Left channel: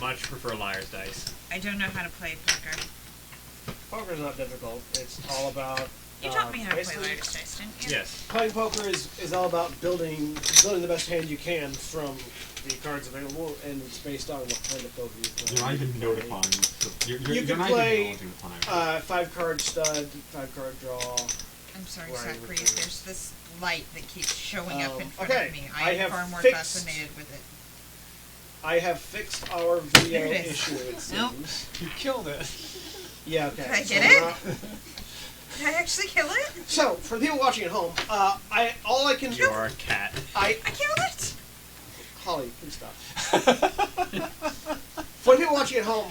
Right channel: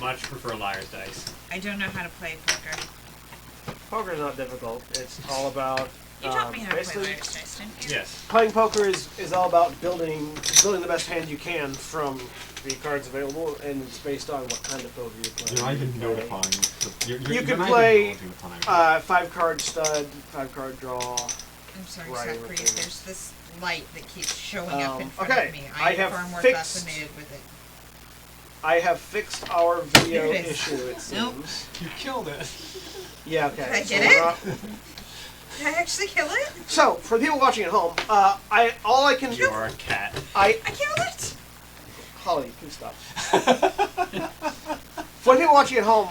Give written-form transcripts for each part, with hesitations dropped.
much prefer liar's dice. I don't know how to play poker. Poker's not difficult. It's all about... You taught me how to play liar's dice, didn't you? Yes. Playing poker is all about building the best hand you can from the cards available, and it's based on what kind of poker you're playing. You're not even notifying. You can play 5-card stud, 5-card draw. I'm sorry, Zachary. There's this light that keeps showing up in front okay. of me. I am far more fascinated with it. I have fixed our video issue, it seems. Nope. You killed it. Yeah, okay. Did I get it? Did I actually kill it? So, for the people watching at home, all I can... You're a cat. I killed it! Holly, please stop. For the people watching at home,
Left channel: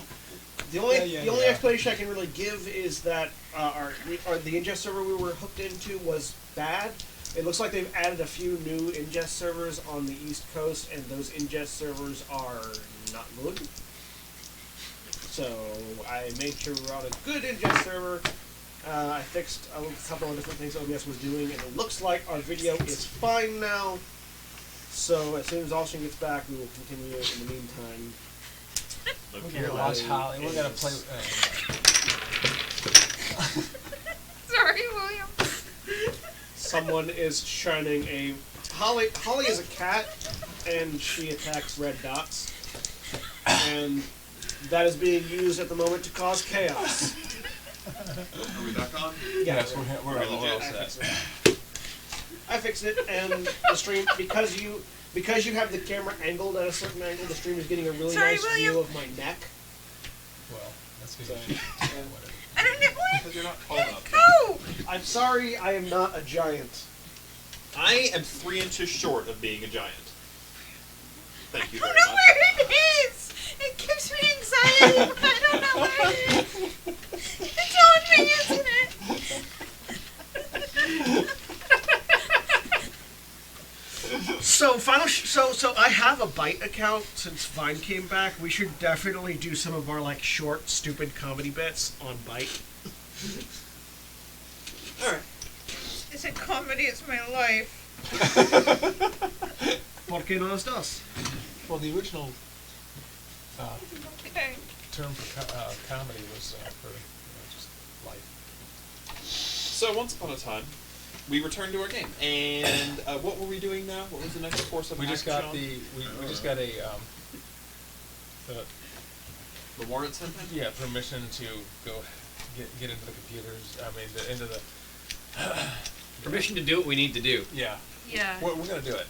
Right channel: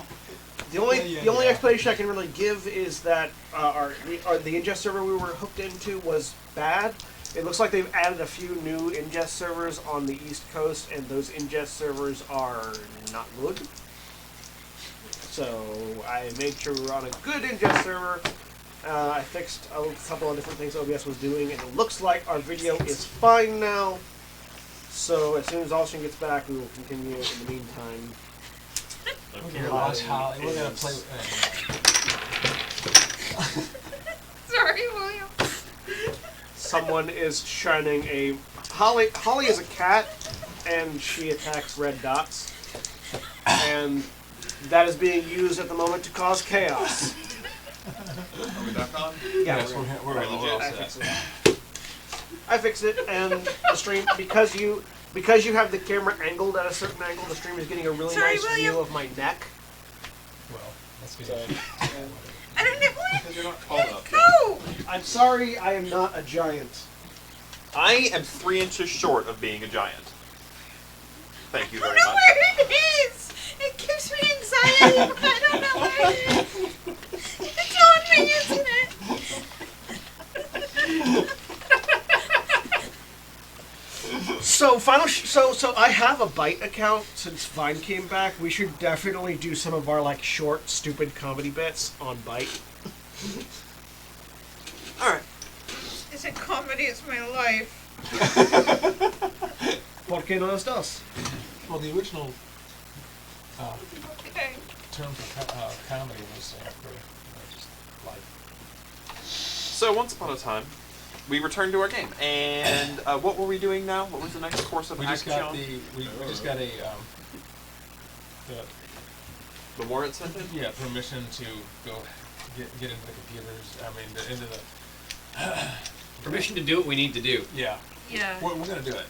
the only explanation I can really give is that the ingest server we were hooked into was bad. It looks like they've added a few new ingest servers on the East Coast, and those ingest servers are not good. So I made sure we were on a good ingest server. I fixed a couple of different things OBS was doing, and it looks like our video is fine now. So as soon as Austin gets back, we will continue in the meantime. We're gonna watch Holly. We're gonna play. Sorry, William. Someone is shining a... Holly is a cat, and she attacks red dots. And that is being used at the moment to cause chaos. Are we back on? Yes, we're all set. I fixed it, and the stream, because you have the camera angled at a certain angle, the stream is getting a really nice view of my neck. Well, that's good. So, I don't know what. Because you're not tall enough. Go! I'm sorry, I am not a giant. I am 3 inches short of being a giant. Thank you I very don't know much. where it is. It gives me anxiety, but I don't know where it is. It's on me, isn't it? So I have a Byte account since Vine came back. We should definitely do some of our short, stupid comedy bits on Byte. All right. Is it comedy? It's my life. ¿Por qué no las dos? Well, the original Okay. term for comedy was for just life. So once upon a time, we returned to our game, and what were we doing now? What was the next course of We just action? got we just got a The warrant sentence? permission to go get into the computers. I mean, into the Permission to do what we need to do. yeah. Yeah. We're gonna do it.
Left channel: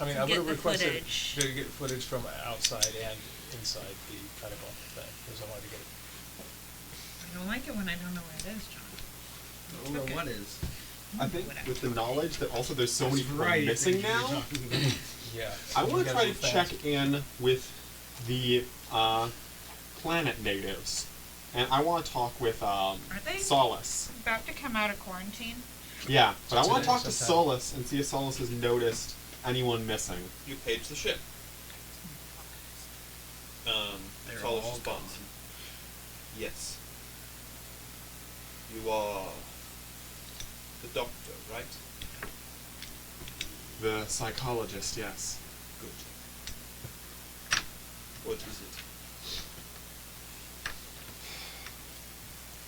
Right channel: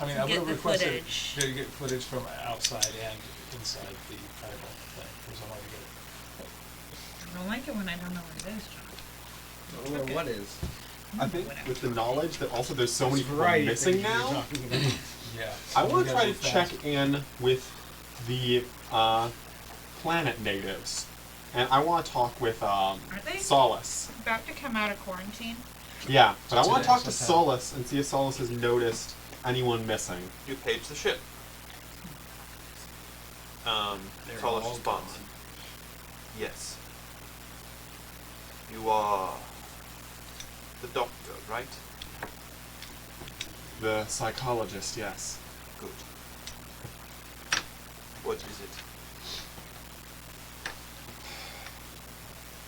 I mean, I would Get have the requested footage. to get footage from outside and inside the pentacle thing, because I wanted to get it. I don't like it when I don't know where it is, John. Or Okay. what is? I think with the knowledge that also there's so many people Variety of missing things you're now, talking about. Yeah. I so we want to gotta try be to fast. check in with the planet natives. And I want to talk with Are they Solace. about to come out of quarantine? Yeah, but I want to talk to Sometime. Solace and see if Solace has noticed anyone missing. You paged the ship. They're Solace all responds. gone. Yes. You are the doctor, right? The psychologist, yes. Good. What is it?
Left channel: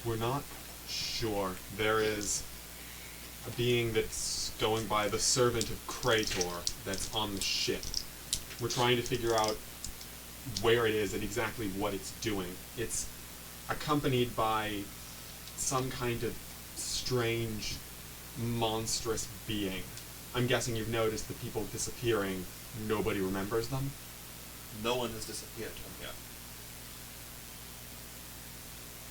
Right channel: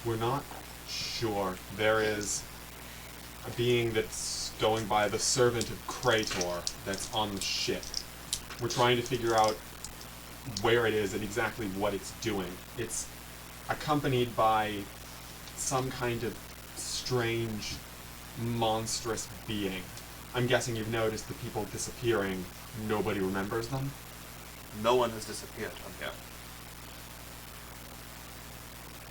We're not sure. There is a being that's going by the servant of Krator that's on the ship. We're trying to figure out where it is and exactly what it's doing. It's accompanied by some kind of strange, monstrous being. I'm guessing you've noticed the people disappearing. Nobody remembers them? No one has disappeared from here.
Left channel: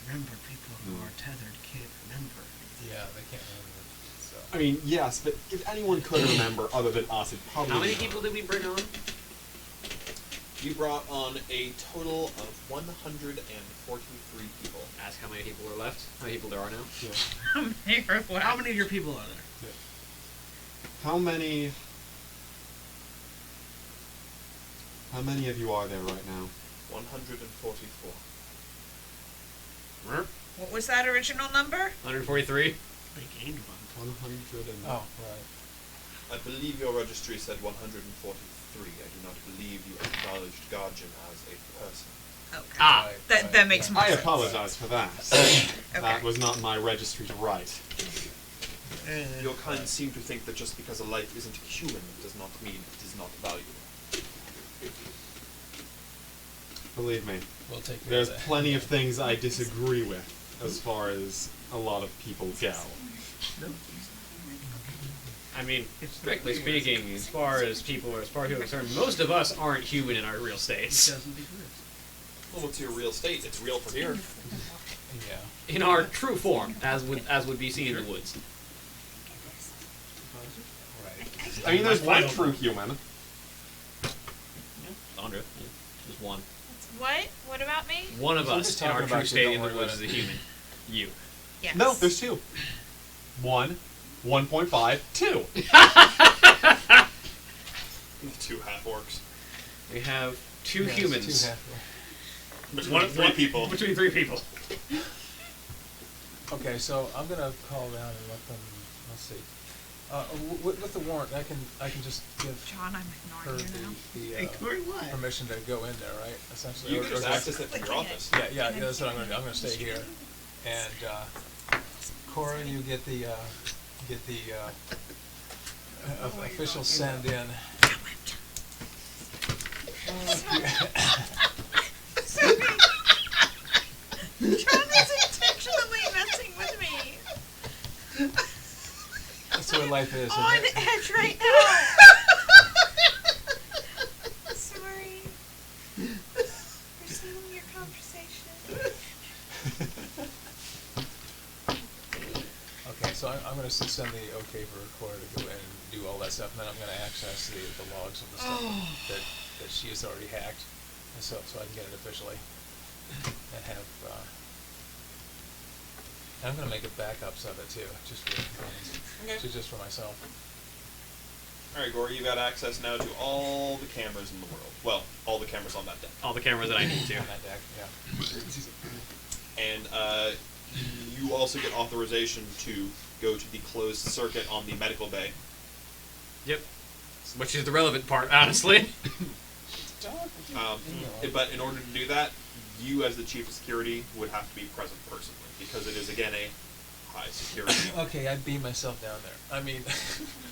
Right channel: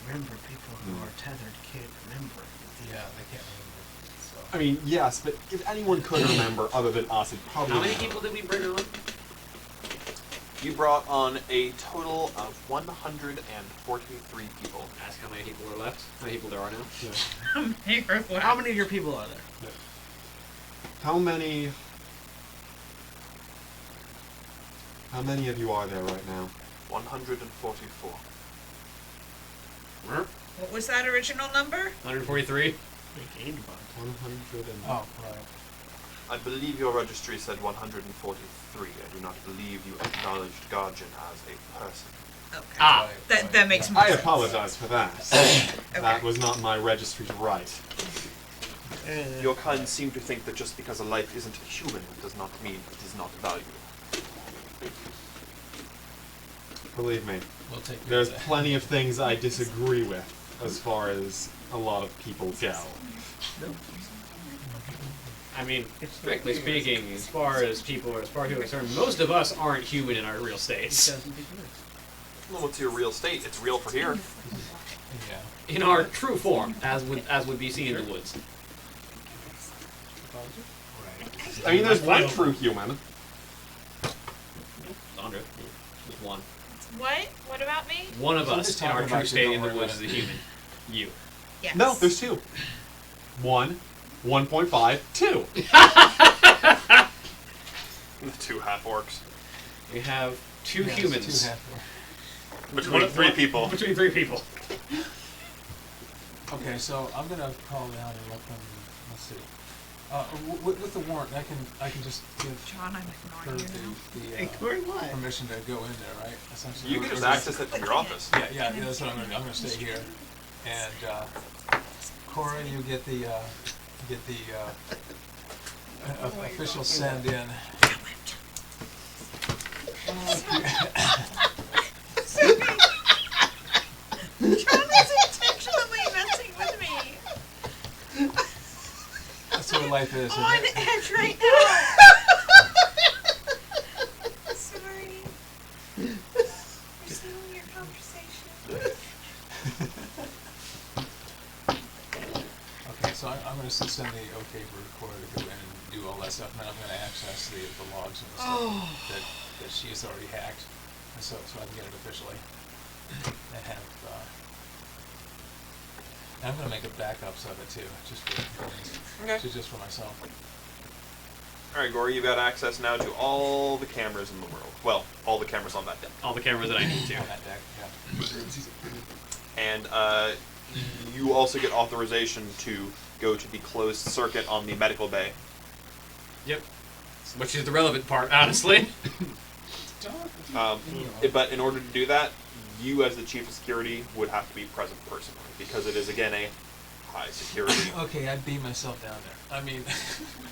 Remember, people who are tethered can't remember. Yeah, they can't remember. So. I mean, yes, but if anyone could remember other than us, it probably... How many people did we bring on? You brought on a total of 143 people. Ask how many people are left. How many people there are now? Yeah. How many of your people are there? Yeah. How many of you are there right now? 144. What was that original number? 143? They gained a bunch. 100 and... Oh, right. I believe your registry said 143. I do not believe you acknowledged Guardian as a person. Okay. Ah. That makes more I sense. apologize for that. That was not my registry's right. Your kind seem to think that just because a life isn't human does not mean it is not valuable. Believe me, We'll take care there's of that. plenty of things I disagree with as far as a lot of people go. I mean, strictly speaking, as far as people are concerned, most of us aren't human in our real states. Well, what's your real state? It's real for here. Yeah. In our true form, as would be seen in the woods. Right. I mean, there's one true human. Sandra, there's one. What? What about me? One of So I'm us just in our talking true about you, state don't in the worry woods about is a human. You. Yes. No, there's two. 1, 1.5, 2. The two half-orcs. We have two Yeah, it's humans. two half- Between three people. Between 3 people. Okay, so I'm gonna call down and let them. Let's see. With the warrant, I can just give John, I'm her ignoring you now. the what? permission to go in there, right? Essentially. You can just access it from your office. Yeah, that's what I'm gonna do. I'm gonna stay here, and Cora, you get the official send in. John is intentionally messing with me. That's what life is. On Isn't it? edge right now. Sorry. We're stealing your conversation. Okay, so I'm going to send the okay for Cora to go in and do all that stuff, and then I'm going to access the logs and the stuff that she has already hacked, and so I can get it officially, and have. And I'm going to make backups of it too, just for just for myself. Alright, Gory, you've got access now to all the cameras in the world. Well, all the cameras on that deck. All the cameras that I need to. On that deck, yeah. And you also get authorization to go to the closed circuit on the medical bay. Yep. Which is the relevant part, honestly. But in order to do that, you as the chief of security would have to be present personally, because it is again a high security. Okay, I beam myself down there. I mean,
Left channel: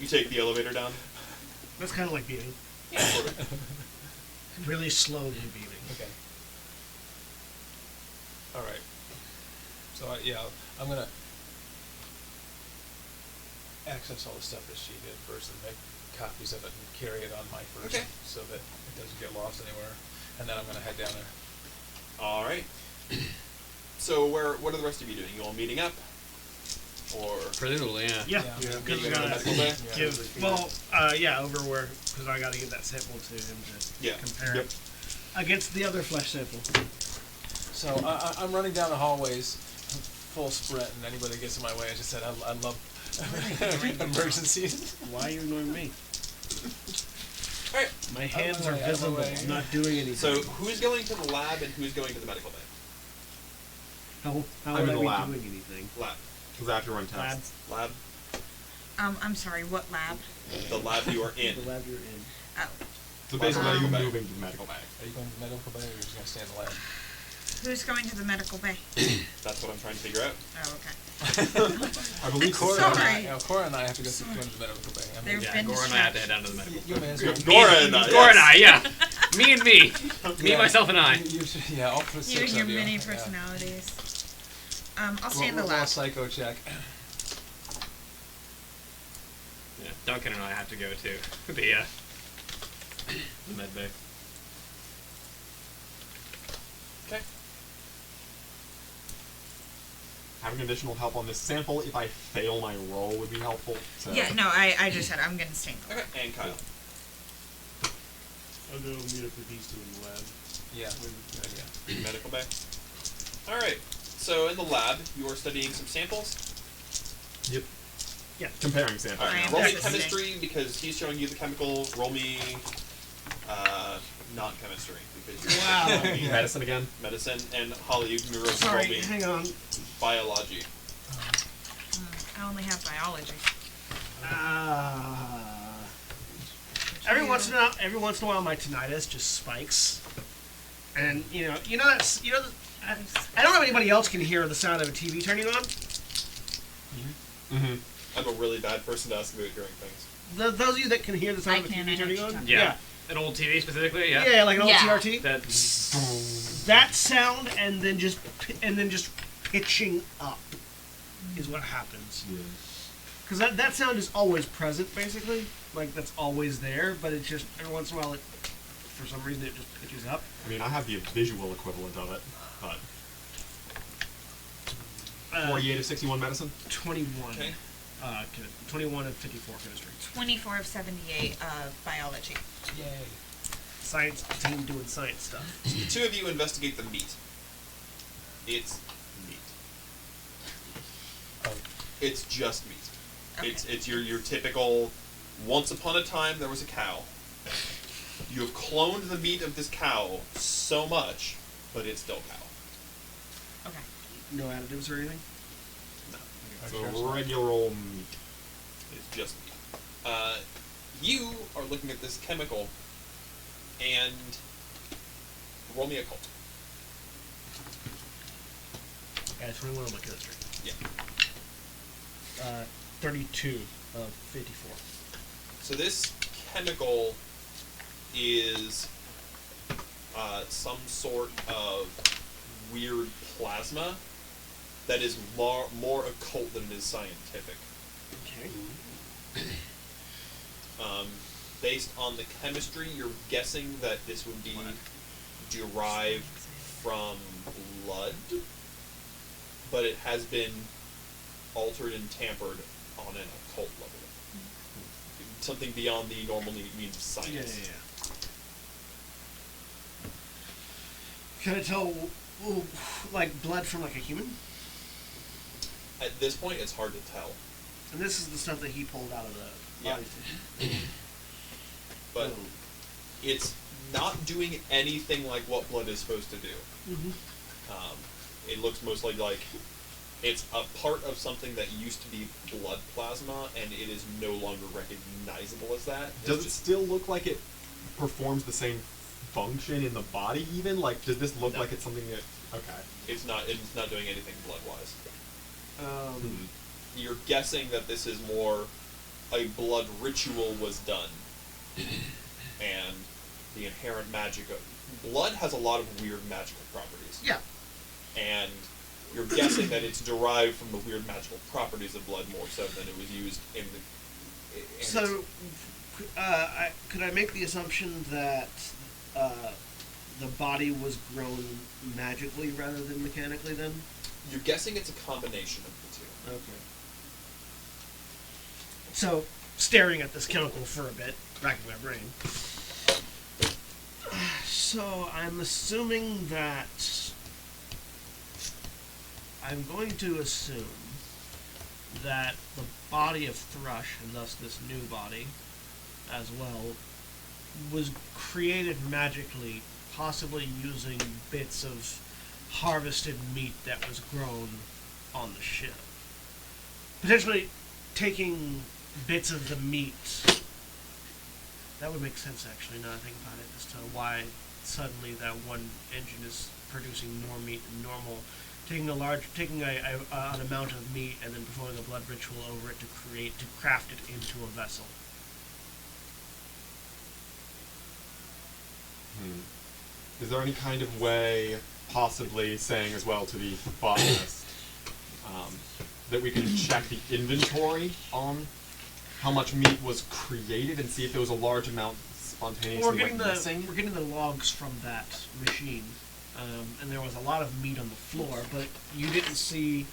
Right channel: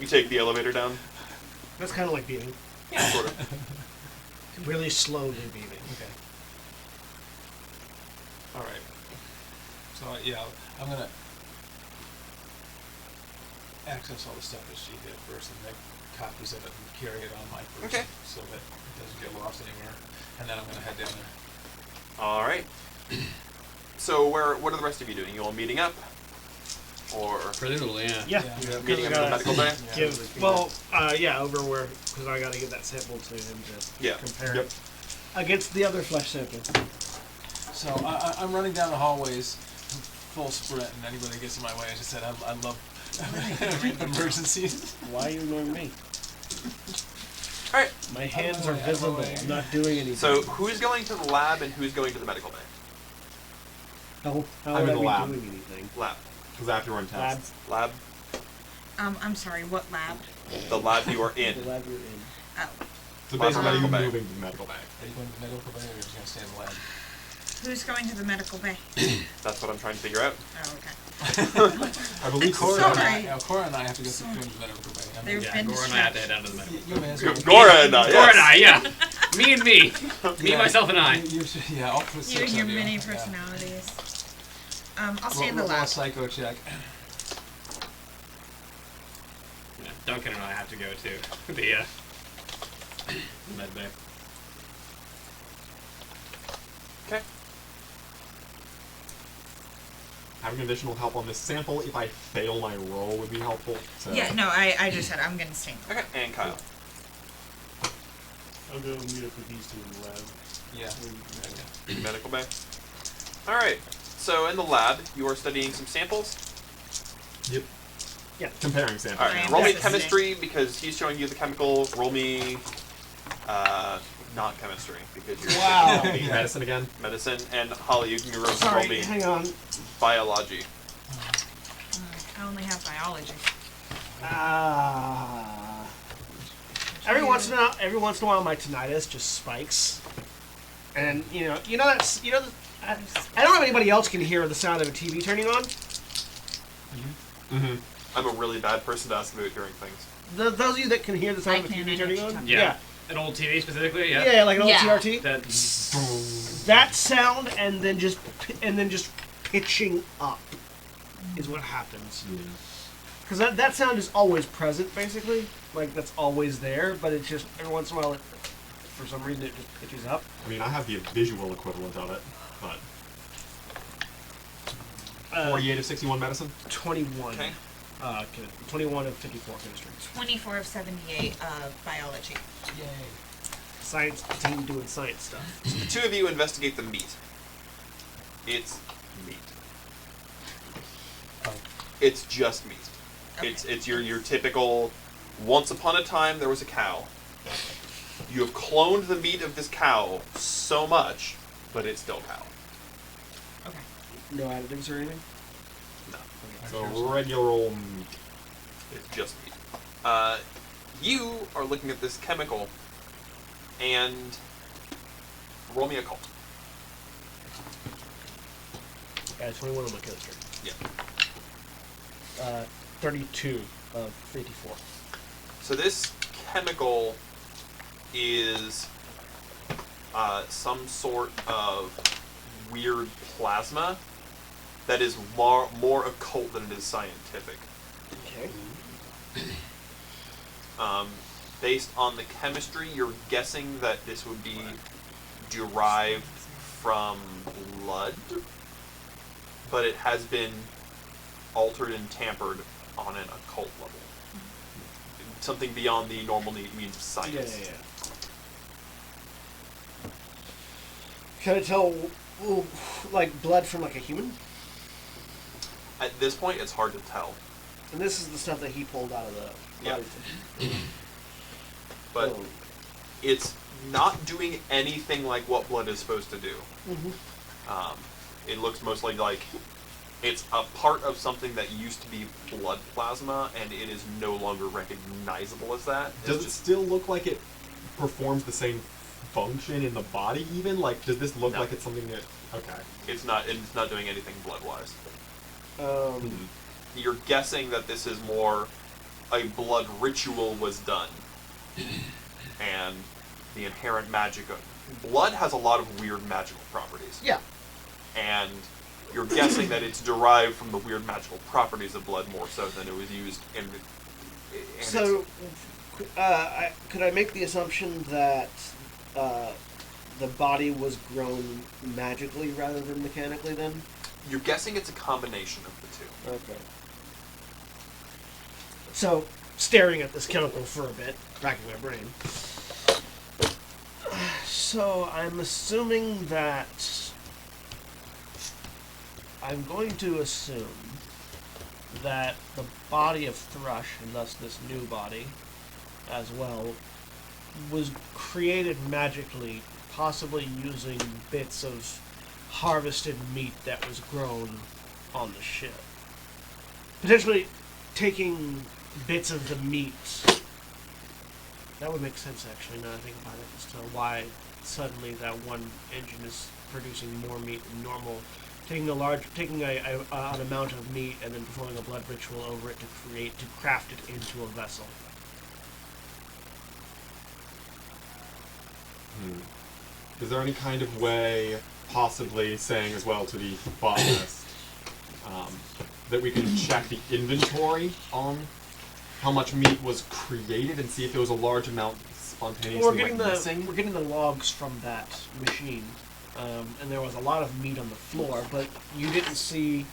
You take the elevator down. That's kind of like beaming. Yeah, sort of. Really slowly beaming. okay. All right. So yeah, I'm gonna access all the stuff that she did first and make copies of it and carry it on my person, Okay. so that it doesn't get lost anywhere. And then I'm gonna head down there. All right. So what are the rest of you doing? You all meeting up, or Presumably, yeah. Yeah, Yeah. because meeting we in the gotta medical bay? give. Over where, because I gotta give that sample to him to Yeah. compare it against the other flesh sample. So I'm running down the hallways, full sprint, and anybody gets in my way, I just said I love emergencies. Why are you ignoring me? All right. My hands the are way, out of the visible. way. I'm not doing anything. So who's going to the lab and who's going to the medical bay? how I'm would in I the be lab. doing anything? Lab. Because I have to run tests. Lab. Lab. I'm sorry, what lab? The lab you are The in. lab you're in. Oh. So basically, are you Medical bay. moving to the medical bay? Are you going to the medical bay or are you just going to stay in the lab? Who's going to the medical bay? That's what I'm trying to figure out. Oh, okay. I believe Cora so. and I, Sorry. Cora and I have to go to the medical bay. I mean, There's Yeah, been Gora and I have to head down to the medical. you may as well. Nora and I. Gora and yes. I, yeah. Me and me. Me, Yeah, myself, and I. You should, yeah, all for You six and your of you. many Yeah. personalities. I'll stay in the Roll a lab. psycho check. Yeah, Duncan and I have to go to the med bay. Okay. Having additional help on this sample, if I fail my roll, would be helpful. So. Yeah, no, I just said I'm going to stay in the lab. Okay. And Kyle. I'll go meet up with these two in the lab. Yeah. Medical bay. All right. So in the lab, you are studying some samples. Yep. Yeah. Comparing samples. All I right. am Roll me assisting. chemistry because he's showing you the chemical. Roll me not chemistry because you're Wow. studying Medicine again. medicine. And Holly, you can roll Sorry, me hang on. biology. I only have biology. Every once in a while, my tinnitus just spikes, and I don't know if anybody else can hear the sound of a TV turning on. Mm-hmm. I'm a really bad person to ask about hearing things. Those of you that can hear the sound I of a can, TV I know turning what on, you're talking Yeah. An old TV specifically, yeah. yeah, like an old Yeah. CRT. That That sound and then just pitching up is what happens. Yeah. Because that sound is always present, basically. Like, that's always there, but it's just, every once in a while, for some reason, it just pitches up. I mean, I have the visual equivalent of it, but 48 of 61 medicine. 21. Okay. 21 of 54 chemistry. 24 of 78 biology. Yay. Science team doing science stuff. So the two of you investigate the meat. It's meat. Oh. It's just meat. Okay. It's your typical. Once upon a time, there was a cow. You have cloned the meat of this cow so much, but it's still cow. Okay. No additives or anything? So regular old meat. It's just meat. You are looking at this chemical, and roll me a cult. 21 on my chemistry. Yeah. 32 of 54. So this chemical is some sort of weird plasma that is more occult than it is scientific. Okay. Based on the chemistry, you're guessing that this would be derived from blood, but it has been altered and tampered on an occult level. Something beyond the normal means of science. Yeah. Can I tell, like, blood from, like, a human? At this point, it's hard to tell, And this is the stuff that he pulled out of the Yeah. body. but Oh. it's not doing anything like what blood is supposed to do. Mm-hmm. It looks mostly like it's a part of something that used to be blood plasma, and it is no longer recognizable as that. Does It's it just- still look like it performs the same function in the body? Even like, does this look No. like it's something that? Okay. It's not doing anything blood-wise. You're guessing that this is more a blood ritual was done, and the inherent magic of blood has a lot of weird magical properties. Yeah. And you're guessing that it's derived from the weird magical properties of blood more so than it was used in the. So, could I make the assumption that the body was grown magically rather than mechanically then? You're guessing it's a combination of the two. Okay. So, staring at this chemical for a bit, racking my brain. So, I'm assuming that... I'm going to assume that the body of Thrush, and thus this new body as well, was created magically, possibly using bits of harvested meat that was grown on the ship. Potentially taking bits of the meat. That would make sense, actually, now that I think about it, as to why suddenly that one engine is producing more meat than normal. Taking an amount of meat and then performing a blood ritual over it to craft it into a vessel. Is there any kind of way, possibly saying as well to the botanist, that we can check the inventory on how much meat was created and see if there was a large amount spontaneously missing? We're getting the logs from that machine, and there was a lot of meat on the floor, but you didn't see.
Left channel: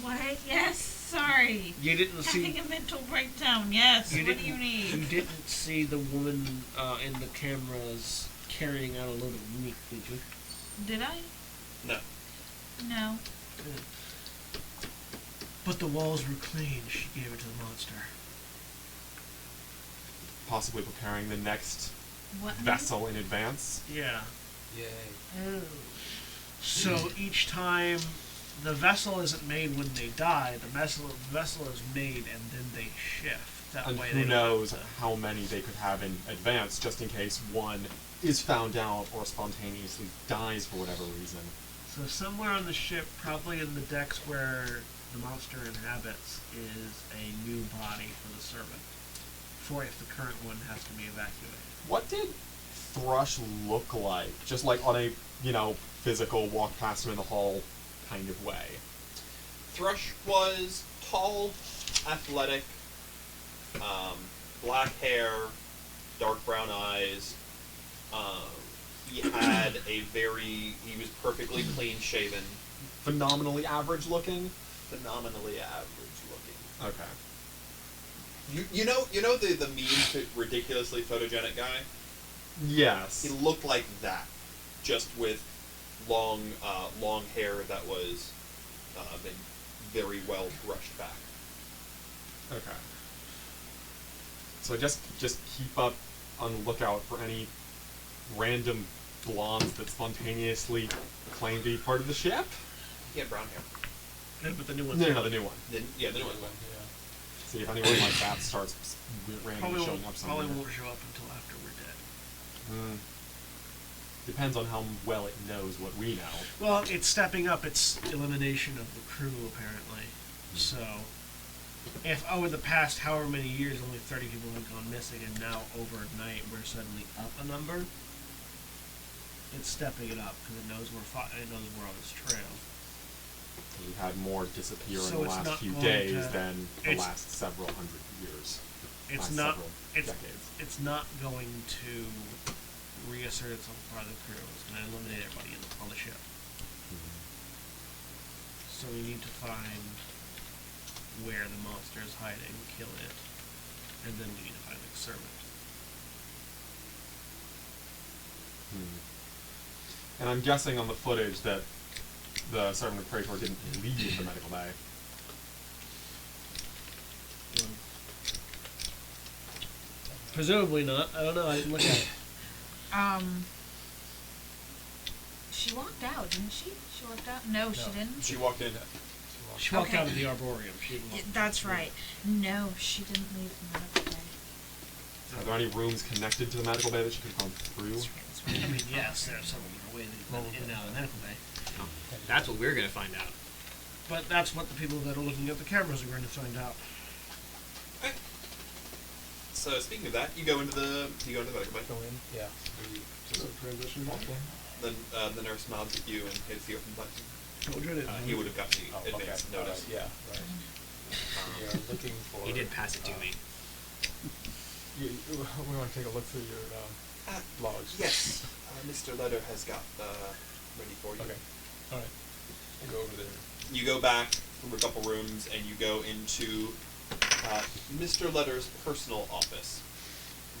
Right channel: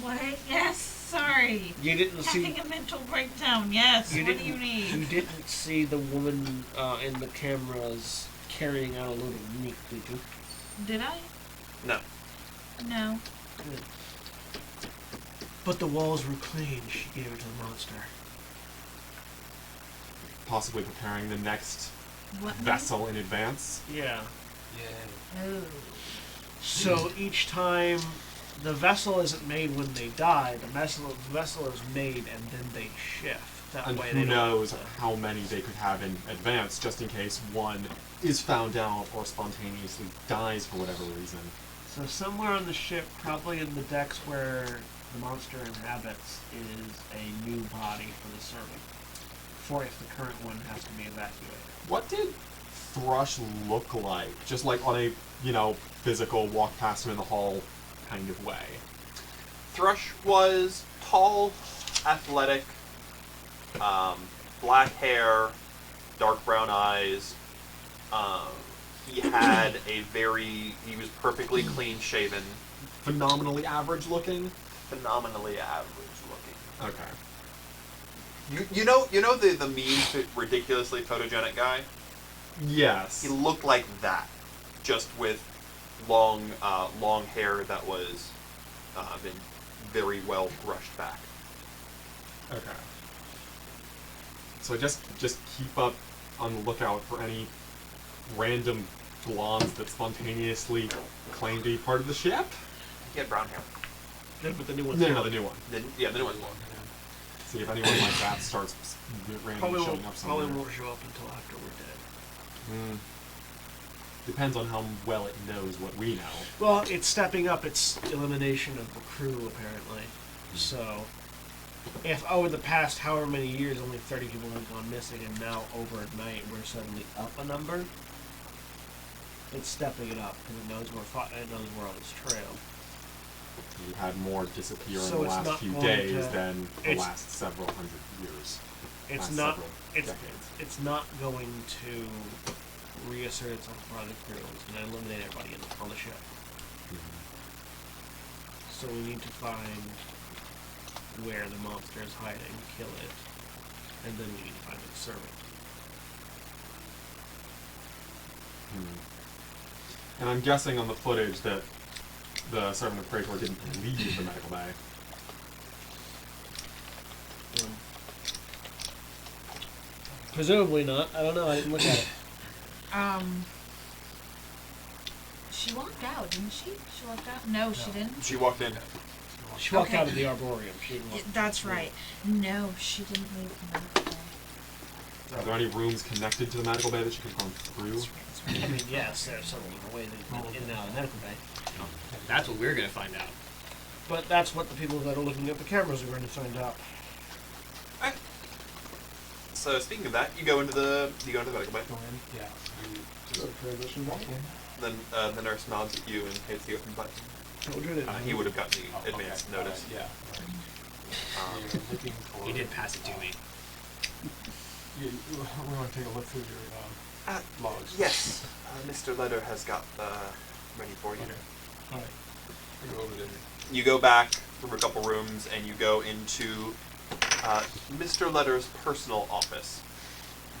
What? Yes, sorry. You didn't see. Having a mental breakdown. Yes. You What didn't. do you need? You didn't see the woman in the cameras carrying out a load of meat, did you? Did I? No. No. Good. But the walls were clean. She gave it to the monster. Possibly preparing the next What? vessel in advance? Yeah. Yay. Oh. So each time the vessel isn't made when they die. The vessel is made and then they shift. That And way who they don't knows have to- how many they could have in advance, just in case one is found out or spontaneously dies for whatever reason. So somewhere on the ship, probably in the decks where the monster inhabits, is a new body for the servant. For if the current one has to be evacuated. What did Thrush look like? Just like on a, physical walk past him in the hall kind of way. Thrush was tall, athletic, black hair, dark brown eyes. He was perfectly clean shaven, Phenomenally average looking? phenomenally average looking. Okay. You know the meme ridiculously photogenic guy? Yes. He looked like that, just with long hair that was been very well brushed back. Okay. So just keep up on the lookout for any random blondes that spontaneously claim to be part of the ship? He had brown hair. Yeah, but the new one's No, the new one. The new one. See if anyone like that starts randomly probably showing up somewhere. won't show up until after we're dead. Depends on how well it knows what we know. Well, it's stepping up its elimination of the crew, apparently. So, if over the past however many years only 30 people have gone missing, and now overnight we're suddenly up a number, it's stepping it up because it knows we're on its trail. We've had more disappear So in the it's last not few going days to- than the it's- last several hundred years. It's last not. several It's decades. it's not going to reassert itself by the crew. It's going to eliminate everybody on the ship. So we need to find where the monster is hiding, kill it, and then we need to find the servant. And I'm guessing on the footage that the servant of Praetor didn't leave the medical bay. Presumably not. I don't know. I didn't look at it. She walked out, didn't she? She walked out? No, she didn't. She walked in. She walked Okay. out of the arboreum. She didn't walk. That's right. No, she didn't leave the medical bay. Are there any rooms connected to the medical bay that she could have gone through? That's right, that's right. I mean, yes, there are several different ways in and out of the medical bay. That's what we're gonna find out. But that's what the people that are looking at the cameras are going to find out. So speaking of that, you go into the medical bay. Go in, yeah. We just transition walk in. Then the nurse nods at you and hits the open button. Children and He would have gotten Oh, the advance okay. notice. Yeah, right. You're looking for... He did pass it to me. We want to take a look through your logs. Yes, Mr. Letter has got ready for you. Okay. All right. We go over there. You go back through a couple rooms and you go into Mr. Letter's personal office.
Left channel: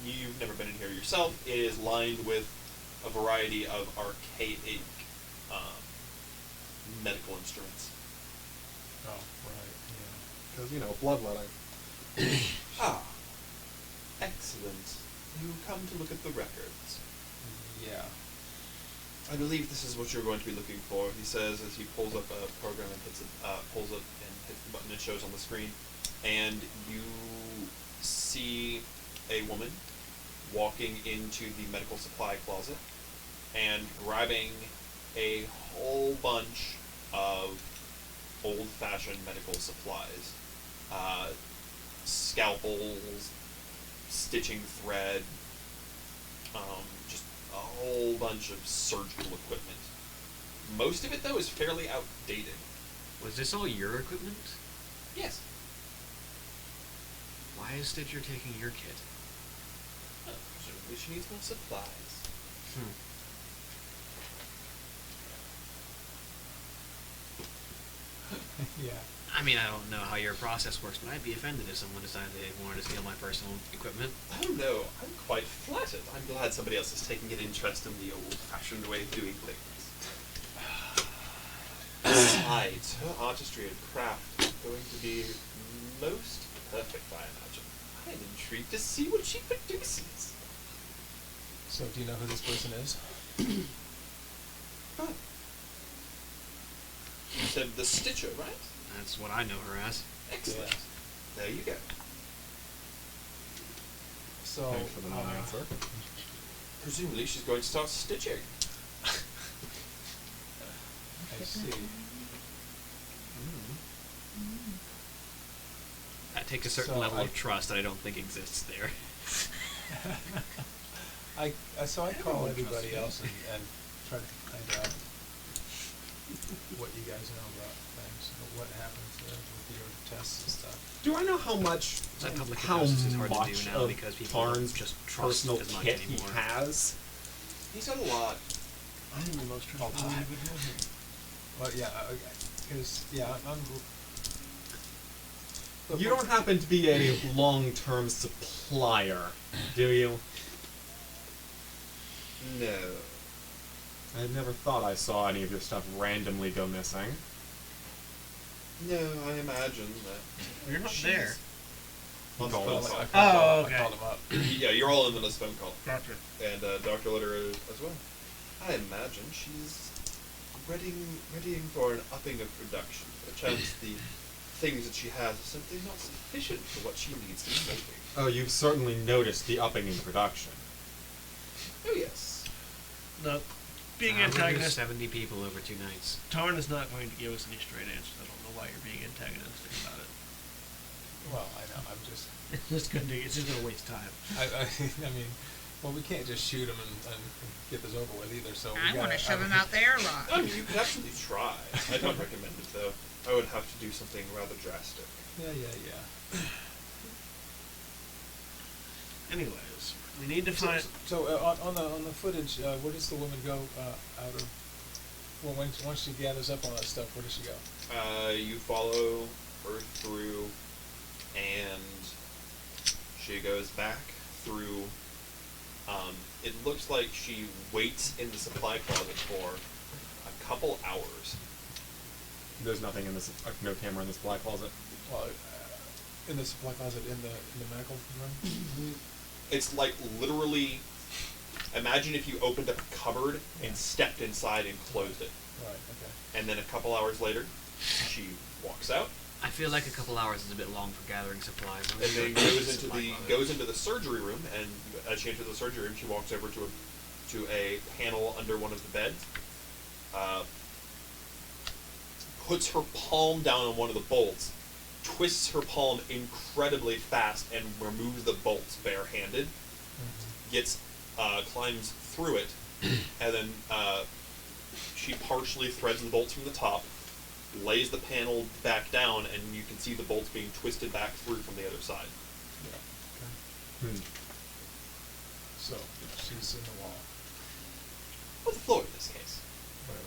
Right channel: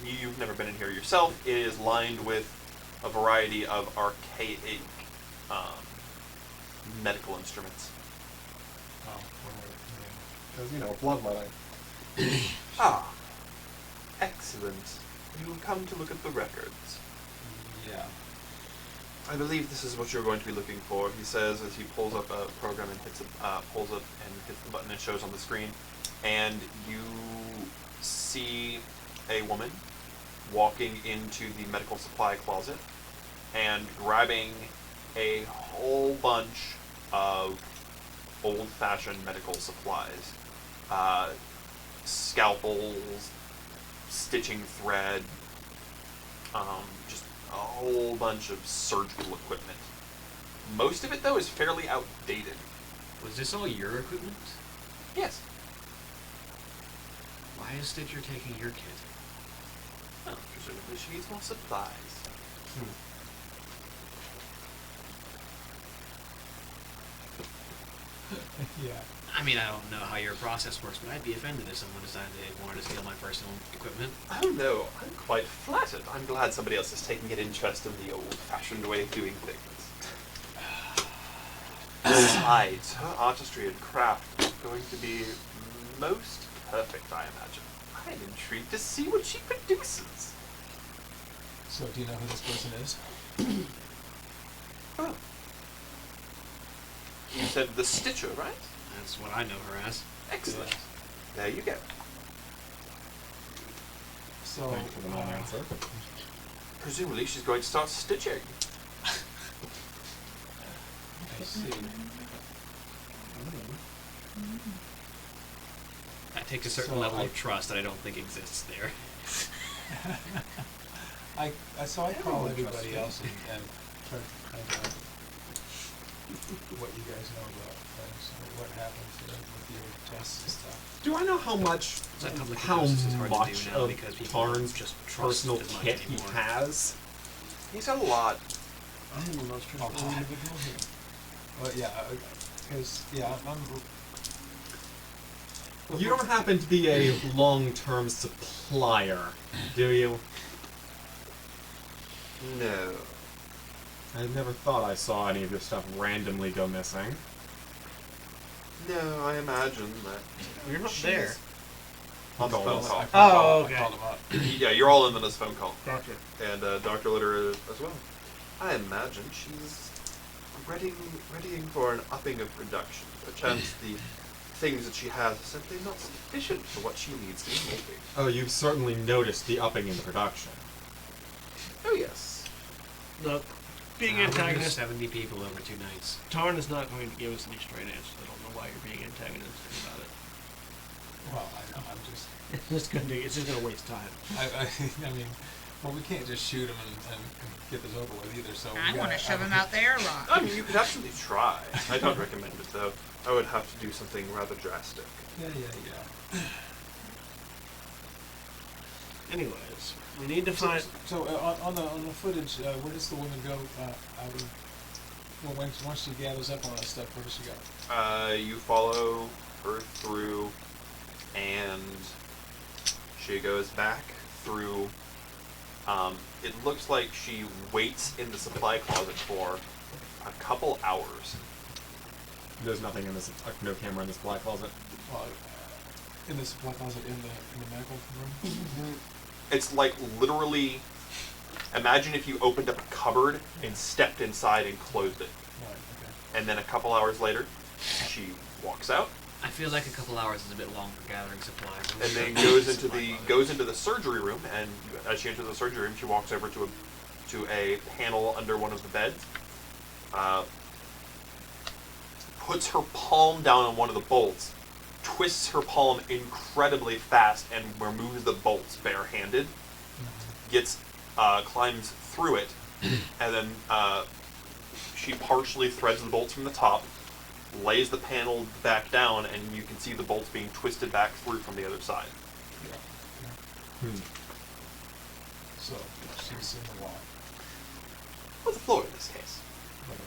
You've never been in here yourself. It is lined with a variety of archaic medical instruments. Oh, Because, bloodletting. Ah, excellent. You come to look at the records. yeah. I believe this is what you're going to be looking for, he says as he pulls up a program and hits the button and shows on the screen. And you see a woman walking into the medical supply closet and grabbing a whole bunch of old-fashioned medical supplies. Scalpels, stitching thread, just a whole bunch of surgical equipment. Most of it, though, is fairly outdated. Was this all your equipment? Yes. Why is Stitcher taking your kit? Well, presumably she needs more supplies. Yeah. I mean, I don't know how your process works, but I'd be offended if someone decided they wanted to steal my personal equipment. Oh no, I'm quite flattered. I'm glad somebody else is taking an interest in the old-fashioned way of doing things. Besides, her artistry and craft is going to be most perfect, I imagine. I'm intrigued to see what she produces. So, do you know who this person is? Well, You said the Stitcher, right? That's what I know her as. Excellent. Yes. There you go. So, Thanks for the non-answer. Presumably she's going to start stitching. I see. That takes a certain So level I- of trust that I don't think exists there. I call Everyone everybody trusts me. else and try to find out what you guys know about things, what happens with your tests and stuff. Do I know how much That public how hypnosis is hard to much do now of because people don't Tarn's just trust personal as much kit he anymore. has? He's got a lot. I am the most trustworthy Oh, God. individual here. Well, yeah, because I'm. You don't happen to be a long-term supplier, do you? No. I never thought I saw any of your stuff randomly go missing. No, I imagine that. Well, you're not she's- there. He On the called phone us. call. Oh, okay. I called him up. Yeah, you're all in on this phone call. Gotcha. And Dr. Litter as well. I imagine she's readying for an upping of production. Perchance the things that she has are simply not sufficient for what she needs to be making. Oh, you've certainly noticed the upping in production. Oh, yes. Look, being We're antagonist, 70 people over 2 nights. Tarn is not going to give us any straight answers. I don't know why you're being antagonistic about it. Well, I know. I'm just. It's just gonna waste time. I mean, well, we can't just shoot him and get this over with either. So I want to shove him out the airlock. I mean, you could actually try. I don't recommend it, though. I would have to do something rather drastic. Yeah. Anyways, we need to find. So on the footage, where does the woman go out of? Well, once she gathers up all that stuff, where does she go? You follow her through, and she goes back through. It looks like she waits in the supply closet for a couple hours. There's nothing in this, no camera in this supply closet. Well, in the supply closet in the medical room. It's like literally. Imagine if you opened up a cupboard and stepped inside and closed it, Right. Okay. and then a couple hours later, she walks out. I feel like a couple hours is a bit long for gathering supplies. And then goes into the surgery room, and as she enters the surgery room, she walks over to a panel under one of the beds, puts her palm down on one of the bolts, twists her palm incredibly fast, and removes the bolts barehanded. Gets climbs through it, and then she partially threads the bolts from the top, lays the panel back down, and you can see the bolts being twisted back through from the other side. Yeah. Okay. Hmm. So she's in the wall. Or the floor in this case. Whatever.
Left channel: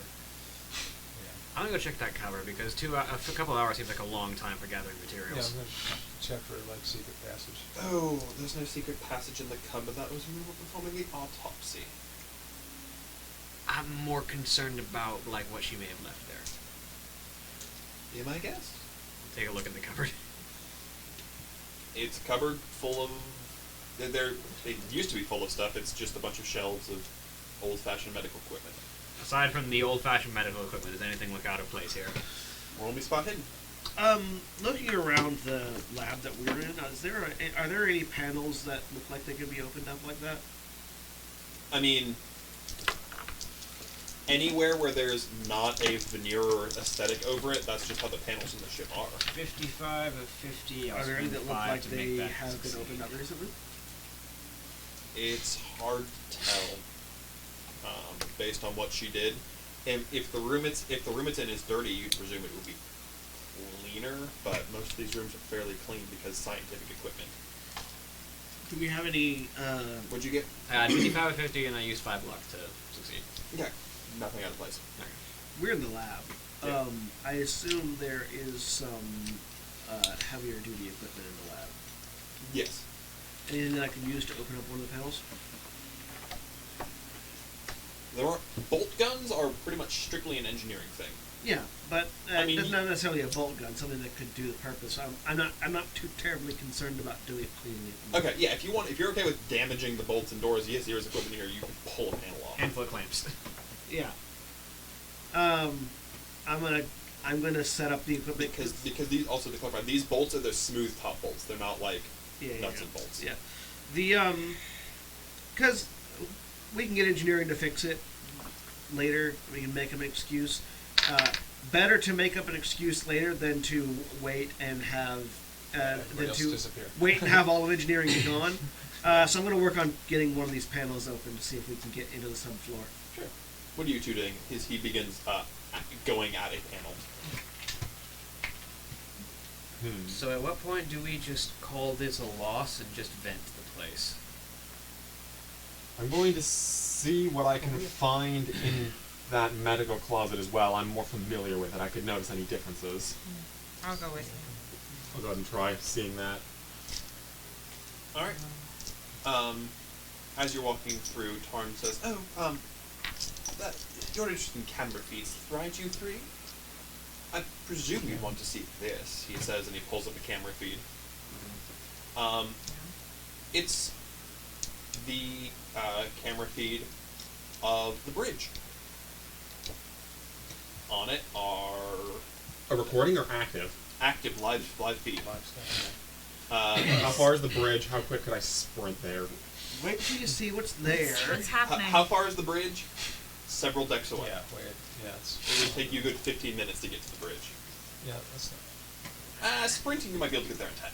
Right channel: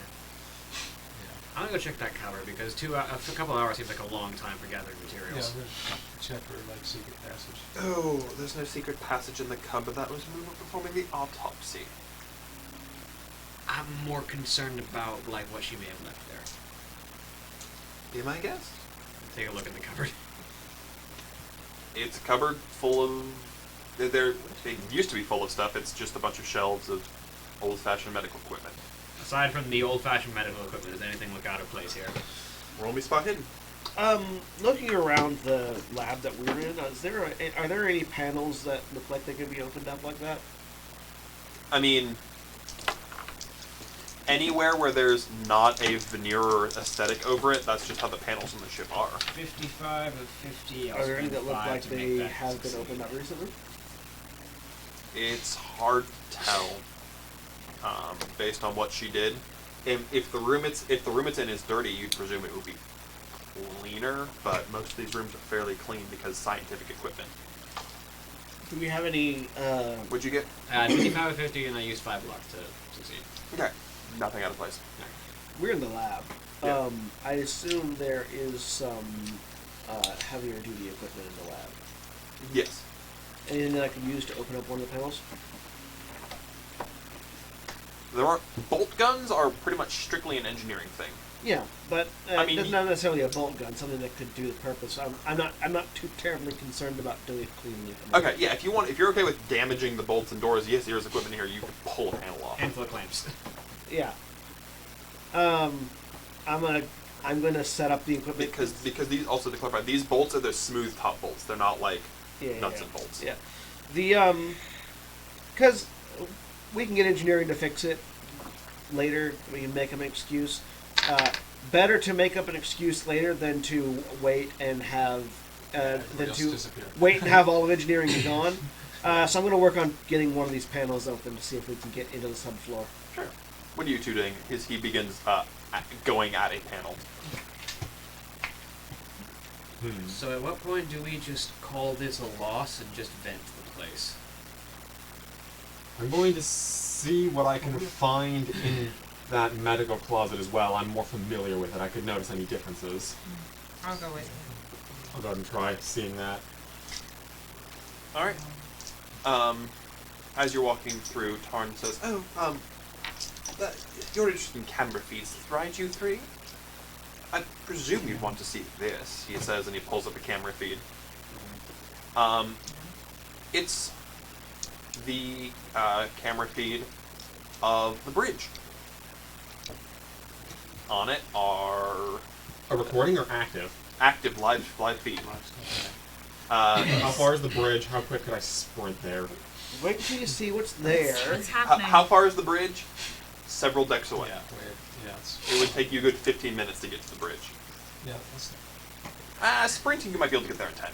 Yeah. I'm gonna go check that cupboard because a couple hours seems like a long time for gathering Yeah, materials. I'm gonna check for secret passage. Oh, there's no secret passage in the cupboard. That was when we were performing the autopsy. I'm more concerned about like what she may have left there. Be my guest. Take a look in the cupboard. It's a cupboard full of. It used to be full of stuff. It's just a bunch of shelves of old-fashioned medical equipment. Aside from the old-fashioned medical equipment, does anything look out of place here? Roll me spot hidden. Looking around the lab that we're in, are there any panels that look like they can be opened up like that? I mean, anywhere where there's not a veneer or aesthetic over it, that's just how the panels on the ship are. 55 of 50. Are there any that look like they have been opened up recently? It's hard to tell, based on what she did. If the room it's in is dirty, you'd presume it would be cleaner, but most of these rooms are fairly clean because scientific equipment. Do we have any? What'd you get? 55 of 50, and I used 5 luck to succeed. Okay, nothing out of place. We're in the lab. Yeah. I assume there is some heavier duty equipment in the lab. Yes. Anything that I can use to open up one of the panels? There are bolt guns are pretty much strictly an engineering thing. Yeah, but I mean, not necessarily a bolt gun. Something that could do the purpose. I'm not too terribly concerned about doing it cleanly. Okay, yeah. If you're okay with damaging the bolts and doors, yes, there's equipment here. You can pull a panel off. And foot clamps. Yeah. I'm gonna I'm going to set up the equipment. Because these, also to clarify, these bolts are the smooth top bolts. They're not like nuts and bolts. Yeah. The, because we can get engineering to fix it later. We can make an excuse. Better to make up an excuse later than to wait and have wait and have all of engineering be gone. So I'm going to work on getting one of these panels open to see if we can get into the subfloor. Sure. What are you two doing? He begins going at a panel. So at what point do we just call this a loss and just vent the place? I'm going to see what I can find in that medical closet as well. I'm more familiar with it. I could notice any differences. I'll go with you. I'll go ahead and try seeing that. All right. As you're walking through, Tarn says, you're interested in camera feeds, right, you three? I presume you'd want to see this, he says, and he pulls up a camera feed. It's the camera feed of the bridge. On it are... A recording or active? Active live feed. How far is the bridge? How quick could I sprint there? Wait till you see what's there. It's happening. How far is the bridge? Several decks away. It's, It would take you a good 15 minutes to get to the bridge. that's Sprinting, you might be able to get there in 10.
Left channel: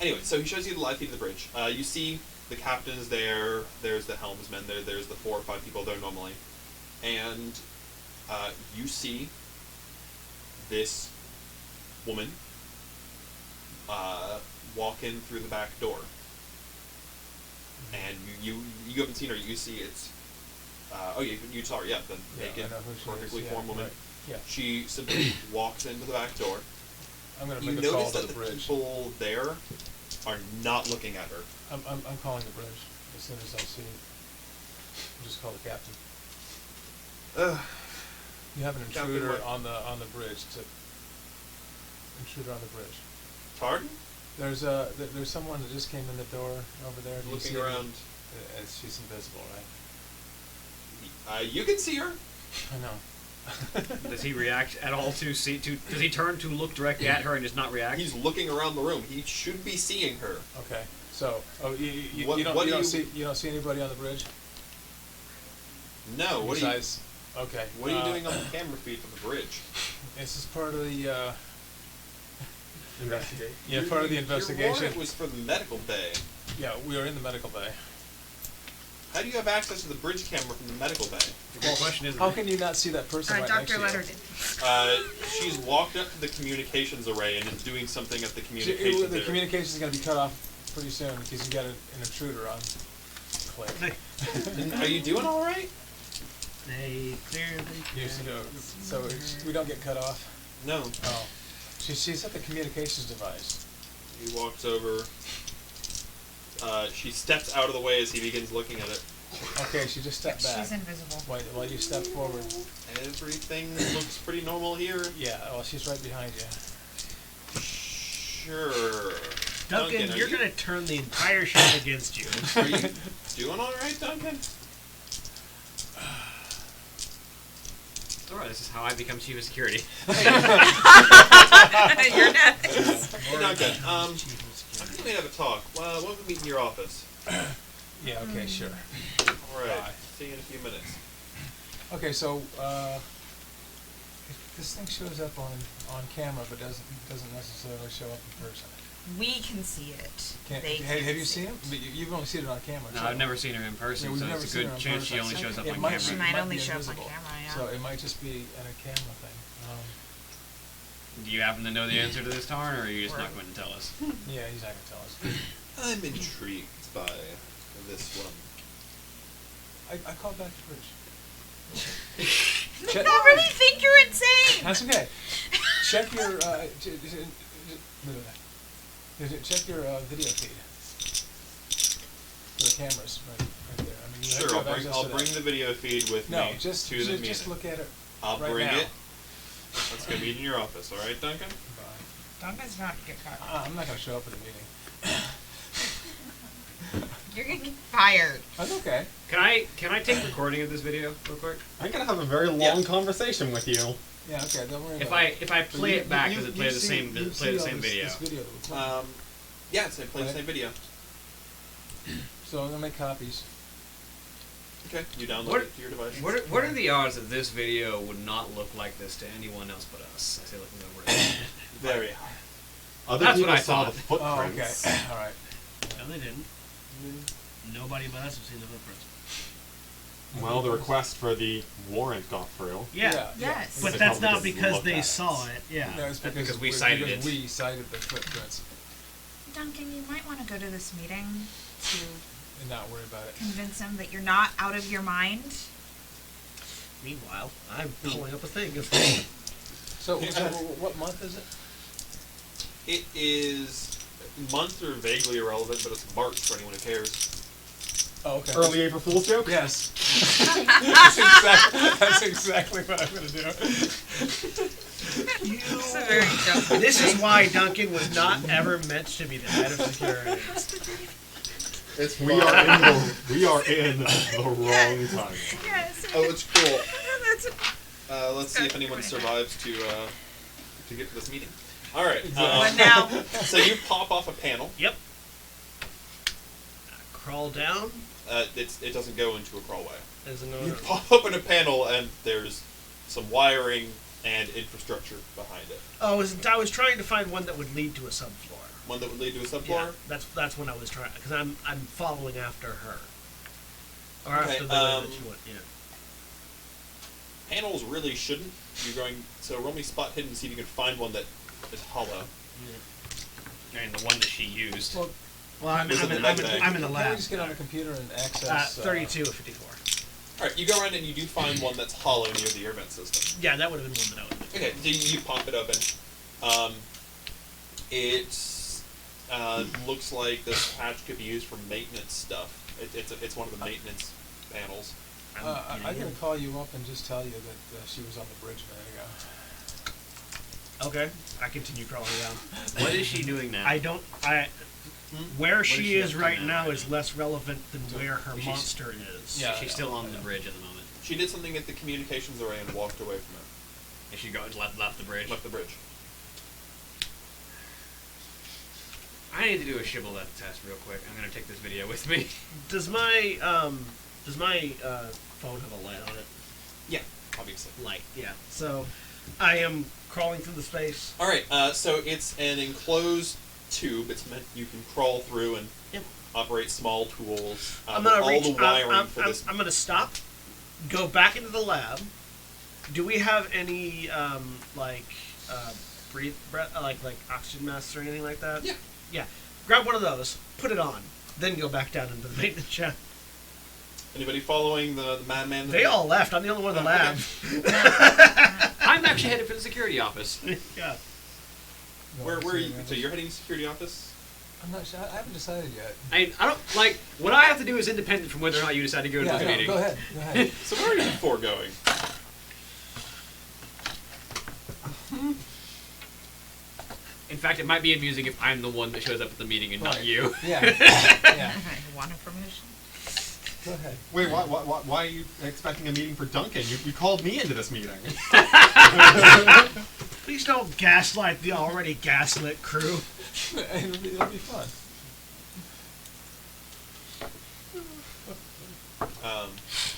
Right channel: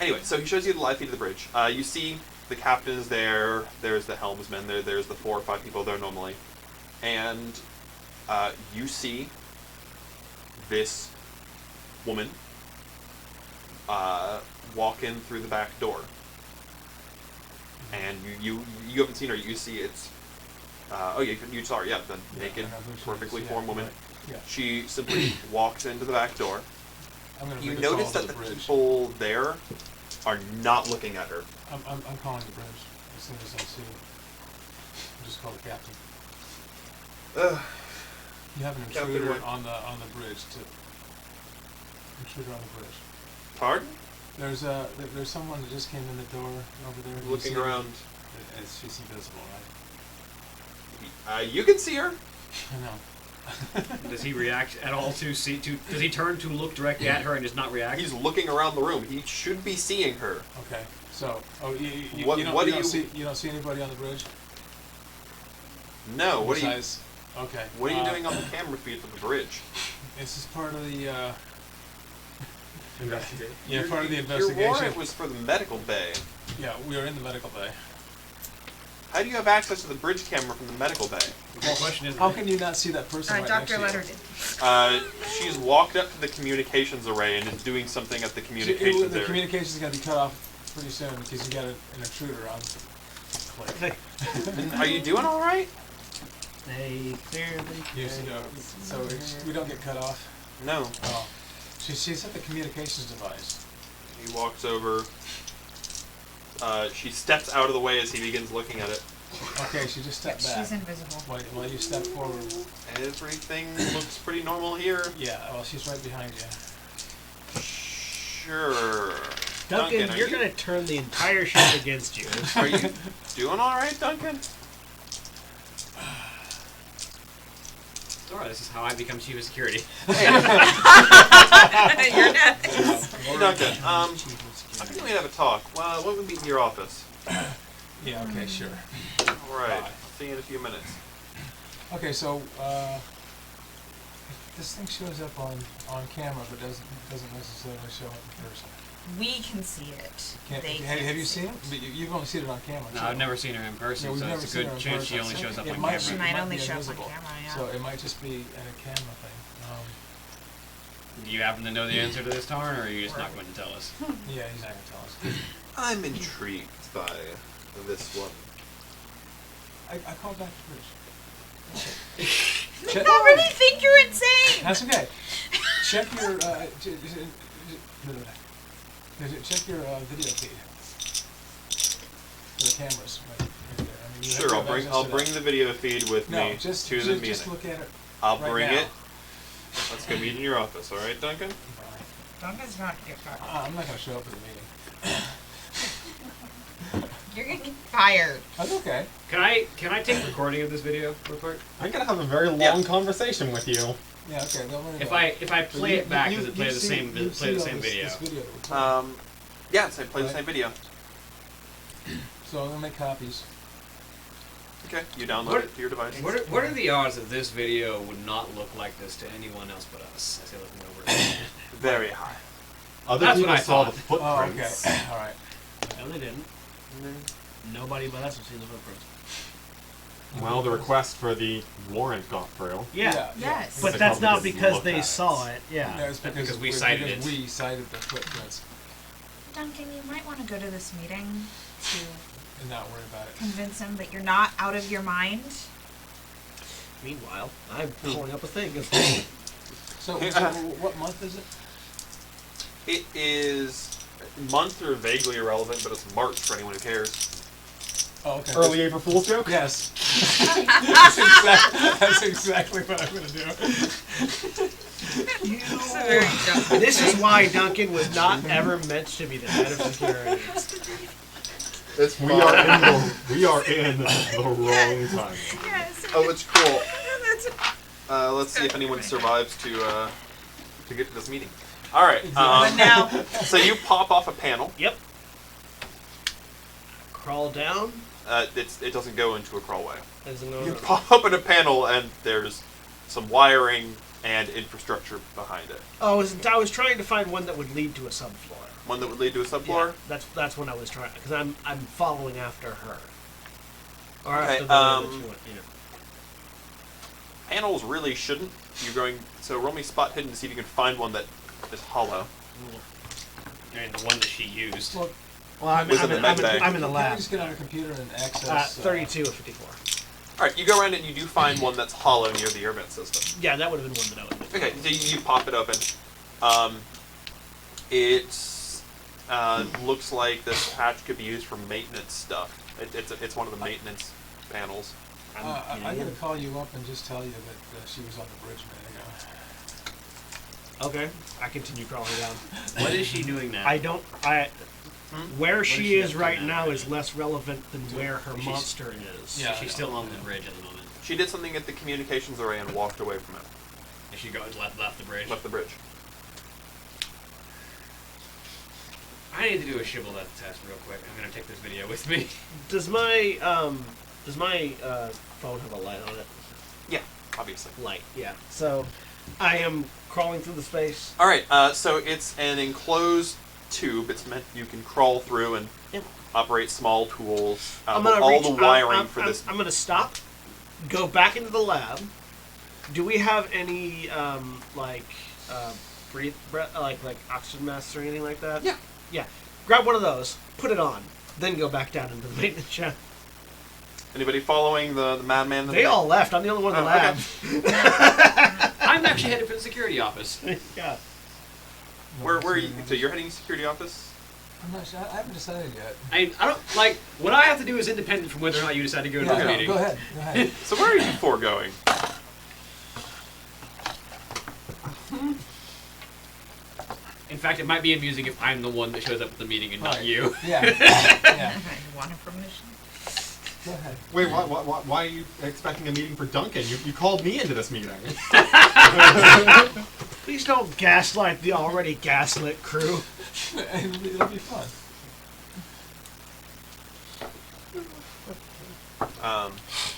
Anyway, so he shows you the live feed of the bridge. You see the captain is there, there's the helmsman there, there's the 4 or 5 people there normally. And you see this woman walk in through the back door. And you haven't seen her, you see it's... you saw her, the naked, I know who she perfectly is, formed woman. right. Yeah. She simply walks into the back door. I'm going to You make a call notice to that the the bridge. people there are not looking at her. I'm calling the bridge as soon as I see it. I'll just call the captain. You have an Captain, intruder what? on the bridge. Intruder on the bridge. Pardon? There's someone that just came in the door over there. Do you Looking see her? around. She's invisible, right? You can see her. I know. Does he react at all to see? Does he turn to look directly at her and just not react? He's looking around the room. He should be seeing her. Okay. So, you What- don't what do you don't you- see anybody on the bridge? No. What are you? Besides, okay. What are you doing on the camera feed from the bridge? This is part of the Investigate. part of the Your investigation. warrant was for the medical bay. Yeah, we are in the medical bay. How do you have access to the bridge camera from the medical bay? The good question is, How can you not see that person right next Dr. to you? Letter did. She's walked up to the communications array and is doing something at the The communications area. communication's going to be cut off pretty soon because you got an intruder on. Click. Are you doing all right? They clearly So we don't get cut off. No. Oh, she's at the communications device. He walks over. She steps out of the way as he begins looking at it. Okay, she just stepped back. She's invisible. While you step forward. Everything looks pretty normal here. Yeah, well, she's right behind you. Sure. Duncan, are you're you- going to turn the entire ship against you. Are you doing all right, Duncan? Alright, this is how I become chief of security. You're next. Duncan, I think we have a talk. Why don't we meet in your office? Yeah, okay, sure. All right. Bye. See you in a few minutes. Okay, so if this thing shows up on camera but doesn't necessarily show up in person. We can see it. They Have can't you see seen it? But you've only seen it on camera. No, too. I've never seen her in person, Yeah, we've so never it's a seen her good in chance she person. only shows up It on might- camera. She might only be show up on invisible. camera, yeah. So it might just be in a camera thing. Do you happen to know the answer to this, Tarn, or are you just not going to tell us? Yeah, he's not gonna tell us. I'm intrigued by this one. I called back the bridge. I already think you're insane. That's okay. Check your check your video feed for the cameras right there. I mean, you Sure, have access I'll to bring that. the video feed with No, me just to the meeting. just look at it. I'll right bring now. it. Let's go meet in your office, all right, Duncan? Duncan's not get caught. I'm not gonna show up at the meeting. You're gonna get fired. That's okay. Can I take recording of this video real quick? I'm gonna have a very long conversation with you. Yeah, okay. Don't worry If about it. I play it back, does it play the same you've play the seen same all video? This video that we're playing. Yeah, so play the Right. same video. So I'm gonna make copies. Okay, you download What- it to your device. What are the odds that this video would not look like this to anyone else but us? I say looking over it. Very high. Other That's people what I saw thought. the Oh, okay. footprints. All right. No, they didn't. Nobody but us have seen the footprints. Well, the request for the warrant got through. Yeah. Yes. But They that's probably not just because looked they at it. saw it. Yeah. No, it's Because we cited it. We cited the footprints Duncan, you might want to go to this meeting to and not worry about it. convince him that you're not out of your mind. Meanwhile, I'm pulling up a thing. So what month is it? It is months are vaguely irrelevant, but it's March for anyone who cares. Oh, okay. Early April Fool's joke? Yes. That's exactly what I'm gonna do. It's a very dumb This is thing. why Duncan was not ever meant to be the head of security. We are in the wrong time. Yes. Oh, it's cool. That's Let's see if anyone survives to get to this meeting. All right. but now, So you pop off a panel. Yep. Crawl down. It doesn't go into a crawlway. As a You pop open a panel and there's some wiring and infrastructure behind it. I was trying to find one that would lead to a subfloor. One that would lead to a subfloor. Yeah, that's when I was trying, because I'm following after her. Or Okay, after the one that she went. Yeah. Panels really shouldn't. You're going. So roll me spot hidden to see if you can find one that is hollow. I mean, the one that she used. Well, Well, I'm Was it in the the med bay? lab. can we just get on the computer and access? 32 of 54. All right. You go around and you do find one that's hollow near the air vent system. Yeah, that would have been one that I would have been. Okay, so you pop it open. It looks like this hatch could be used for maintenance stuff. It's one of the maintenance panels. I'm gonna call you up and just tell you that she was on the bridge a minute ago. Okay, I continue crawling down. What is she doing now? Where she she is up to right now? now is less relevant than where her She's- monster is. Yeah. She's still on the bridge at the moment. She did something at the communications array and walked away from it. And she left the bridge. Left the bridge. I need to do a shibboleth test real quick. I'm gonna take this video with me. Does my phone have a light on it? Yeah, obviously. Light, yeah. So I am crawling through the space. All right. So it's an enclosed tube. It's meant you can crawl through and Yep. operate small tools. I'm gonna all reach. the wiring I'm, for I'm, this. I'm gonna stop. Go back into the lab. Do we have any like oxygen masks or anything like that? Yeah. Yeah. Grab one of those. Put it on. Then go back down into the maintenance shaft. Anybody following the madman? They all left. I'm the only one in the Oh, lab. I'm actually headed for the security office. Yeah. Where are you? So you're heading to security office? I'm not sure. I haven't decided yet. I don't like what I have to do is independent from whether or not you decide to go to Yeah, the no, meeting. go ahead. Go ahead. So where are you four going? In fact, it might be amusing if I'm the one that shows up at the meeting and not Right. you. Yeah. Yeah. I want a permission. Go ahead. Wait, why are you expecting a meeting for Duncan? You called me into this meeting. Please don't gaslight the already gaslit crew. It'll be fun.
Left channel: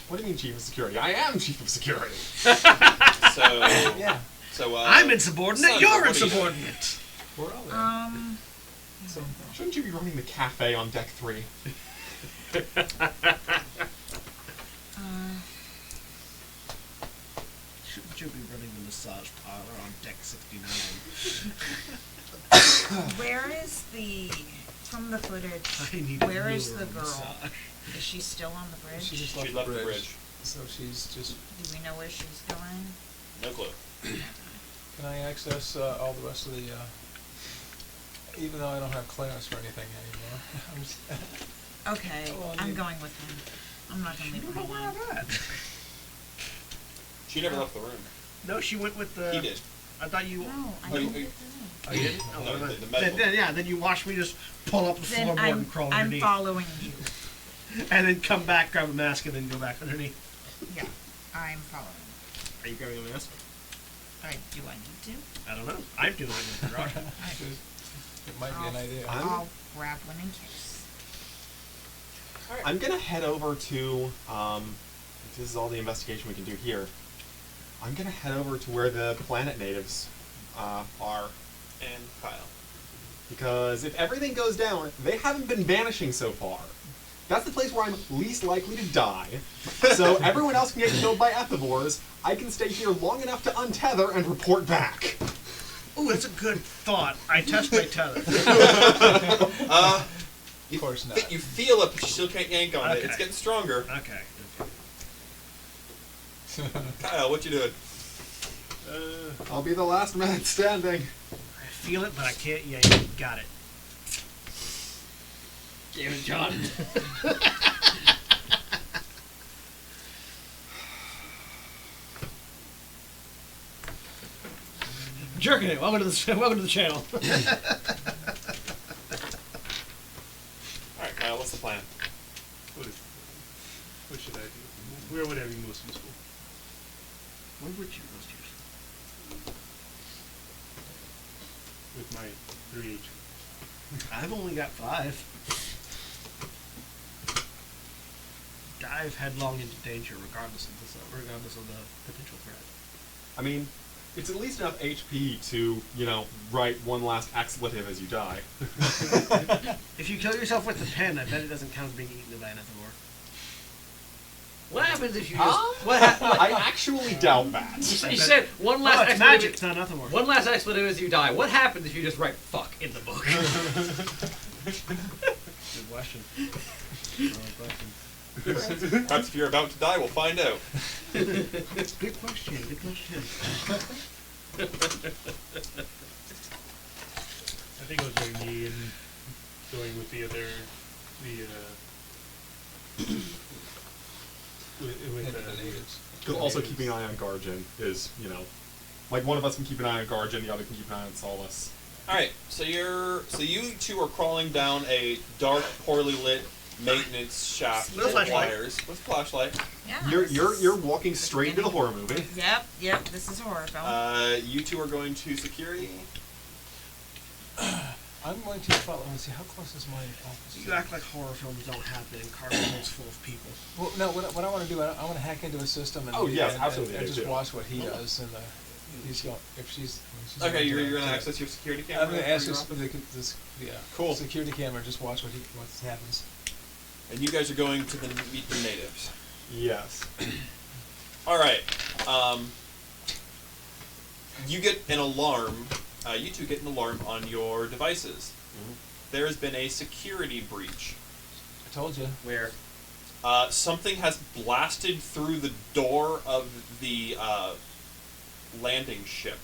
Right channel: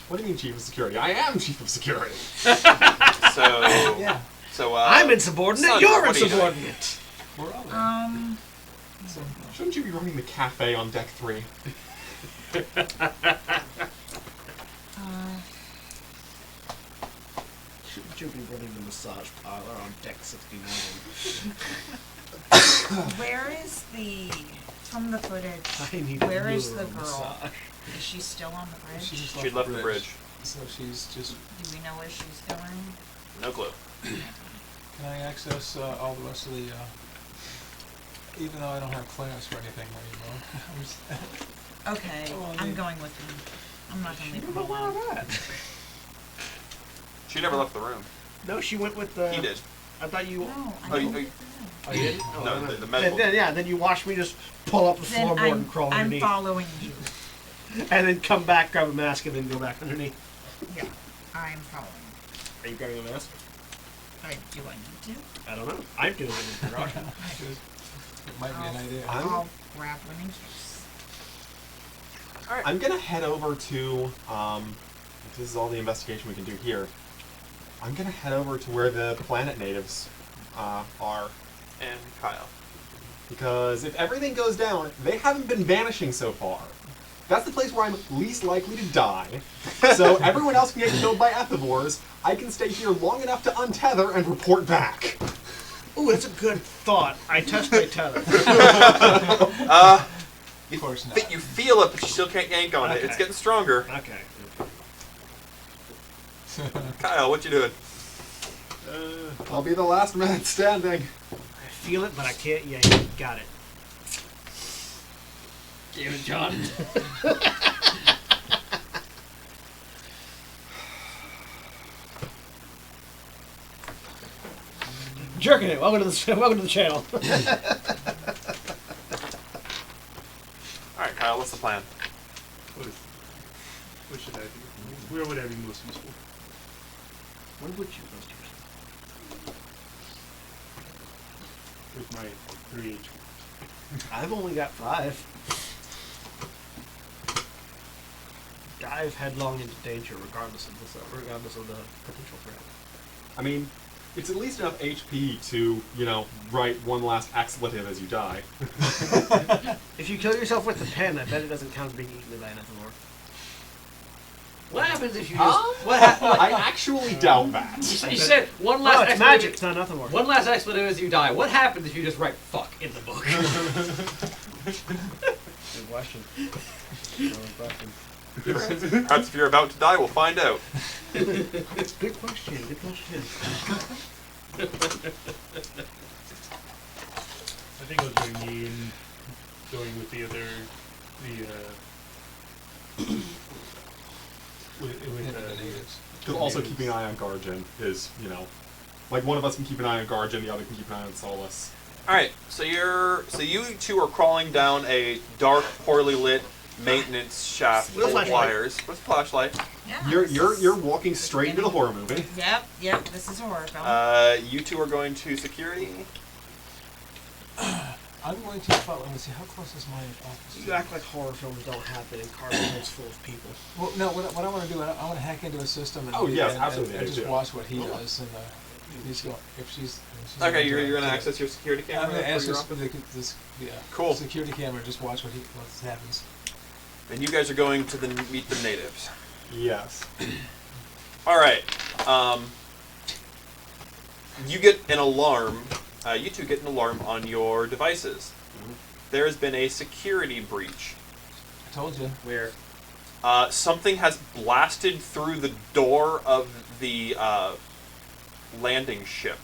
What do you mean, Chief of Security? I am Chief of Security. So Yeah. so I'm insubordinate. son, You're what are you doing? insubordinate. We're all there. So Shouldn't you be running the cafe on deck 3? Shouldn't you be running the massage parlor on deck 69? where is from the footage? I need Where a is lure the on girl? massage. Is she still on the bridge? She just She left the bridge. So she's just. Do we know where she's going? No clue. Can I access all the rest of the? Even though I don't have clearance for anything anymore. I'm just- Okay, Oh, I'm you- going with him. I'm not gonna leave him Where alone. am I at? She never left the room. No, she went with the. He did. I thought you. No, I Oh, you- don't get Oh, you didn't? Oh, No, never mind. the medical. Then, yeah, then you watched me just pull up the Then floorboard and crawl I'm underneath. following you. and then come back, grab a mask, and then go back underneath. Yeah, I'm following. Are you grabbing a mask? Do I need to? I don't know. I'm doing it in the garage. It might be an idea. I'll grab one in case. I'm gonna head over to, if this is all the investigation we can do here, I'm gonna head over to where the planet natives are. And Kyle. Because if everything goes down, they haven't been vanishing so far. That's the place where I'm least likely to die. So everyone else can get killed by ethivores. I can stay here long enough to untether and report back. Ooh, that's a good thought. I test my tether. Of course not. You feel it, but you still can't yank on it. Okay. It's getting stronger. Okay. Kyle, what you doing? I'll be the last man standing. I feel it, but I can't yank. Got it. Damn it, John. Jerking it. Welcome to the channel. Alright, Kyle, what's the plan? What should I do? Where would I be most useful? Where would you most use? With my 3 HP. I've only got 5. Dive headlong into danger, regardless of the potential threat. I mean, it's at least enough HP to, write one last expletive as you die. If you kill yourself with the pen, I bet it doesn't count as being eaten by an ethivore. What happens if you just... I actually doubt that. You said one last Oh, it's expletive. magic. It's not ethivore. One last expletive as you die. What happens if you just write "fuck" in the book? Good question. Good question. Perhaps if you're about to die, we'll find out. Good question. Good question. I think it was very me and going with the other, with The natives. Because also keeping an eye on Garjan is, like one of us can keep an eye on Garjan, the other can keep an eye on Solus. Alright, so you two are crawling down a dark, poorly lit maintenance shaft With a full of flashlight. wires with a flashlight. Yeah. You're walking straight into the horror movie. Yep. This is a horror film. You two are going to security. I'm going to follow. Let me see. How close is my office? You act like horror films don't happen in carnivals full of people. Well, no. What I want to do, I want to hack into a system and, Oh, yes, and, absolutely, and I just do. watch what he does. And he's going. If she's Okay, you're going to access your security camera. I'm going to for ask your this, office? cool security camera. Just watch what happens. And you guys are going to meet the natives. Yes. Alright. You get an alarm. You two get an alarm on your devices. Mhm. There has been a security breach. I told you. Where? Something has blasted through the door of the landing ship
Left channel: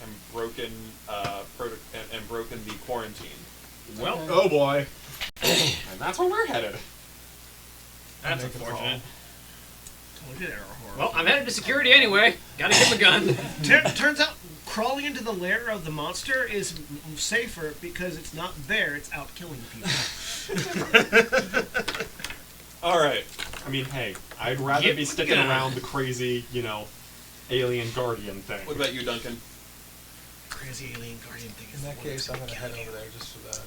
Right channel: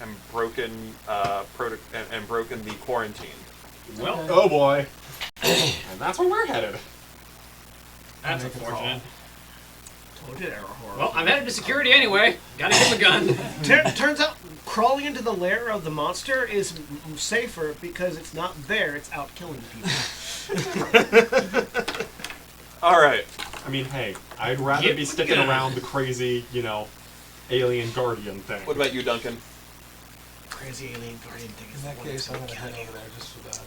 and broken broken the quarantine. Well, Oh boy. And that's where we're headed. that's Make a unfortunate. Told you they were horror. Well, I'm headed to security anyway. Gotta get the gun. Turns out crawling into the lair of the monster is safer because it's not there, it's out killing people. Alright. I mean, hey, I'd rather Get be the sticking gun. around the crazy, alien guardian thing. What about you, Duncan? Crazy alien guardian thing is In the that one that's case, I'm going to kill head you. over there just for that.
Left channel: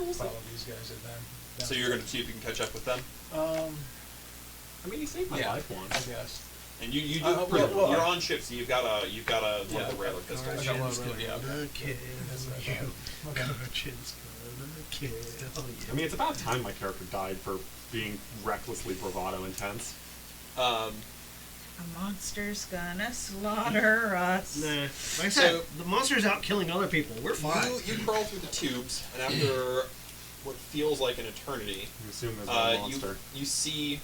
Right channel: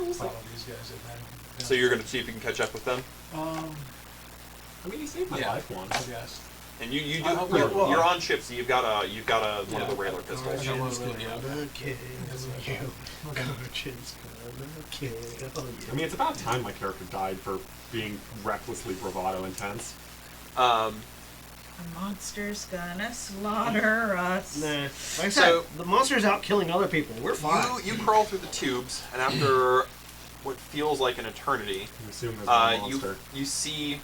we'll To follow these guys at then. So you're going to see if you can catch up with them? I mean, you saved my Yeah. life once. Yes. And you do. well, you're on ship, so you've got a one Yeah. of the regular pistols. I got one really out. Gonna kill That's what I you. thought. Guardian's gonna kill you. I mean, it's about time my character died for being recklessly bravado intense. A monster's gonna slaughter us. Nah. Like I said, So- the monster's out killing other people. We're fine. You crawl through the tubes, and after what feels like an eternity, You assume there's no you monster. you see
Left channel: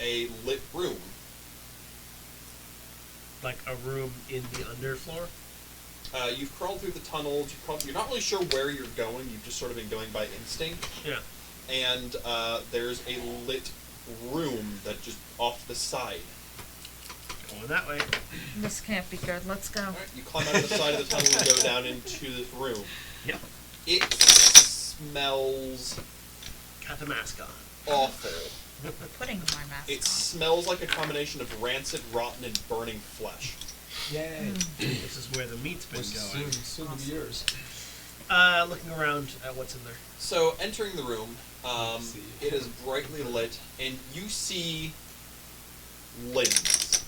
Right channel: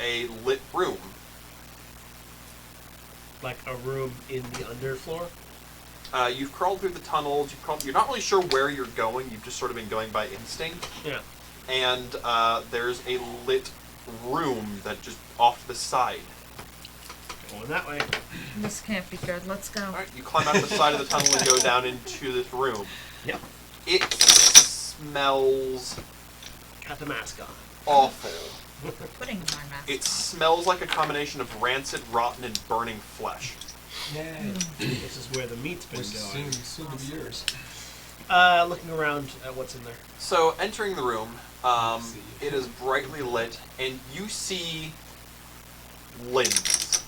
a lit room. Like a room in the underfloor. You've crawled through the tunnels. You're not really sure where you're going. You've just sort of been going by instinct. Yeah. And there's a lit room that just off to the side. Going that way. This can't be good. Let's go. Alright, you climb out the side of the tunnel and go down into this room. Yep. It smells Got the mask on. awful. putting my mask It smells like a combination of rancid, rotten, and burning flesh. Yay. This is where the meat's been Which going. soon to be yours. Looking around at what's in there. So, entering the room, Let's see. it is brightly lit, and you see limbs.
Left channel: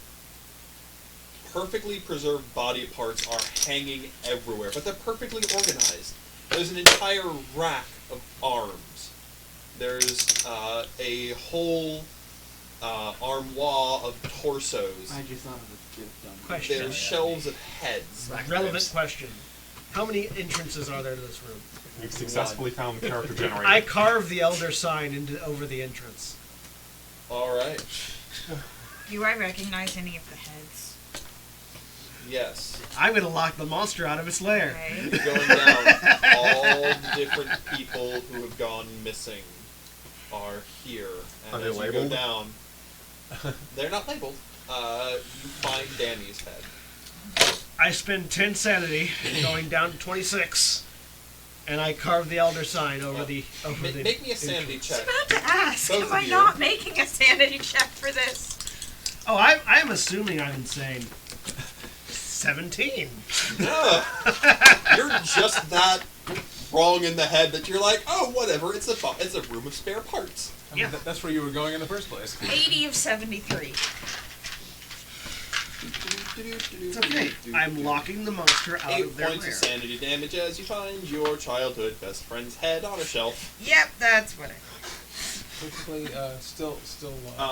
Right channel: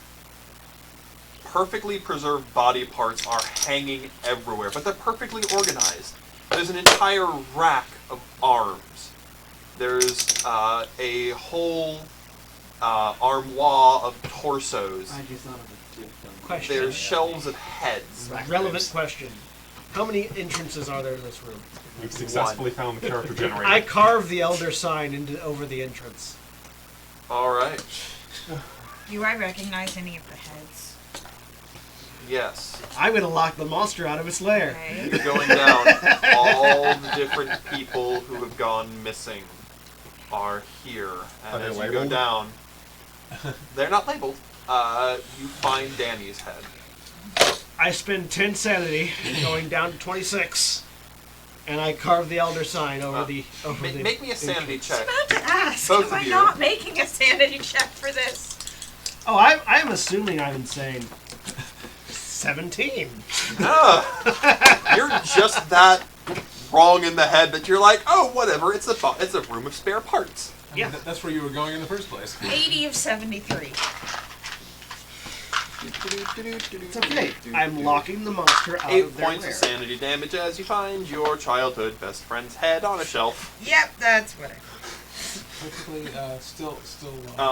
Perfectly preserved body parts are hanging everywhere, but they're perfectly organized. There's an entire rack of arms. There's a whole armoire of torsos. I just thought of a good dumb Question. There's shelves of heads. Relevant question. How many entrances are there to this room? We've successfully found the character generator. I carved the Elder sign over the entrance. Alright. Do I recognize any of the heads? Yes. I'm gonna lock the monster out of its lair. Okay. Going down, all the different people who have gone missing are here. And Are they as you labeled? go down, they're not labeled. You find Danny's head. I spend 10 sanity, going down to 26, and I carve the Elder sign over the Make me a sanity entrance. check. About to ask, Both am I of you. not making a sanity check for this? Oh, I'm assuming I'm insane. 17. You're just that wrong in the head that you're like, oh, whatever. It's a room of spare parts. I mean, Yeah. that's where you were going in the first place. 80 of 73. It's okay. I'm locking the monster out 8 of their points lair. of sanity damage as you find your childhood best friend's head on a shelf. Yep, that's what I. Perfectly, still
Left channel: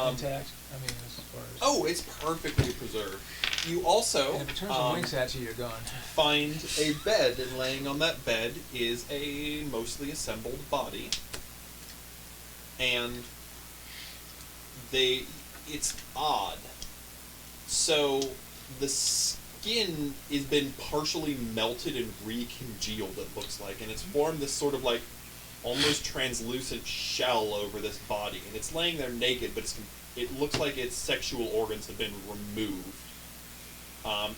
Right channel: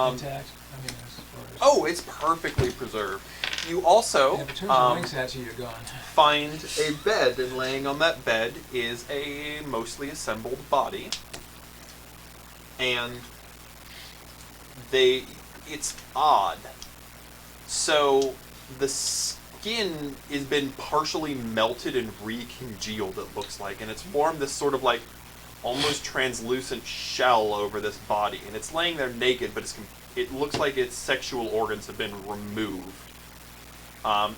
intact. I mean, as far as. Oh, it's perfectly preserved. You also And if it turns and winks at you, you're gone. find a bed, and laying on that bed is a mostly assembled body. And it's odd. So the skin has been partially melted and recongealed, it looks like, and it's formed this sort of like almost translucent shell over this body, and it's laying there naked, but it looks like its sexual organs have been removed.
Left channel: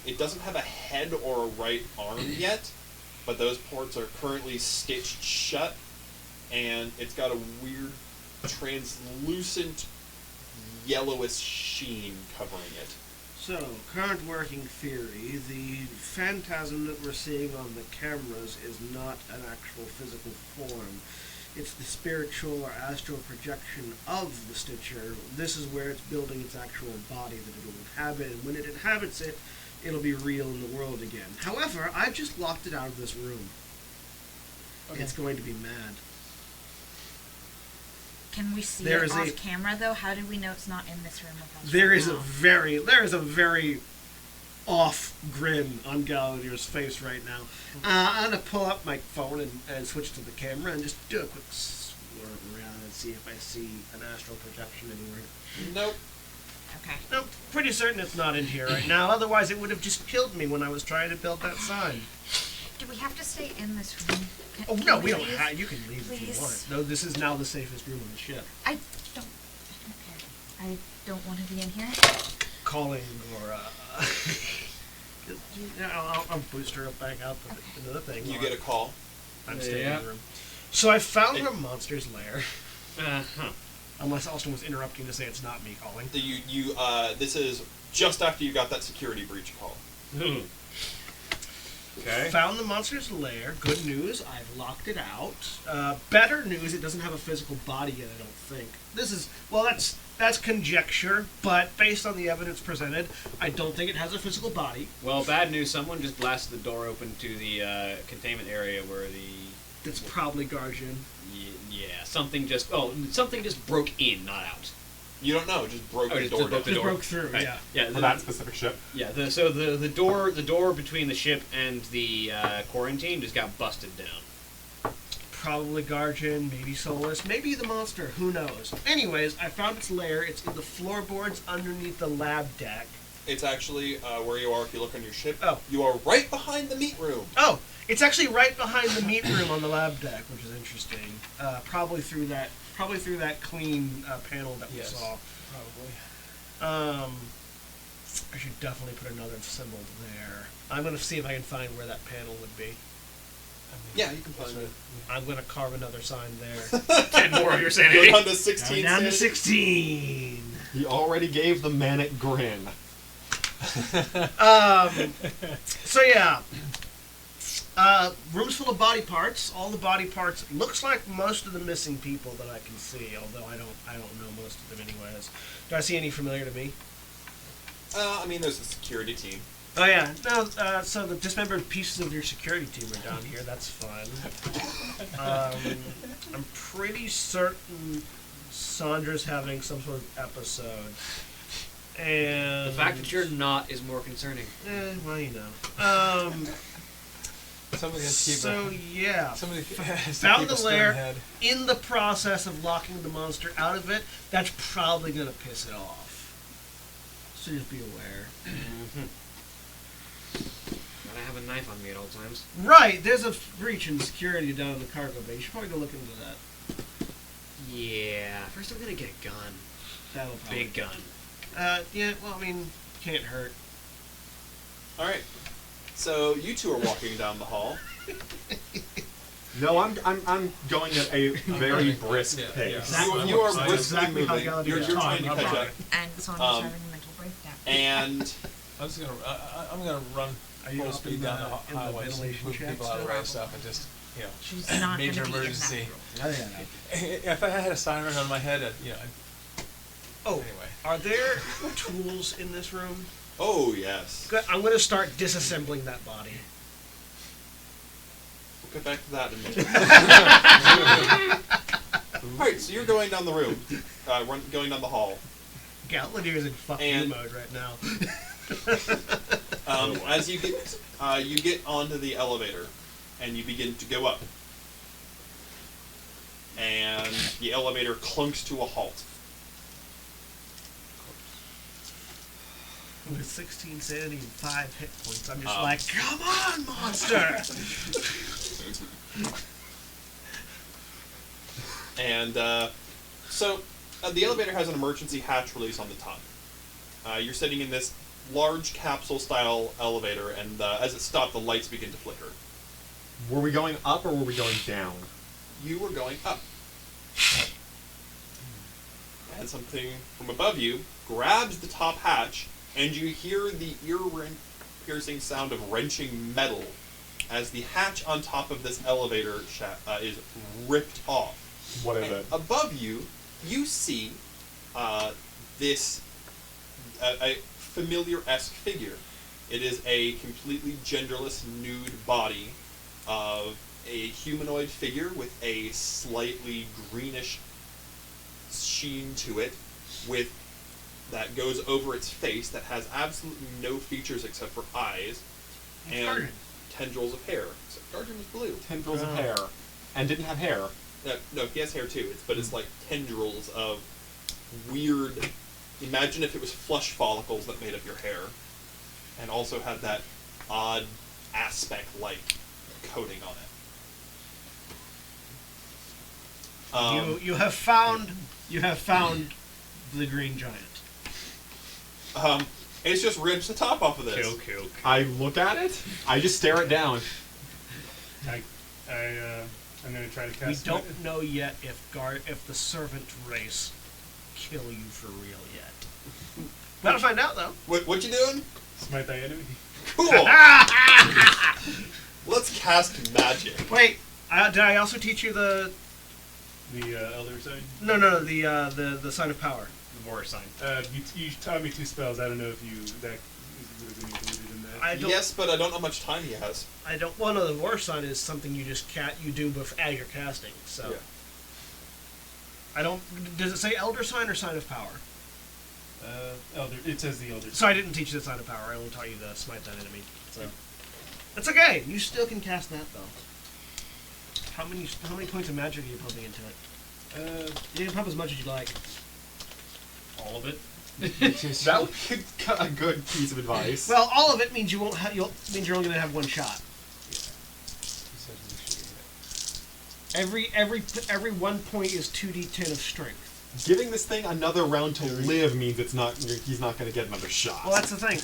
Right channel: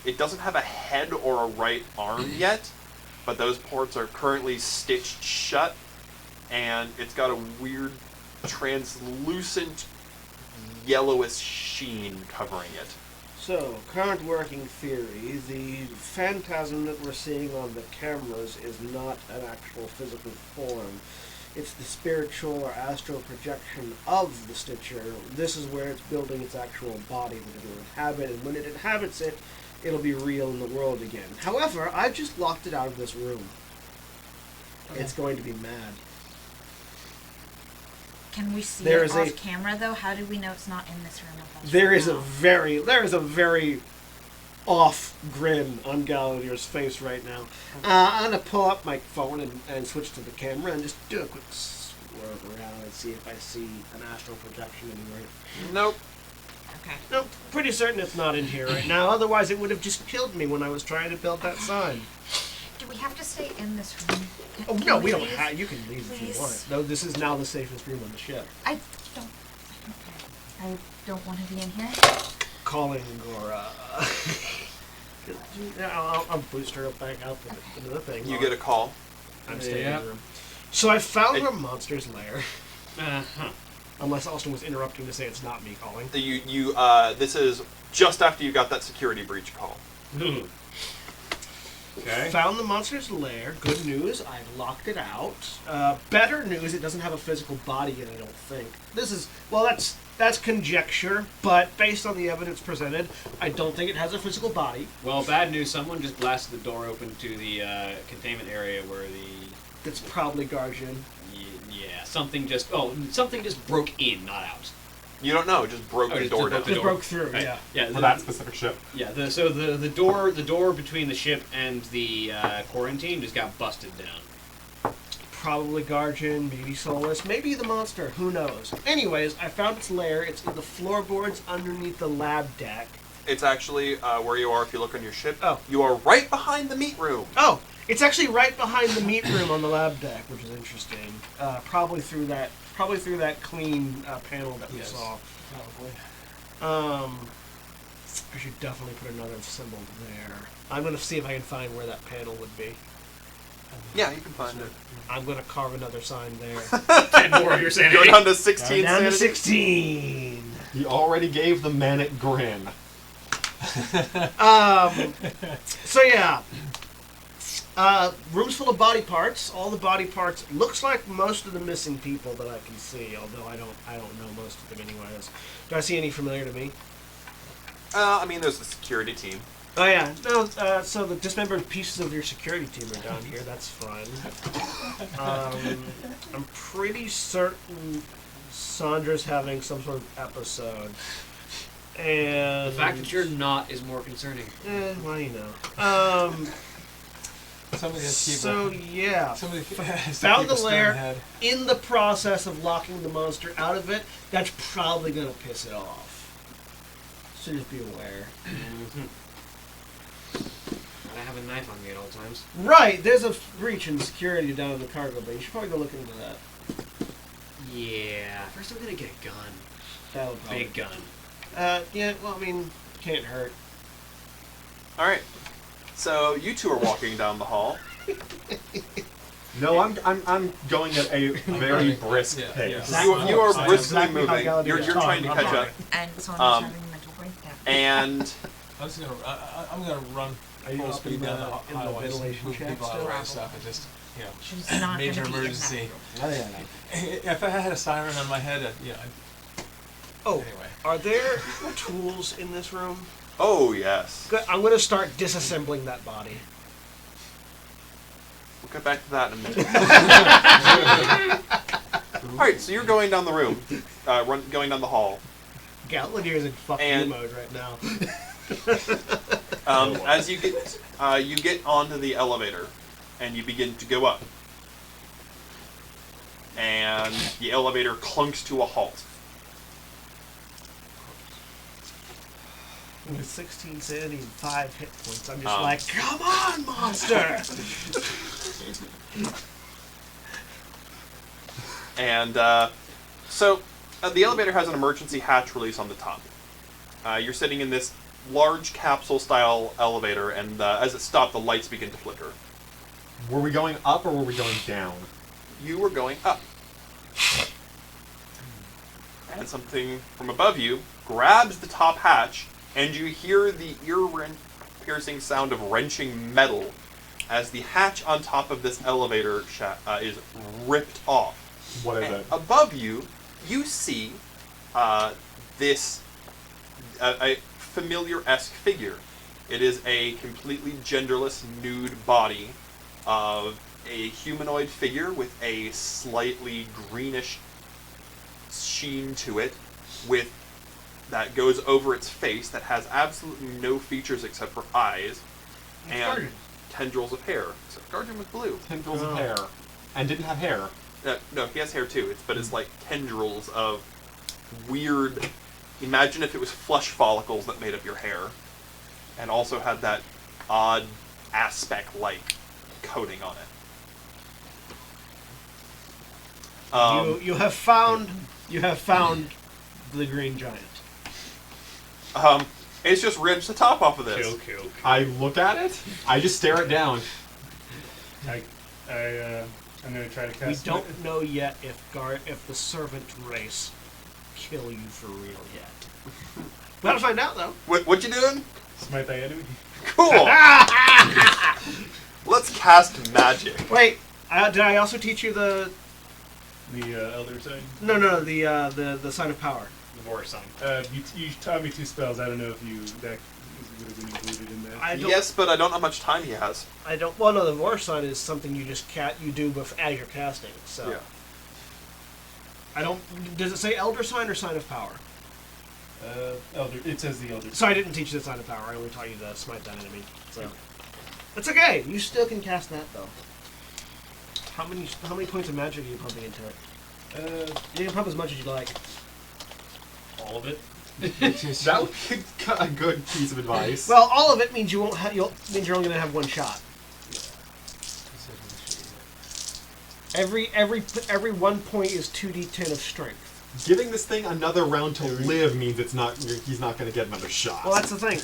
It doesn't have a head or a right arm yet, but those parts are currently stitched shut, and it's got a weird translucent yellowish sheen covering it. So, current working theory, the phantasm that we're seeing on the cameras is not an actual physical form. It's the spiritual or astral projection of the Stitcher. This is where it's building its actual body that it will inhabit, and when it inhabits it, it'll be real in the world again. However, I've just locked it out of this room. Okay. It's going to be mad. Can we see There it is off a- camera though? How do we know it's not in this room with us? There right is a very off grin on Galadier's face right now. I'm gonna pull up my phone and switch to the camera and just do a quick swerve around and see if I see an astral projection anywhere. Nope. Okay. No, pretty certain it's not in here right now. Otherwise, it would have just killed me when I was trying to build that sign. Do we have to stay in this room? Oh Can no, we don't leave? have. You can leave if you Please? want. No, this is now the safest room on the ship. I don't care. I don't want to be in here. Calling Gora. I'll boost her back out into the thing. You get a call. I'm staying Yep. in the room. So I found her monster's lair. Uh-huh. Unless Austin was interrupting to say it's not me calling. This is just after you got that security breach call. Okay. Found the monster's lair. Good news, I've locked it out. Better news, it doesn't have a physical body yet, I don't think. That's conjecture, but based on the evidence presented, I don't think it has a physical body. Well, bad news. Someone just blasted the door open to the containment area where the... It's probably Guardian. Yeah, something just broke in, not out. You don't know, just broke the just door down. broke the Just door. broke through, Right. yeah. Yeah, For that specific ship. yeah. The door between the ship and the quarantine just got busted down. Probably Guardian, maybe Solus, maybe the monster, who knows. Anyways, I found its lair. It's in the floorboards underneath the lab deck. It's actually where you are if you look on your ship. Oh. You are right behind the meat room. Oh, it's actually right behind the meat room on the lab deck, which is interesting. Probably through that clean panel that we Yes. saw. Probably. I should definitely put another symbol there. I'm gonna see if I can find where that panel would be. Yeah, you can find it. I'm gonna carve another sign there. 10 more of your sanity. Go down to 16 Down to sanity. 16. He already gave the manic grin. So yeah. Rooms full of body parts. All the body parts. Looks like most of the missing people that I can see. Although I don't know most of them anyways. Do I see any familiar to me? I mean, there's the security team. Oh yeah. No. So the dismembered pieces of your security team are down here. That's fun. I'm pretty certain Sandra's having some sort of episode. And The fact that you're not is more concerning. well, you know. Somebody has to keep So a, yeah, somebody has to found keep a the stern lair. head. In the process of locking the monster out of it, that's probably gonna piss it off. So just be aware. I have a knife on me at all times. Right, there's a breach in security down in the cargo bay. You should probably go look into that. Yeah. First, I'm gonna get a gun. That'll probably. Big gun. Yeah. Well, I mean, can't hurt. All right. So you two are walking down the hall. No, I'm going at a very brisk Yeah, pace. yeah. Exactly. You are That's briskly exactly how moving. Galadriel You're is trying to talking. catch up. And Sonya's Um, having a mental breakdown. And I'm just gonna. I'm gonna run Are you full up speed in down the- the in the highways, ventilation move shaft people out of the still? way stuff, and just She's not major going to be emergency. in that room. I think I know. If I had a siren on my head, I'd, Oh, anyway. are there tools in this room? oh yes, Good. I'm gonna start disassembling that body. we'll get back to that in a minute. All right, so you're going down the room, going down the hall. Galadriel's in fuck you And- mode right now. As you get onto the elevator, and you begin to go up, and the elevator clunks to a halt. With 16 sanity and 5 hit points, I'm just Um. like, come on, monster! And so the elevator has an emergency hatch release on the top. You're sitting in this large capsule-style elevator, and as it stopped, the lights begin to flicker. Were we going up or were we going down? You were going up. And something from above you grabs the top hatch, and you hear the ear-piercing sound of wrenching metal as the hatch on top of this elevator is ripped off. What is And it? above you, you see this a familiar-esque figure. It is a completely genderless nude body of a humanoid figure with a slightly greenish sheen to it, with that goes over its face, that has absolutely no features except for eyes and Guardian. tendrils of hair. Except Guardian was blue. Tendrils of hair. And didn't have hair. No, he has hair too. But it's like tendrils of weird. Imagine if it was flesh follicles that made up your hair, and also had that odd aspect-like coating on it. You have found the green giant. It's just wrenched the top off of this. Kill. I look at it. I just stare it down. I'm gonna try to We cast. don't know yet if the servant race kill you for real yet. We gotta find out though. What you doing? Smite thy enemy. Cool. Let's cast magic. Wait, did I also teach you the The elder sign. the sign of power? The war sign. You taught me 2 spells. I don't know if that would have been included in that. I don't. Yes, but I don't know how much time he has. I don't. Well, no, the war sign is something you just you do as you're casting. So Yeah. I don't. Does it say elder sign or sign of power? Elder. It says the elder. So I didn't teach you the sign of power. I only taught you the smite that enemy. So it's okay. You still can cast that though. How many points of magic are you pumping into it? You can pump as much as you like. All of it. That would be a good piece of advice. Well, all of it means you won't. Means you're only gonna have one shot. Every 1 point is 2d10 of strength. Giving this thing another round to live means he's not going to get another shot. Well, that's the thing.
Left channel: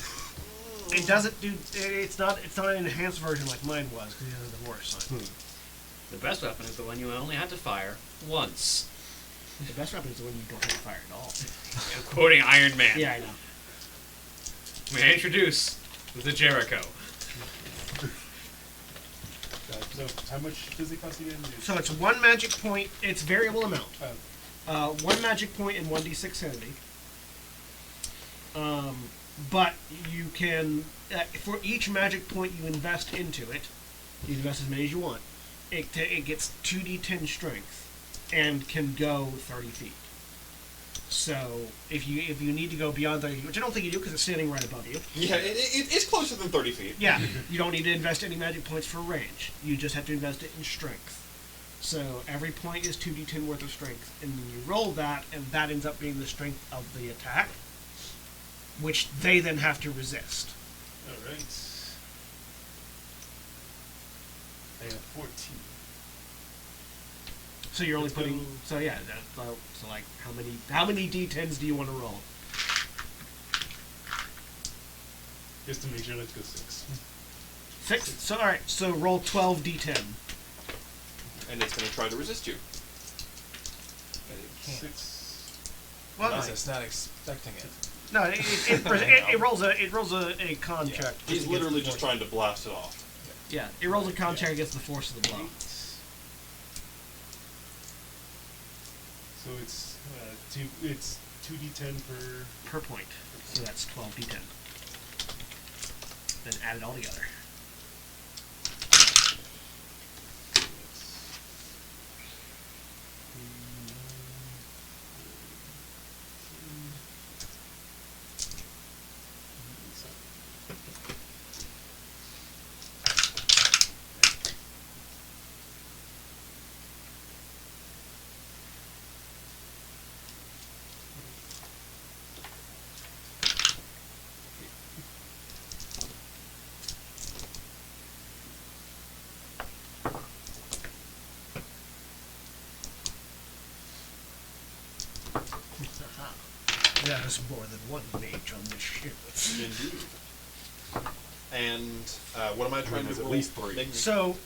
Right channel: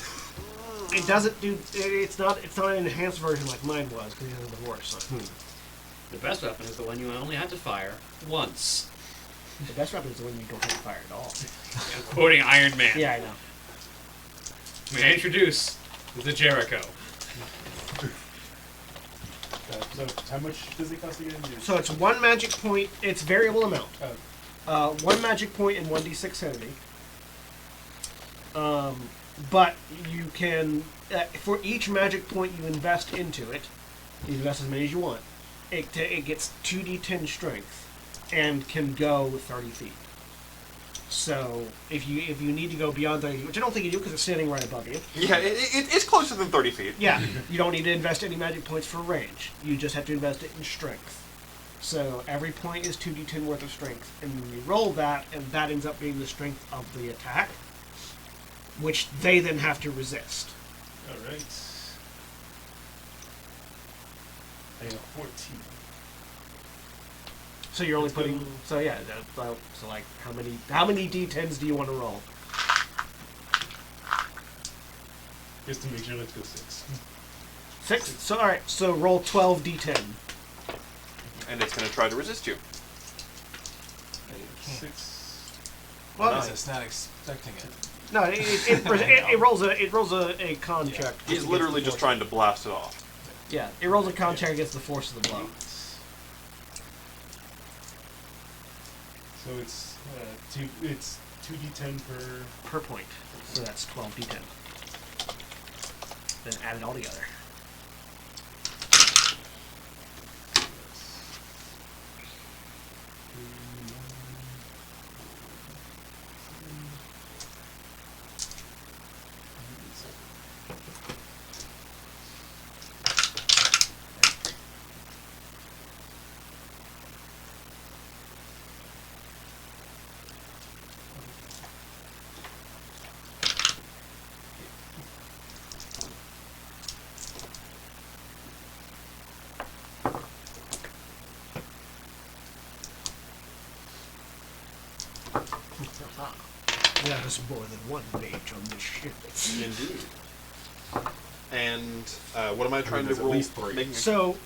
it doesn't do. It's not an enhanced version like mine was because he has a divorce sign. The best weapon is the one you only had to fire once. The best weapon is the one you don't have to fire at all. I'm quoting Iron Man. Yeah, I know. May I introduce the Jericho? So how much does it cost again? So it's 1 magic point. It's variable amount. Oh. 1 magic point and 1d6 sanity. But you can, for each magic point you invest into it, you invest as many as you want. It gets 2d10 strength and can go 30 feet. So if you need to go beyond 30 feet, which I don't think you do because it's standing right above you. Yeah, it's closer than 30 feet. Yeah, you don't need to invest any magic points for range. You just have to invest it in strength. So every point is 2d10 worth of strength, and then you roll that, and that ends up being the strength of the attack, which they then have to resist. All right. I have 14. So you're only Let's putting. go. So yeah. So like, how many d10s do you want to roll? Just to make sure, let's go 6. 6. So all right. So roll 12 d10. And it's going to try to resist you. 6. Well, Because it's not expecting it. no, it rolls a con Yeah. check. He's against literally the just force. trying to blast it off. Yeah, it rolls a con check against the force of the blow. So it's it's 2d10 Per point. So that's 12 d10. Then add it all together. There's more than one mage on this ship. Indeed. And what am I trying there's to at roll? least 3. Make me- So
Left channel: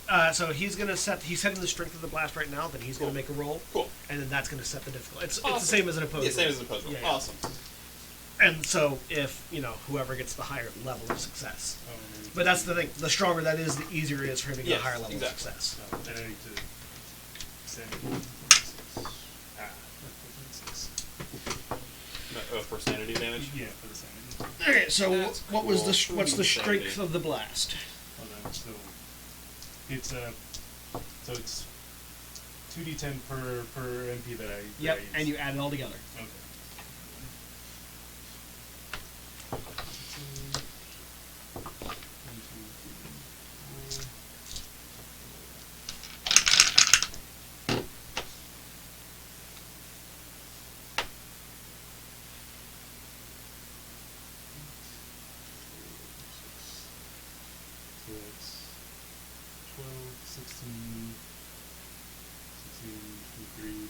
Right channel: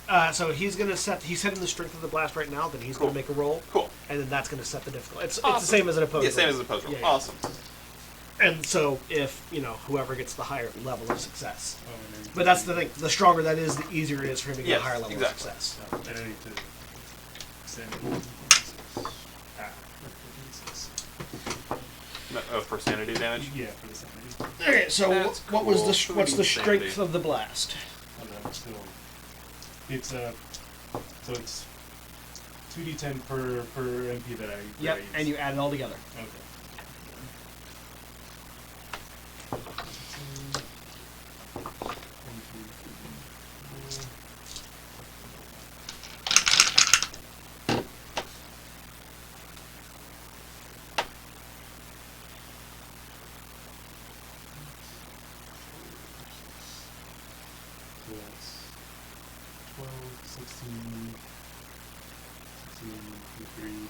he's gonna set. He's setting the strength of the blast right now. Then he's Cool. gonna make a roll, Cool. and then that's gonna set the difficulty. It's Awesome. the same as an opposed. Yeah, same roll. as an opposed roll. Yeah, yeah. Awesome. And so if whoever gets the higher level of success. Oh, and then But that's the thing. The stronger that is, the easier it is for him to get Yes, a higher level exactly. of success. And I need to send it. Ah, 6. No, for sanity damage. Yeah, for the sanity. Okay, so That's what was the cool. what's the Sanity. strength of the blast? Hold on, so it's so it's 2d10 per MP that I Yep, use. and you add it all together. Okay. So that's 12, 16, 23, 24,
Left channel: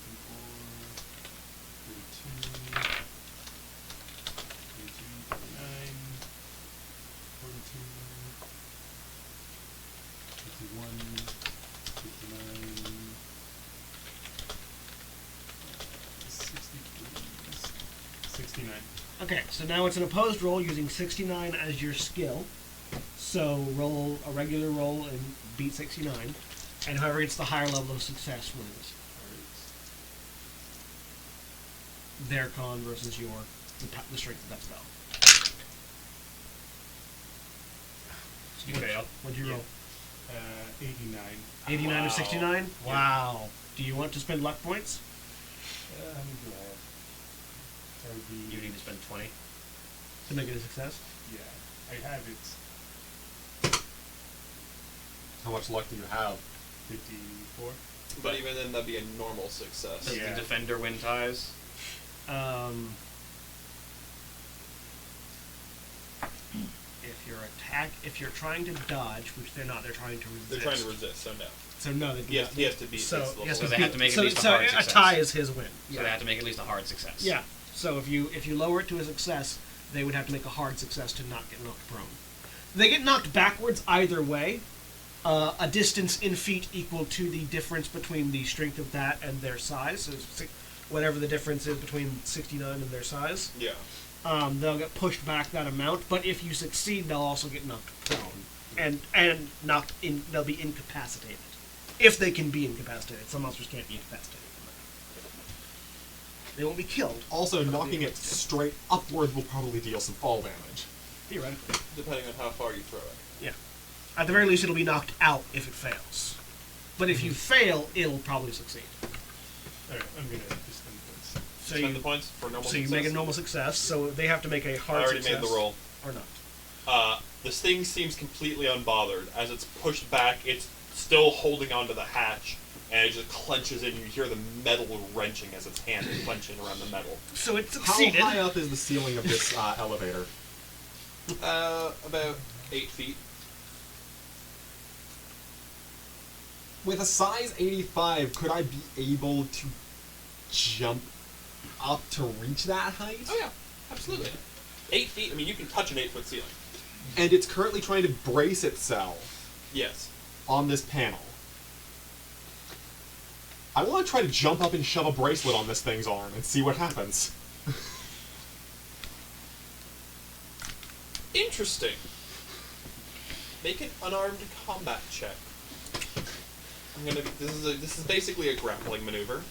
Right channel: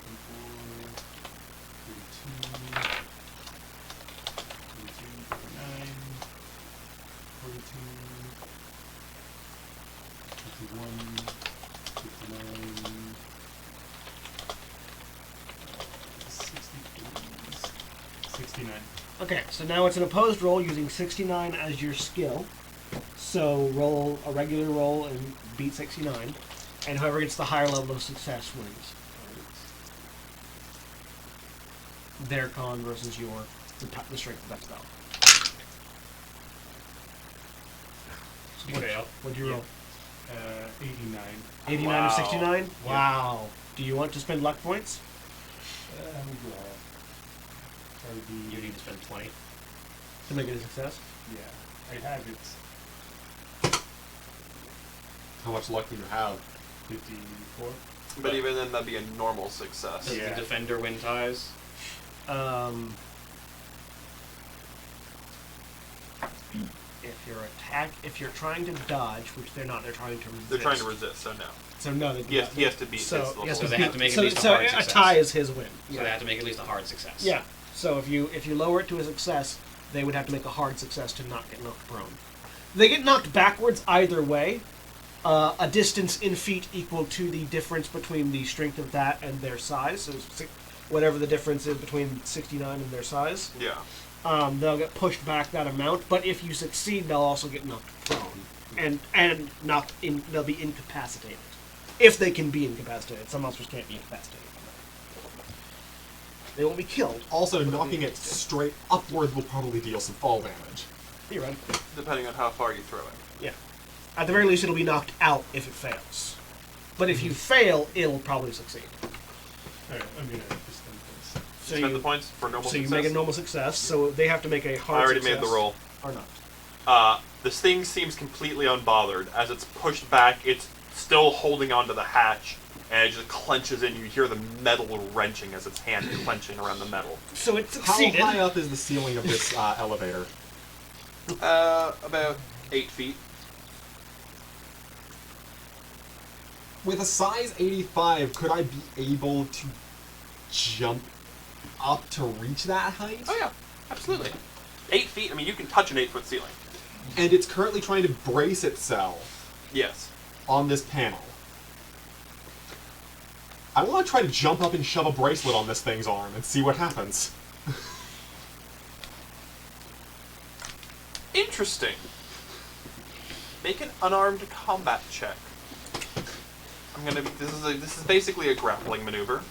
32, 39, 42, 51, 59, 63, 69. Okay, so now it's an opposed roll using 69 as your skill. So roll a regular roll and beat 69, and whoever gets the higher level of success wins. Their con versus your the strength of that spell. So You what- fail. What'd you roll? 89. 89 Wow. of 69? Yeah. Wow. Do you want to spend luck points? How many do I have? That would be. You need to spend 20. To make it a success? Yeah, I have it. How much luck do you have? 54. But even then, that'd be a normal success. Does Yeah. the defender win ties? If you're trying to dodge, which they're not, they're trying to resist. They're trying to resist, so no. So no, they He has to beat So, his level. he has So to they beat- have to make at so, least a so hard success. tie is his win. So they have to make at least a hard success. Yeah. So if you lower it to a success, they would have to make a hard success to not get knocked prone. They get knocked backwards either way. A distance in feet equal to the difference between the strength of that and their size. So whatever the difference is between 69 and their size. Yeah. They'll get pushed back that amount, but if you succeed, they'll also get knocked prone. And knocked in. They'll be incapacitated. If they can be incapacitated. Some monsters can't be incapacitated. They won't be killed. Also, knocking it straight upward will probably deal some fall damage. Theoretically. Depending on how far you throw it. Yeah. At the very least, it'll be knocked out if it fails. But if you fail, it'll probably succeed. Alright, I'm gonna just spend points. So Spend you, the points for normal so success. you make a normal success, so they have to make a hard I already success. made the roll. Or not. This thing seems completely unbothered. As it's pushed back, it's still holding onto the hatch, and it just clenches in. You hear the metal wrenching as its hand is clenching around the metal. So it How succeeded. high up is the ceiling of this elevator? About 8 feet. With a size 85, could I be able to jump up to reach that height? Oh yeah, absolutely. 8 feet. I mean, you can touch an 8-foot ceiling. And it's currently trying to brace itself Yes. on this panel. I want to try to jump up and shove a bracelet on this thing's arm and see what happens. Interesting. Make an unarmed combat check. I'm gonna be. This is basically a grappling maneuver.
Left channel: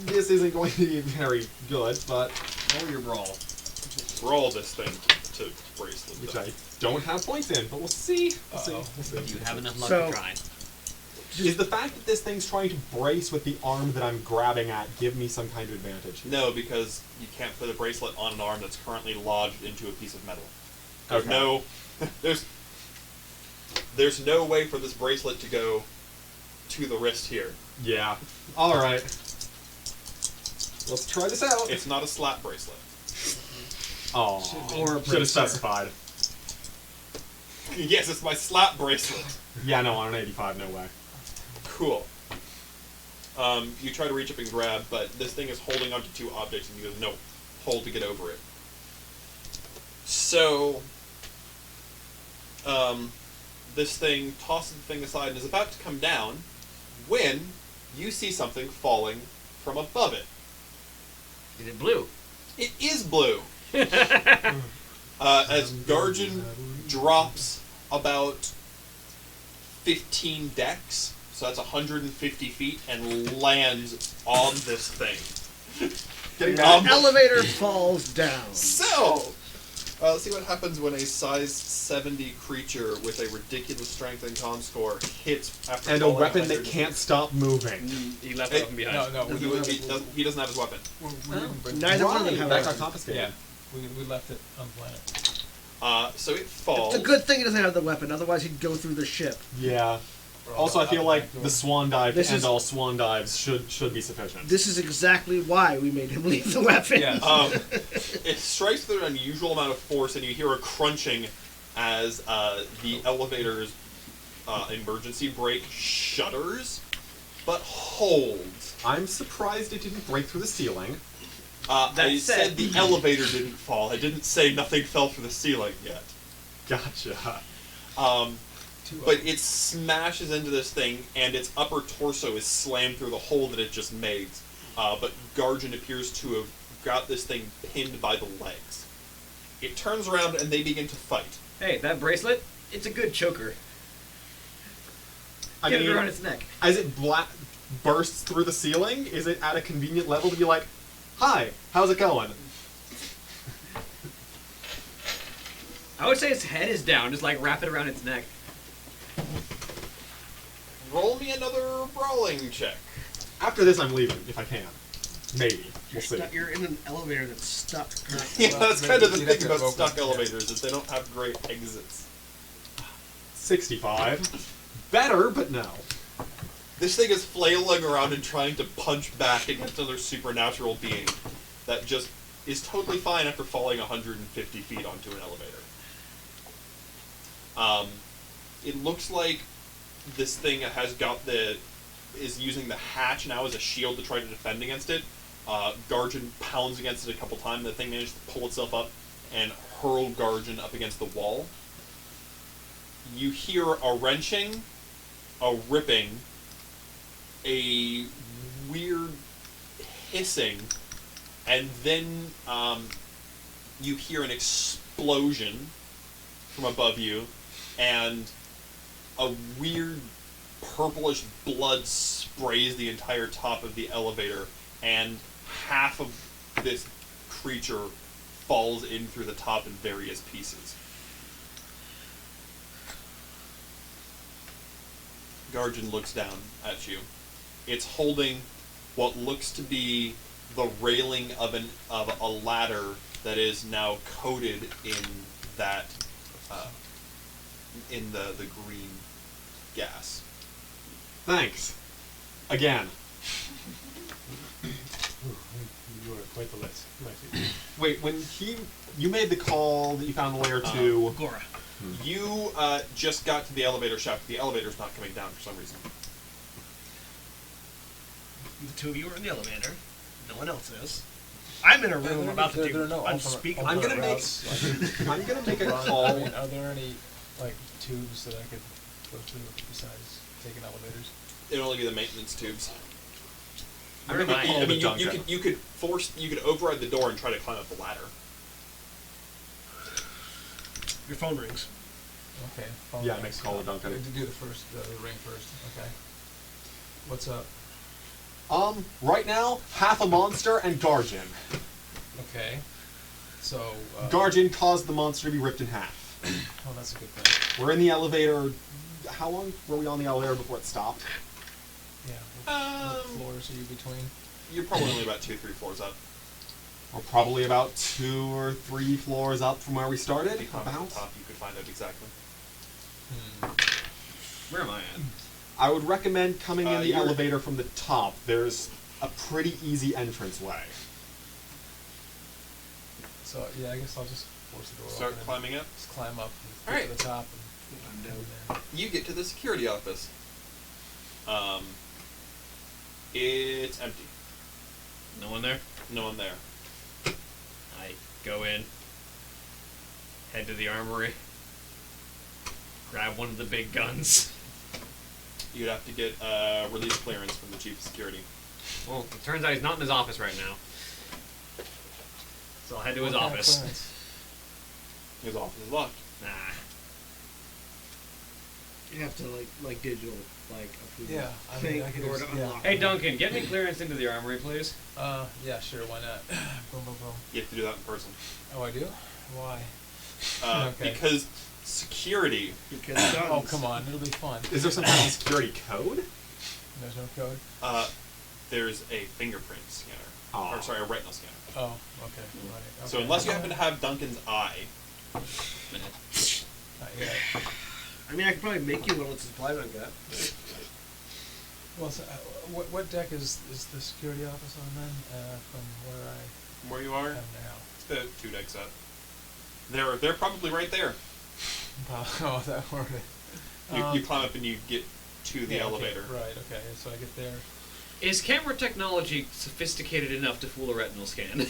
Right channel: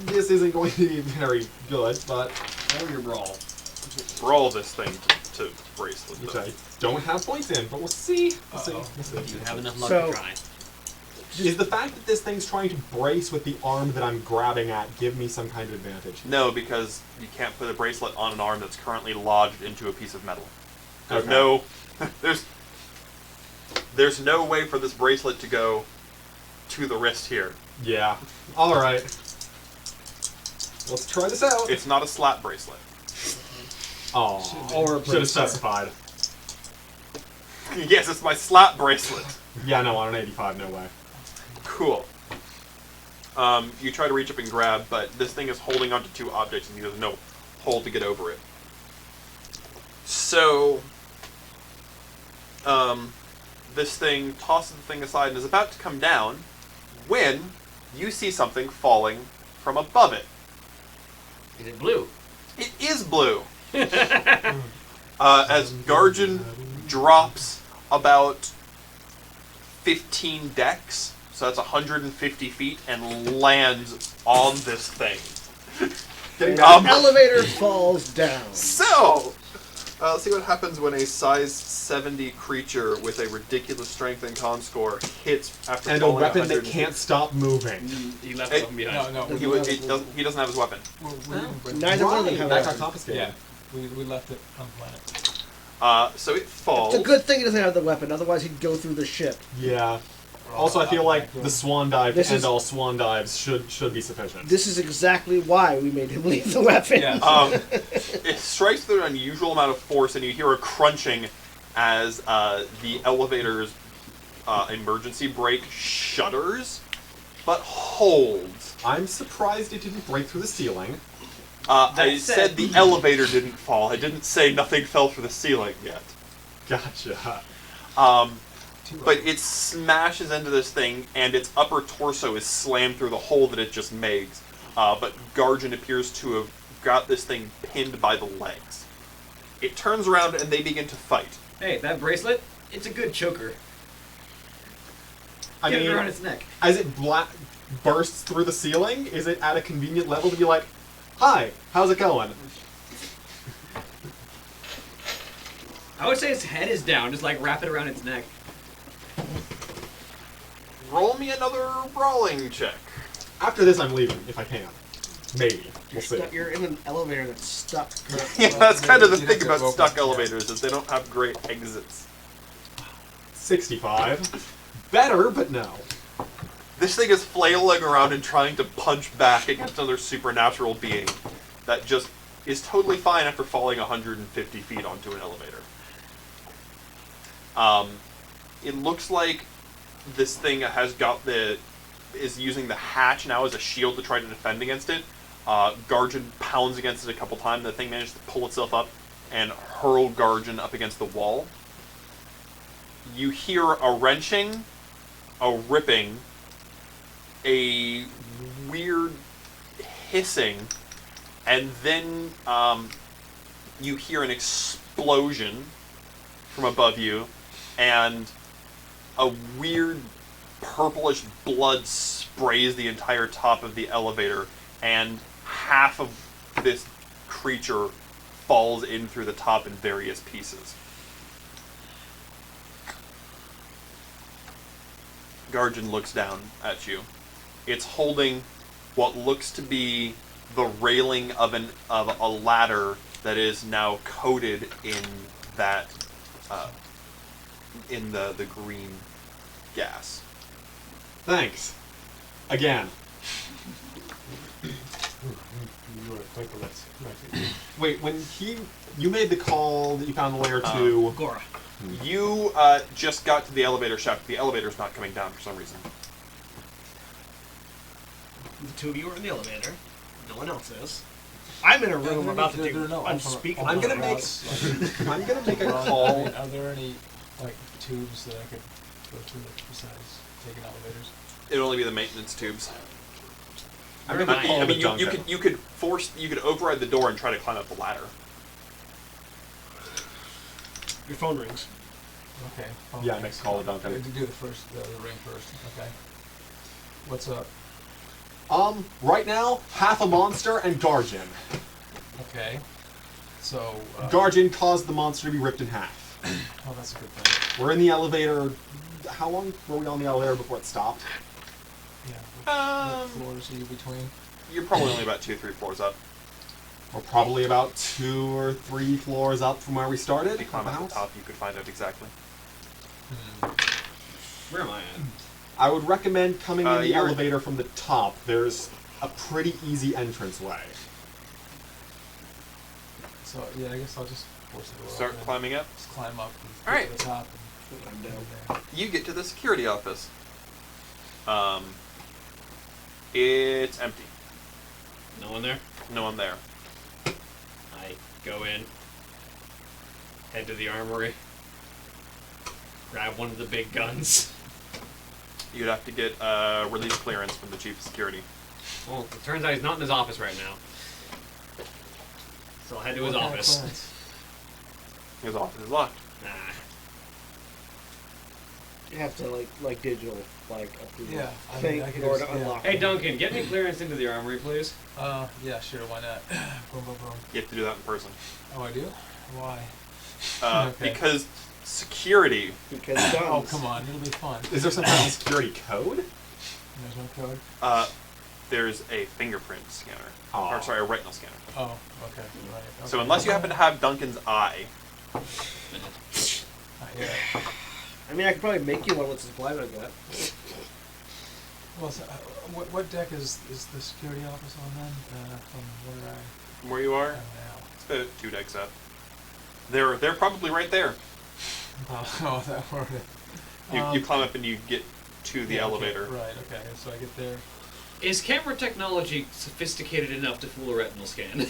This isn't going to be very good, but Roll your brawl. Roll this thing to bracelet. which though. I don't have points in, but we'll see. We'll see. Uh-oh. We'll see. You have enough luck So- to try. Is the fact that this thing's trying to brace with the arm that I'm grabbing at give me some kind of advantage? No, because you can't put a bracelet on an arm that's currently lodged into a piece of metal. There's Okay. no, there's no way for this bracelet to go to the wrist here. Yeah. Alright. Let's try this out. It's not a slap bracelet. Oh, Or a should have bracer. specified. Yes, it's my slap bracelet. Yeah, no, on an 85, no way. Cool. You try to reach up and grab, but this thing is holding onto two objects and there's no hold to get over it. So, this thing tosses the thing aside and is about to come down when you see something falling from above it. Is it blue? It is blue. As Garjan drops about 15 decks, so that's 150 feet, and lands on this thing. Getting The down. elevator falls down. So, let's see what happens when a size 70 creature with a ridiculous strength and con score hits after And a falling weapon that 150. can't stop moving. He left Hey, it open behind. No, He, he doesn't have his weapon. we didn't bring Neither one of them Right, have that a got weapon. confiscated. Yeah, we left it on the planet. So it falls. It's a good thing he doesn't have the weapon, otherwise he'd go through the ship. Yeah. We're all Also, I feel out like back door. the swan dive This and is- all swan dives should be sufficient. This is exactly why we made him leave the weapon. Yeah. It strikes with an unusual amount of force, and you hear a crunching as the elevator's emergency brake shudders, but holds. I'm surprised it didn't break through the ceiling. That I said- said the elevator didn't fall. I didn't say nothing fell through the ceiling yet. Gotcha. But it smashes into this thing, and its upper torso is slammed through the hole that it just made. But Garjan appears to have got this thing pinned by the legs. It turns around, and they begin to fight. Hey, that bracelet? It's a good choker. I Get mean, it around its neck. as it bursts through the ceiling, is it at a convenient level to be like, "Hi, how's it going?" I would say its head is down, just like wrap it around its neck. Roll me another brawling check. After this, I'm leaving if I can. Maybe we'll see. You're in an elevator that's stuck currently. Yeah, that's kind of the you'd have thing to about open- stuck elevators, is they don't have great exits. 65. Better, but no. This thing is flailing around and trying to punch back against another supernatural being that just is totally fine after falling 150 feet onto an elevator. It looks like this thing is using the hatch now as a shield to try to defend against it. Garjan pounds against it a couple times. The thing manages to pull itself up and hurl Garjan up against the wall. you hear a wrenching, a ripping, a weird hissing, and then you hear an explosion from above you, and a weird purplish blood sprays the entire top of the elevator, and half of this creature falls in through the top in various pieces. Garjan looks down at you. It's holding what looks to be the railing of a ladder that is now coated in that in the green gas. Thanks. Again. You are quite the less. Wait, when you made the call that you found the layer to Gora. You just got to the elevator shaft. The elevator's not coming down for some reason. The two of you are in the elevator. No one else is. I'm in a room about to do unspeakable. I'm gonna make a call. I mean, are there any like tubes that I could go through besides taking elevators? It'll only be the maintenance tubes. I'm gonna call I the mean, Duncan. you could override the door and try to climb up the ladder. Your phone rings. Okay. Yeah, next call to Duncan. Do the first, the ring first. Okay. What's up? Right now, half a monster and Garjan. Okay. So. Garjan caused the monster to be ripped in half. Oh, that's a good thing. We're in the elevator. How long were we on the elevator before it stopped? Yeah. What floors are you between? You're probably only about 2-3 floors up. We're probably about 2 or 3 floors up from where we started. If you climb up About. the top, you could find out exactly. Where am I at? I would recommend coming in the you're- elevator from the top. There's a pretty easy entranceway. So yeah, I guess I'll just force the door Start open and climbing up. just climb up and get Alright. to the top. I'm And down. there. You get to the security office. It's empty. No one there? No one there. I go in, head to the armory, grab one of the big guns. You'd have to get release clearance from the chief of security. Well, it turns out he's not in his office right now. So I'll head to his What kind of office. clearance? His office is locked. Nah. You have to like digital approve Yeah, I thing mean, I could in order just- to yeah. unlock. Hey it. Duncan, get me clearance into the armory, please. Yeah, sure, why not? Boom, boom, boom. You have to do that in person. Oh, I do? Why? Okay. Because security. Because Oh, guns. come on, it'll be fun. Is there some kind of security code? There's no code? There's a fingerprint scanner. Aw. Or sorry, a retinal scanner. Oh, okay, right. Okay. So unless you happen to have Duncan's eye, Not yet. I mean, I could probably make you one with the supply that I got. Well, so, what deck is the security office on then? From where I where you are, am now. it's about 2 decks up. They're probably right there. Oh, that were it. You climb up and you get to the Yeah, okay, elevator. right, okay, so I get there. Is camera technology sophisticated enough to fool a retinal scan?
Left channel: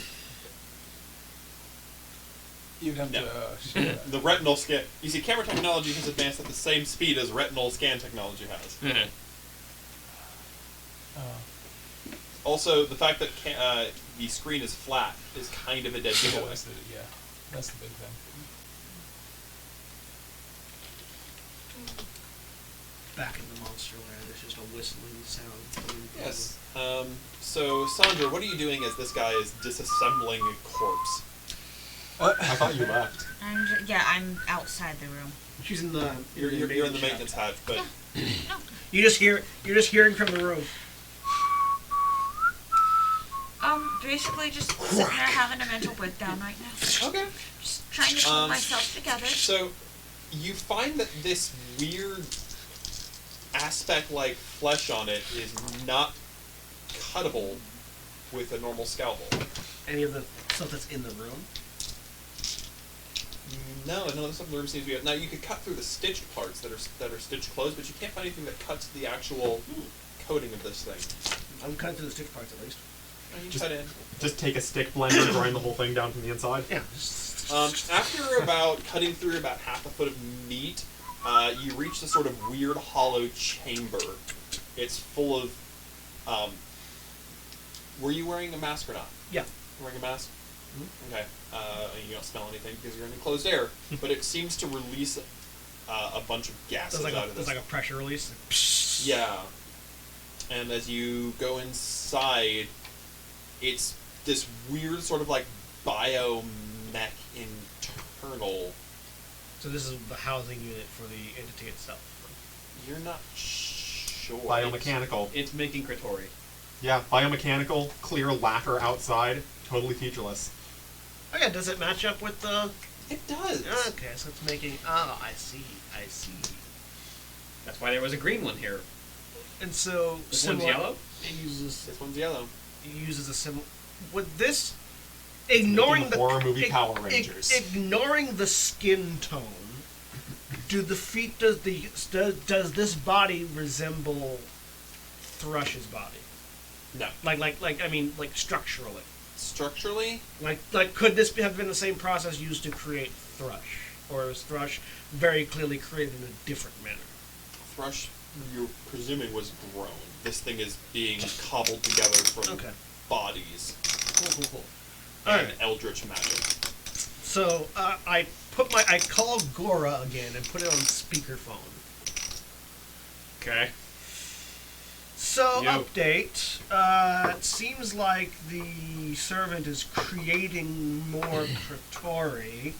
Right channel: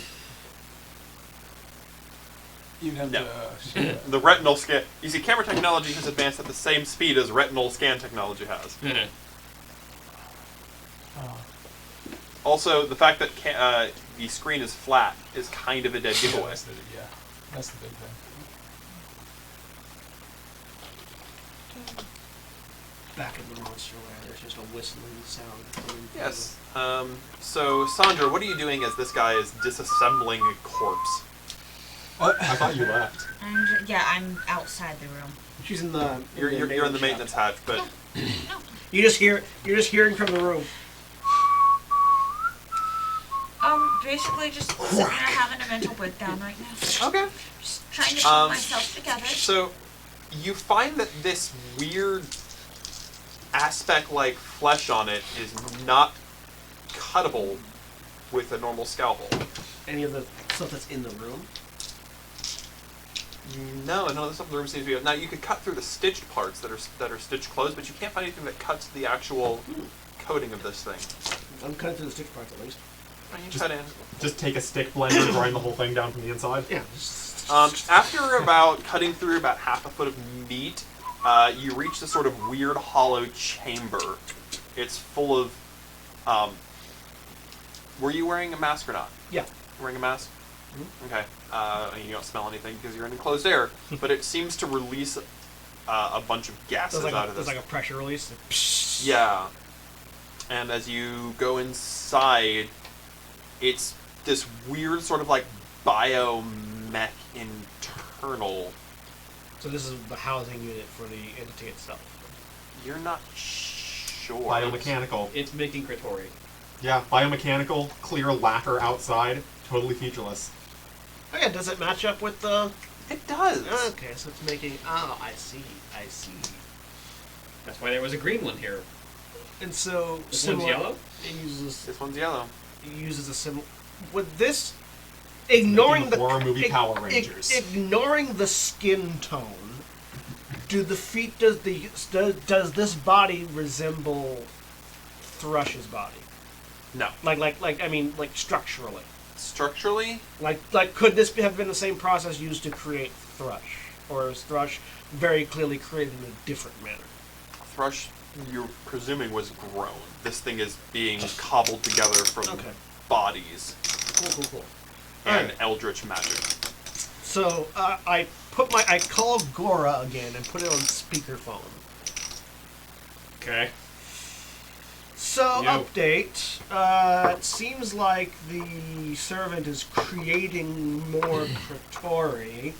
You'd have No. to show it. The retinal scan. You see, camera technology has advanced at the same speed as retinal scan technology has. Oh, Also, the fact that the screen is flat is kind of a dead giveaway. that's the big thing. Back in the monster lair, there's just a whistling sound. coming from Yes. So, Sandra, what are you doing as this guy is disassembling a corpse? I thought you left. I'm outside the room. the- She's in the. You're in the maintenance hatch, but No. You're just hearing from the room. Basically just sitting there having a mental breakdown right now. okay. Just trying to pull myself together. So, you find that this weird aspect-like flesh on it is not cuttable with a normal scalpel. Any of the stuff that's in the room. No, the stuff in the room seems to be. Now you could cut through the stitched parts that are stitched closed, but you can't find anything that cuts the actual coating of this thing. I'm cutting through the stitch parts at least. Cut in. Just take a stick blender and grind the whole thing down from the inside. Yeah. After about cutting through about half a foot of meat, You reach this sort of weird hollow chamber. It's full of. Were you wearing a mask or not? Yeah. Wearing a mask? Okay. And you don't smell anything because you're in enclosed air, but it seems to release a bunch of gases There's out of this. like a pressure release. Like, psh. Yeah. And as you go inside, it's this weird sort of like biomech internal. So this is the housing unit for the entity itself. You're not sure. Biomechanical. It's making Kratori. Yeah, biomechanical, clear lacquer outside, totally featureless. Oh yeah, does it match up with the... It does. Okay, so it's making... Oh, I see. That's why there was a green one here. And so... This one's yellow? It uses... This one's yellow. It uses a similar... With this... Ignoring the... Horror movie Power Rangers. Ignoring the skin tone, do the feet... Does this body resemble Thrush's body? No. Like structurally. Structurally, Like, could this have been the same process used to create Thrush? Or is Thrush very clearly created in a different manner? Thrush, you're presuming, was grown. This thing is being cobbled together from bodies Cool. and Alright. eldritch magic. So, I call Gora again and put it on speakerphone. Okay. So, Yo. update. It seems like the servant is creating more Kratori.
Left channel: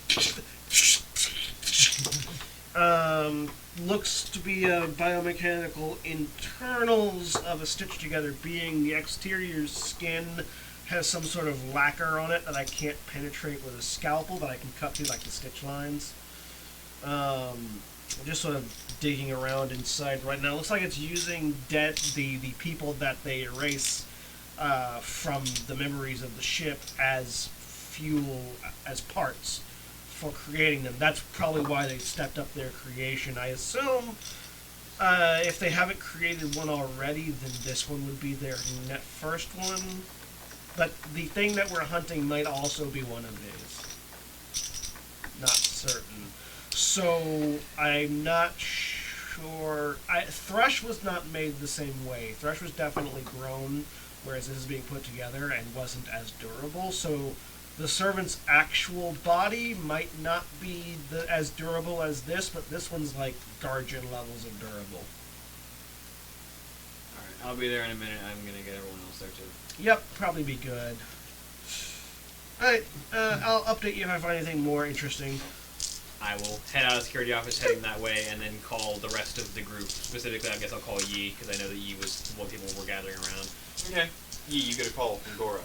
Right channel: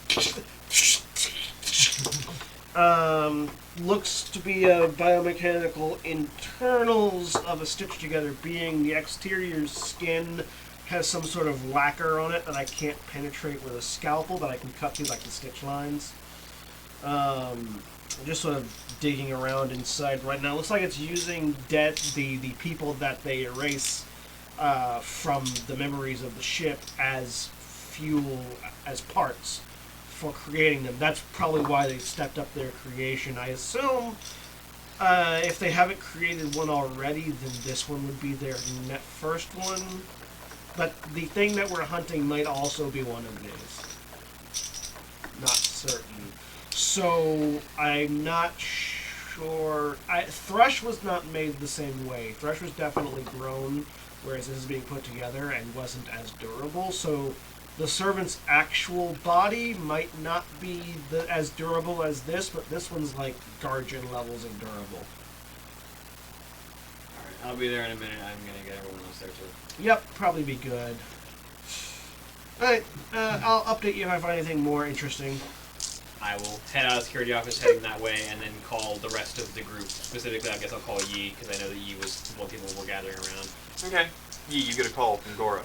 Looks to be a biomechanical internals of a stitch together being. The exterior skin has some sort of lacquer on it that I can't penetrate with a scalpel, but I can cut through like the stitch lines. Just sort of digging around inside right now. Looks like it's using the people that they erase from the memories of the ship as fuel, as parts for creating them. That's probably why they stepped up their creation. I assume if they haven't created one already, then this one would be their first one. But the thing that we're hunting might also be one of these. Not certain. So, I'm not sure... Thrush was not made the same way. Thrush was definitely grown, whereas this is being put together and wasn't as durable. So, the servant's actual body might not be as durable as this, but this one's like Guardian levels of durable. Alright, I'll be there in a minute. I'm gonna get everyone else there too. Yep, probably be good. Alright, I'll update you if I find anything more interesting. I will head out of the security office, heading that way, and then call the rest of the group. Specifically, I guess I'll call Yi, because I know that Yi was what people were gathering around. Okay. You get a call from Gora.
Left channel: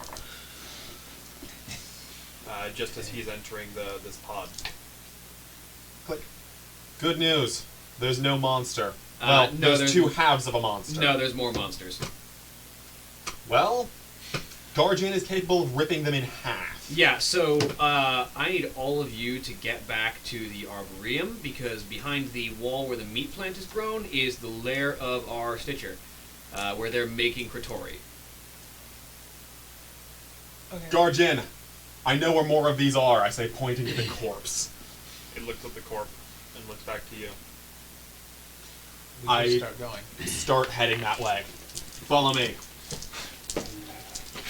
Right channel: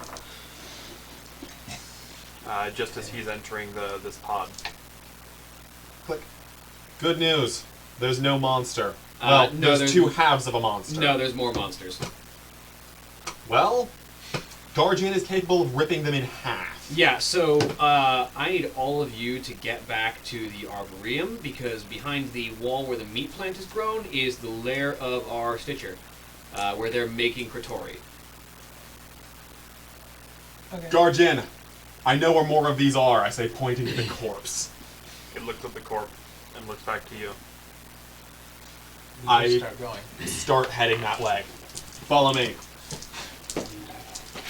Just as he's entering this pod. Click. Good news. There's no monster. No, Well, there's there's- two halves of a monster. No, there's more monsters. Well, Guardian is capable of ripping them in half. Yeah, so I need all of you to get back to the Arboretum, because behind the wall where the meat plant is grown is the lair of our Stitcher, where they're making Kratori. Okay. Guardian, I know where more of these are, I say, pointing to the corpse. He looks at the corpse and looks back to you. We I- just start going. Start heading that way. Follow me.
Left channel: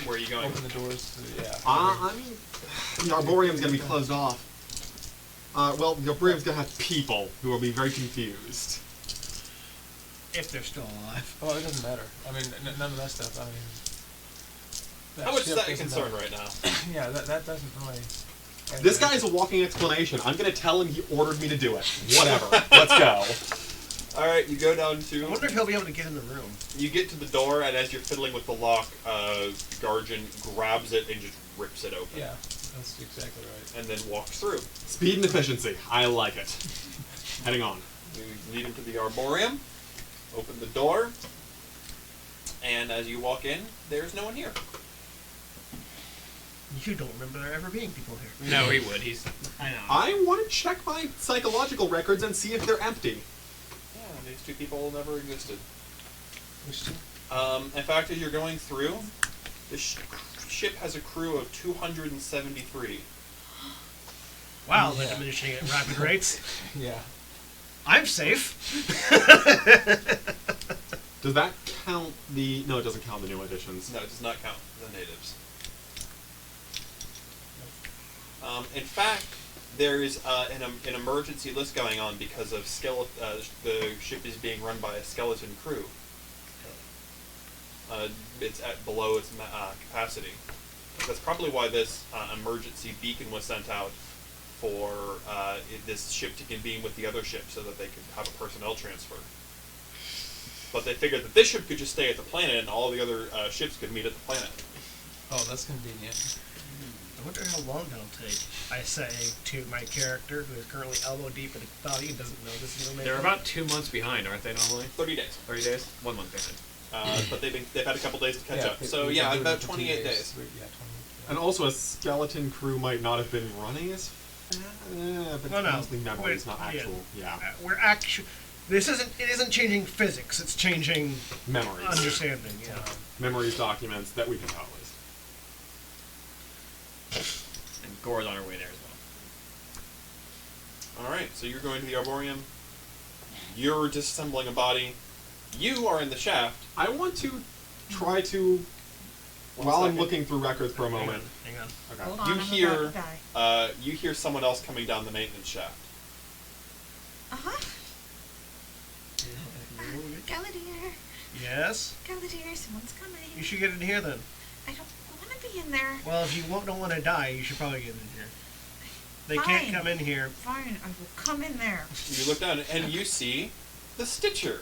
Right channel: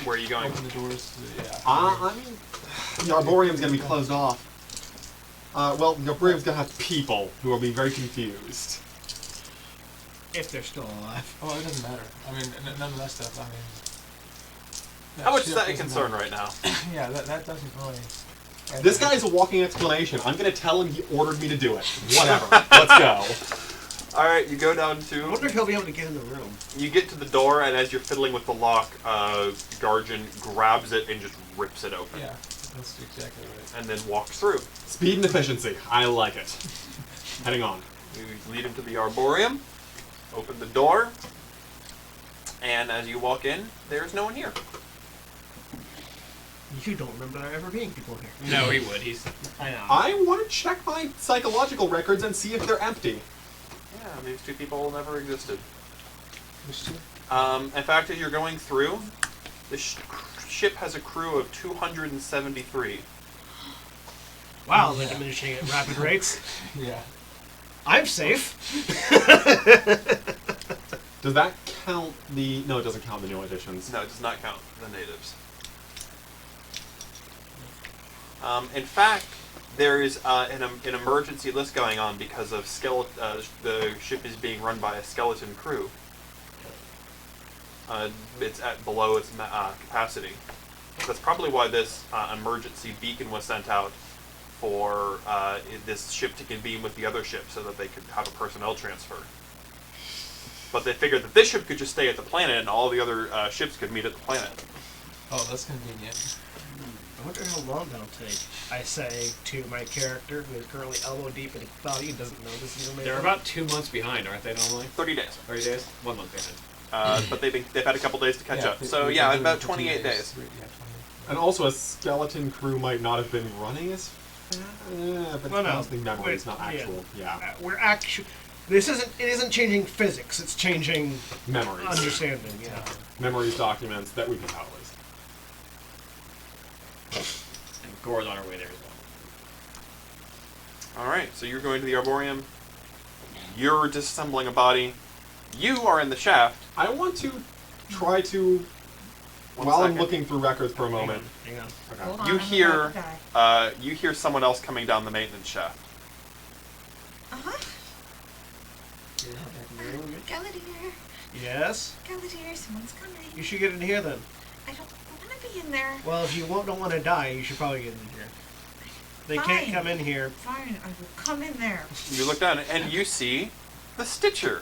Where are you going? Open the doors. Yeah. I mean, the Arboretum's gonna be closed off. Well, the Arboretum's gonna have people who will be very confused. If they're still alive. Oh, it doesn't matter. I mean, none of that stuff. I mean, How much is shit that a doesn't concern matter. right now? Yeah, that doesn't really. This guy's a walking explanation. I'm gonna tell him he ordered me to do it. Whatever. Let's go. Alright, you go down I to... wonder if he'll be able to get in the room. You get to the door, and as you're fiddling with the lock, Guardian grabs it and just rips it open. Yeah, that's exactly right. And then walks through. Speed and efficiency. I like it. Heading on. You lead him to the Arboretum, open the door, and as you walk in, there's no one here. You don't remember there ever being people here. No, he would. I know. I want to check my psychological records and see if they're empty. Yeah, these two people never existed. Which two? In fact, as you're going through, the ship has a crew of 273. Wow, they're Yeah. diminishing at rapid rates. Yeah. I'm safe. Does that count the... No, it doesn't count the new additions. No, it does not count the natives. In fact, there is an emergency list going on because of the ship is being run by a skeleton crew. It's at below its capacity. That's probably why this emergency beacon was sent out for this ship to convene with the other ship so that they could have a personnel transfer. But they figured that this ship could just stay at the planet and all the other ships could meet at the planet. Oh, that's convenient. I wonder how long that'll take. I say to my character, who is currently elbow deep in value, doesn't know this information. They're about 2 months behind, aren't they? Normally 30 days. 30 days, 1 month behind. But they've had a couple days to catch up. So yeah, about 28 days. Yeah, 28. And also, a skeleton crew might not have been running as fast. But Well, no. mostly memories, not Yeah. actual. Yeah. We're actually. It isn't changing physics. It's changing Memories. understanding. Yeah. Memories, documents that we can tell is. And Gore's on her way there as well. Alright, so you're going to the Arboreum. You're disassembling a body. You are in the shaft. I want to try to... One While I'm second. looking through records for a moment. Hang on. Okay. Hold on, You I'm hear about to die. you hear someone else coming down the maintenance shaft. Uh-huh. Yeah. Galadier. Yes. Galadier, someone's coming. You should get in here then. I don't want to be in there. Well, if you don't want to die, you should probably get in here. They Fine. can't come in here. Fine, I will come in there. You look down and you see the Stitcher.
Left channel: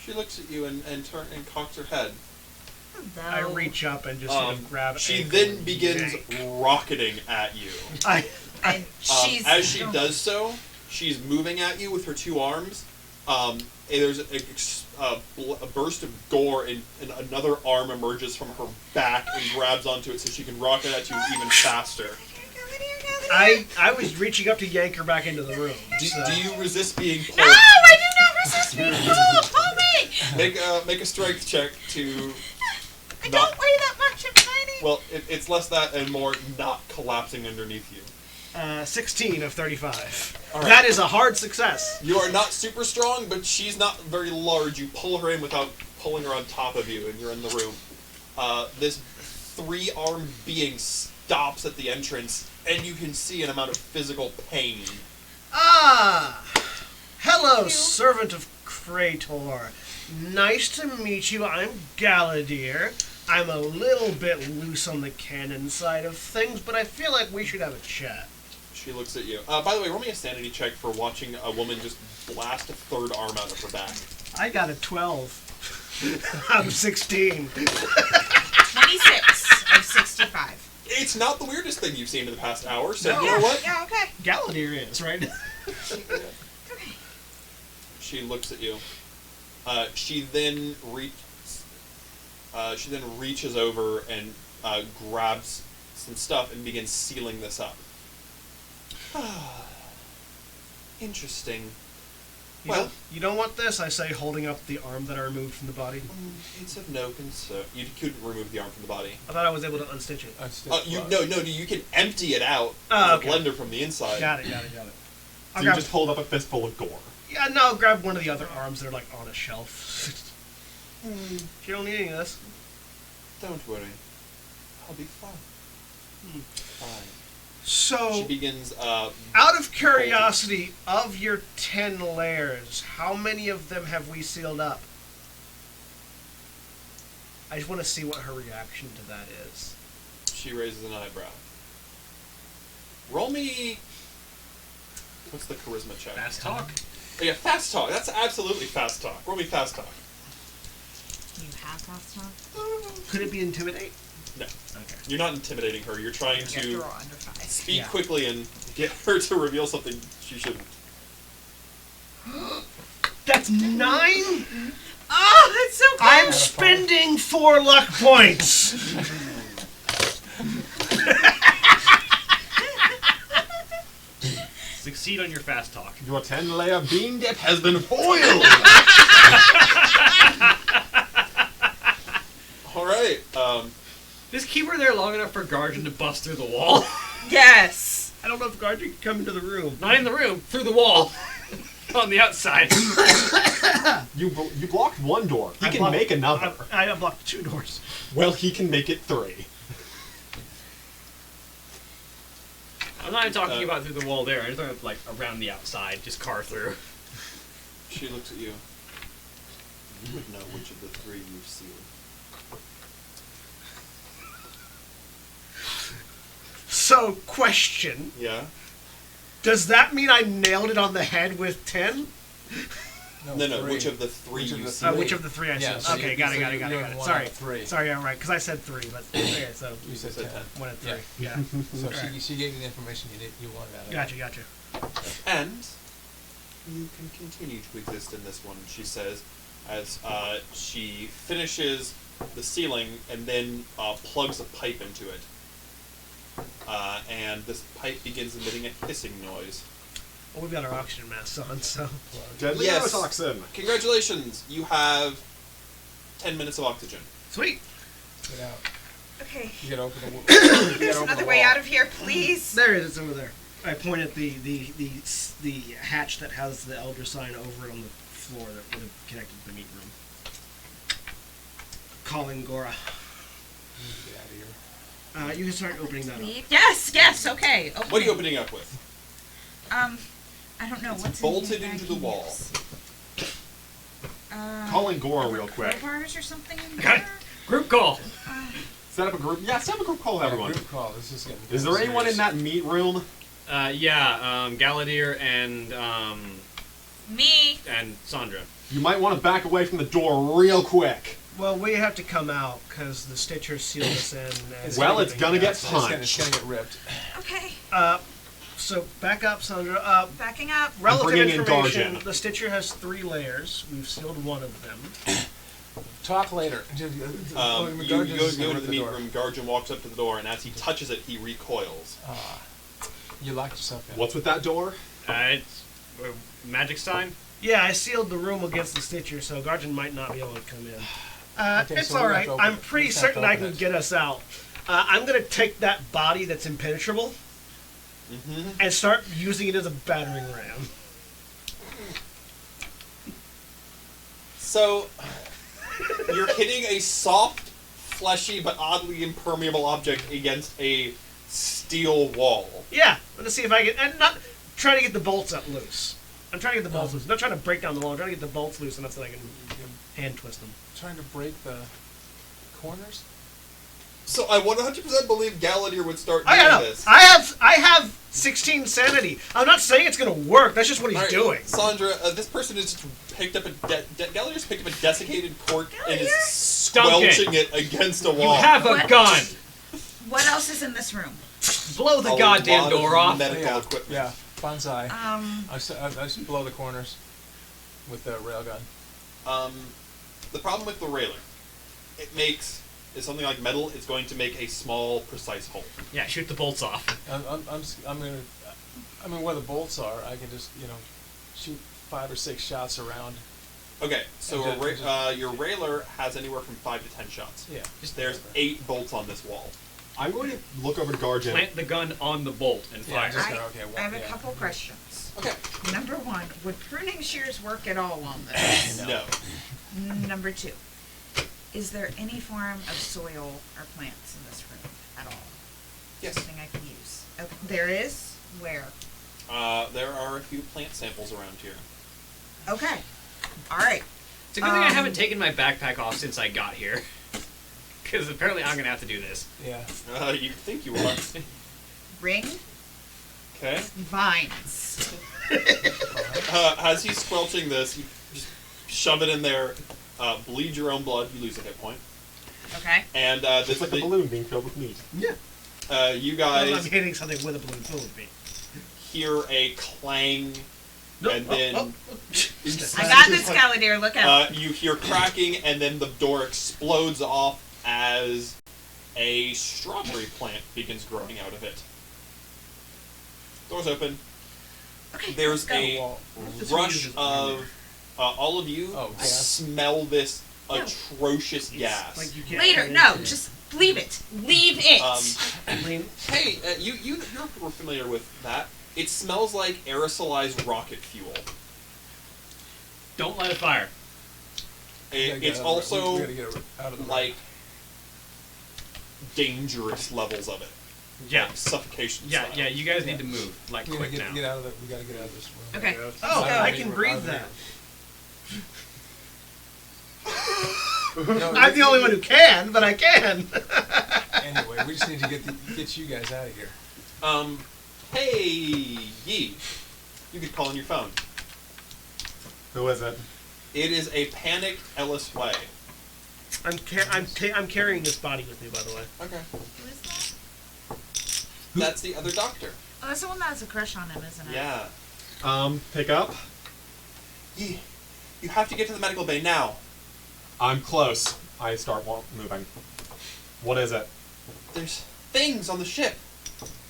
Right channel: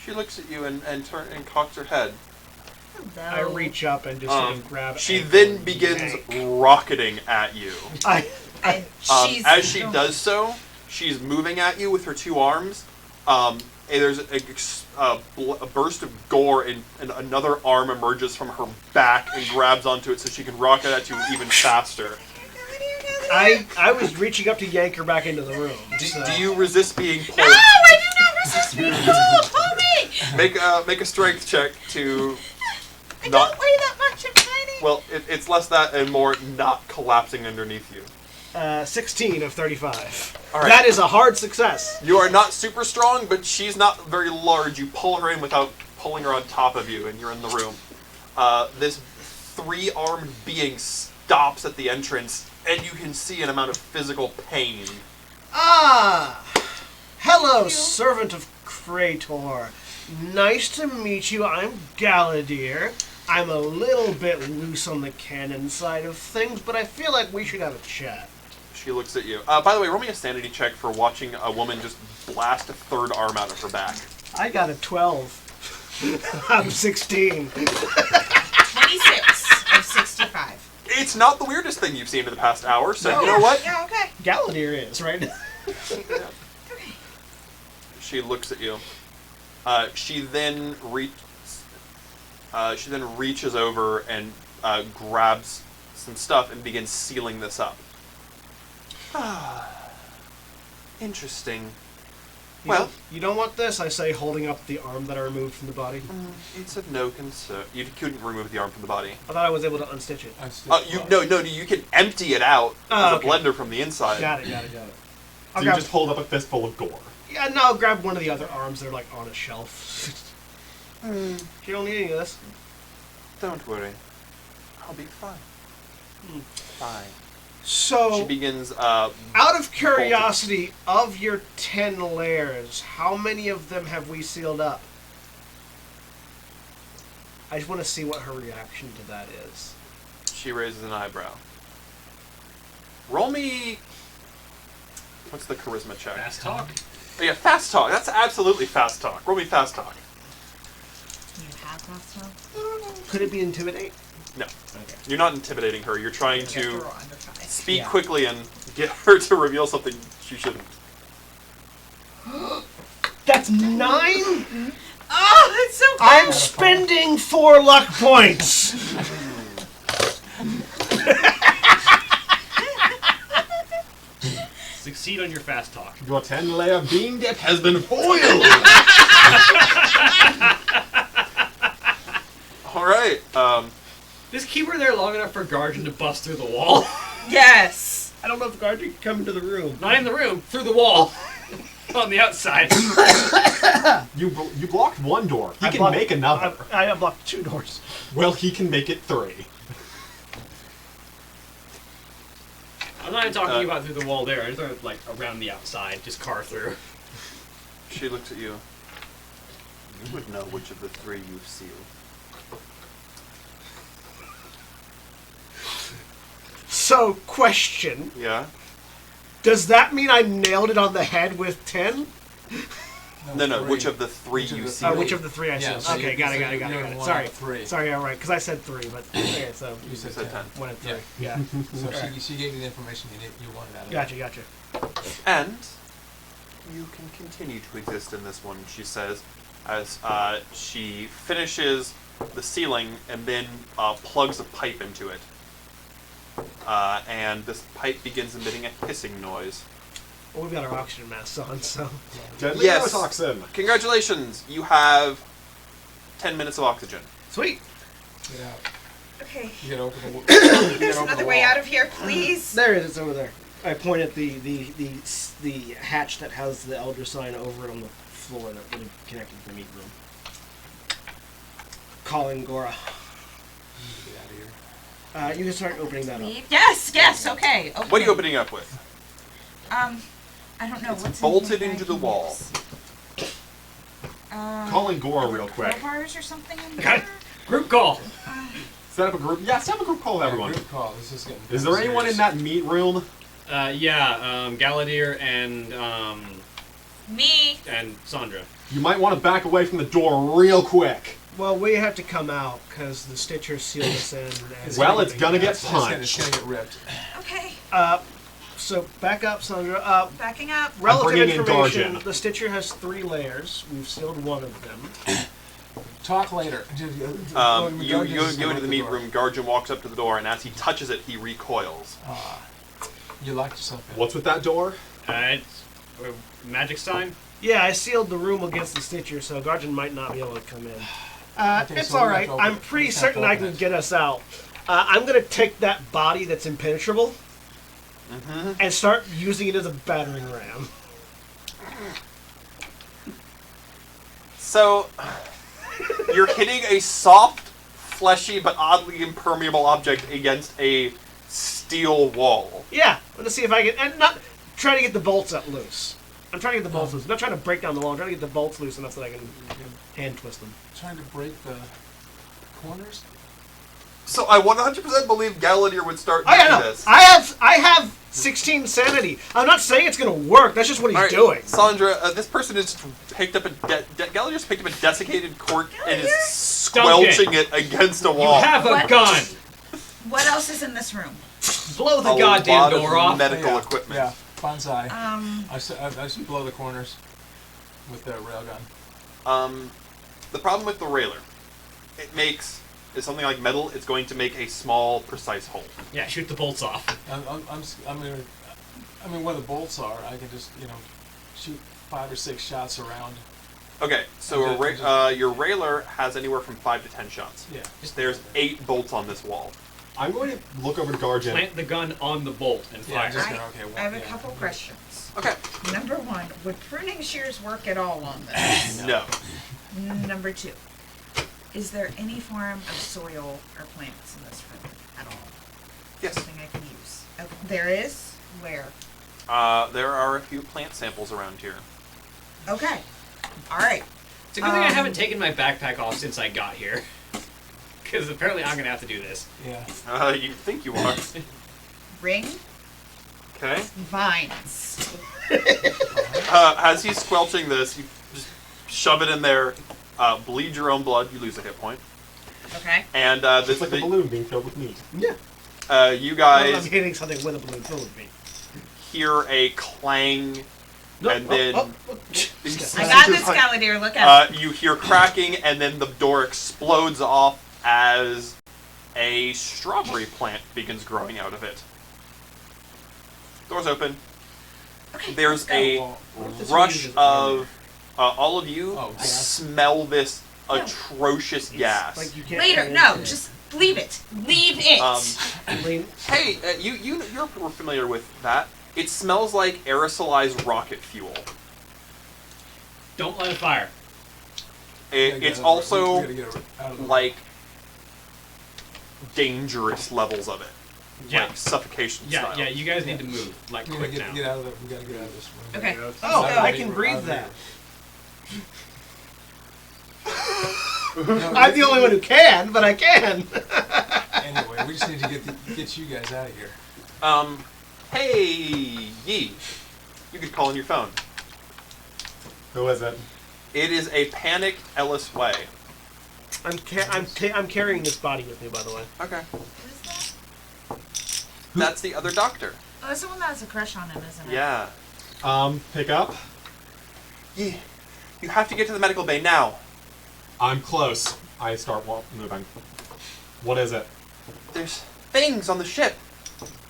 She looks at you and cocks her head. Hello. I reach up and just sort of grab. She ankle then and begins yank. rocketing at you. And she's As she does so, she's moving at you with her two arms. And there's a burst of gore, and another arm emerges from her back and grabs onto it so she can rock it at you even faster. I was reaching up to yank her back into the room. Do so- you resist being pulled? No, I do not resist being pulled. Pull me. Make a strength check to. I Not- don't weigh that much. I'm tiny. Well, it's less that and more not collapsing underneath you. 16 of 35. All right. That is a hard success. You are not super strong, but she's not very large. You pull her in without pulling her on top of you, and you're in the room. This three-armed being stops at the entrance, and you can see an amount of physical pain. Ah! Hello, you. servant of Krator. Nice to meet you. I'm Galadier. I'm a little bit loose on the canon side of things, but I feel like we should have a chat. She looks at you. By the way, roll me a sanity check for watching a woman just blast a third arm out of her back. I got a 12 out of 16. 26 of 65. It's not the weirdest thing you've seen in the past hour, so No. you know what? Yeah, okay. Galadier is, right? Okay. She looks at you. She then reaches over and grabs some stuff and begins sealing this up. Interesting. You don't want this, I say, holding up the arm that I removed from the body. It's of no concern. You couldn't remove the arm from the body. I thought I was able to unstitch it. You can empty it out Oh, with okay. a blender from the inside. Got it. So I'll you grab, just hold up a fistful of gore. yeah, no, I'll grab one of the other arms that are like on a shelf. You don't need any of this. Don't worry. I'll be fine. Fine. So, She begins. out of curiosity, of your 10 layers, how many of them have we sealed up? I just want to see what her reaction to that is. She raises an eyebrow. Roll me. What's the charisma check? Fast talk. Oh, yeah, fast talk. That's absolutely fast talk. Roll me fast talk. You have fast talk? Could it be intimidate? No, Okay. you're not intimidating her. You're trying You have to to roll under 5. speak Yeah. quickly and get her to reveal something she shouldn't. That's 9? Oh, it's so cool. I'm spending 4 luck points! Succeed on your fast talk. Your 10-layer beam dip has been foiled! Alright, Just keep her there long enough for Guardian to bust through the wall. Yes. I don't know if Guardian can come into the room. Not in the room, through the wall. On the outside. You blocked one door. He can make another. I blocked 2 doors. Well, he can make it 3. I'm not even talking about through the wall there. I'm just talking like around the outside, just carve through. She looks at you. You would know which of the 3 you've sealed. So, question. Yeah? Does that mean I nailed it on the head with 10? No, 3. which of the 3 Which of you the sealed? Which of the 3 I Yeah, said? so Okay, you- got so it. you're doing one Sorry. out of 3. Sorry, yeah, right, because I said 3, but okay, so You said said 10. 1 and 3. Yeah. Yeah. So Alright. she gave you the information you wanted out of Gotcha, it. gotcha. And you can continue to exist in this one, she says, as she finishes the ceiling and then plugs a pipe into it. And this pipe begins emitting a hissing noise. Well, we've got our oxygen masks on, so. Deadly Yes. neurotoxin. Congratulations! You have 10 minutes of oxygen. Sweet. Get out. Okay. You gotta open the you There's gotta open another the way wall. out of here, please. There it is, over there. I point at the hatch that has the Elder sign over it on the floor that would have connected to the meat room. Calling Gora. Get out of here. You can start opening that up. Leave. Yes, okay. What are you opening up with? I don't know It's what's bolted in here that into I the can wall. use. Calling Gora are there real quick. crowbars or something in Okay. there? Group call. Set up a group. Yeah, set up a group call with everyone. Group call. This is getting Is there anyone in serious. that meat room? Galadir and Me. Sandra. You might want to back away from the door real quick. Well, we have to come out because the Stitcher sealed us in. and Well, it's gonna get It's gonna punched. get ripped. Okay. So back up, Sandra. Backing up. Relative bringing in information. Darjan. The Stitcher has 3 layers. We've sealed 1 of them. Talk later. You go into the meat room. Garjan walks up to the door, and as he touches it, he recoils. You locked yourself in. What's with that door? It's magic sign. Yeah, I sealed the room against the Stitcher, so Garjan might not be able to come in. Okay, It's so we all have right. to open I'm it. pretty We just have to certain I open can it. get us out. I'm gonna take that body that's impenetrable and start using it as a battering ram. So, you're hitting a soft, fleshy, but oddly impermeable object against a steel wall. Yeah, let's see if I can. And not trying to get the bolts out loose. I'm trying to get the bolts loose. I'm not trying to break down the wall. I'm trying to get the bolts loose enough that I can hand twist them. Trying to break the corners. So I 100% believe Gallagher would start I doing know. this. I have 16 sanity. I'm not saying it's gonna work. That's just what he's Alright, doing. Sandra, this person has picked up a Gallagher's picked up a desiccated cork and is Dunk it. squelching it against a wall. You have a What? gun. What else is in this room? Blow the A goddamn lot of door off. Medical Yeah. equipment. Yeah. Bonsai. Um. I just blow the corners with the railgun. The problem with the railer, it makes it's something like metal. It's going to make a small, precise hole. Yeah, shoot the bolts off. I'm gonna. I mean, where the bolts are, I can just shoot 5 or 6 shots around. Okay, so And just- your railer has anywhere from 5 to 10 shots. Yeah. There's 8 bolts on this wall. I'm going to look over to Garjan. Plant the gun on the bolt and Yeah, fire. just I, gonna, okay, well, I have a yeah. couple questions. Okay. Number 1, would pruning shears work at all on this? No. Number 2, is there any form of soil or plants in this room at all? Yes. Something I can use. Okay. There is? Where? There are a few plant samples around here. Okay. All right. It's a good thing I haven't taken my backpack off since I got here. Because apparently I'm going to have to do this. Yeah. You think you are. Ring, Okay. vines. As he's squelching this, you just shove it in there, bleed your own blood, you lose a hit point. Okay. And It's like a balloon being filled with meat. Yeah. you Well, I'm guys hitting something with a balloon filled with me. hear a clang, No, and then I got this, Gallagher. Look out. you hear cracking, and then the door explodes off as a strawberry plant begins growing out of it. Doors open. Okay. There's let's a go. rush of all of you Oh, gas. smell this No. atrocious gas. Like you can't Later. No, just leave it. Leave it. Lean- Hey, you're familiar with that. It smells like aerosolized rocket fuel. Don't light a fire. It's also we gotta get out of the like dangerous levels of it. Yeah. Like suffocation Yeah, style. yeah, you guys need to move, like, We gotta quick now. get out of the. We gotta get out of this room. Okay. Oh, Let's go. I can breathe that. No, I'm the only one who can, but I can. Anyway, we just need to get you guys out of here. Hey, Yi. You could call on your phone. Who is it? It is a panicked Ellis Way. I'm carrying this body with me, by the way. Okay. Who is that? That's the other doctor. Oh, that's the one that has a crush on him, isn't it? Yeah. Pick up. Yi, you have to get to the medical bay now. I'm close. I start moving. What is it? There's things on the ship.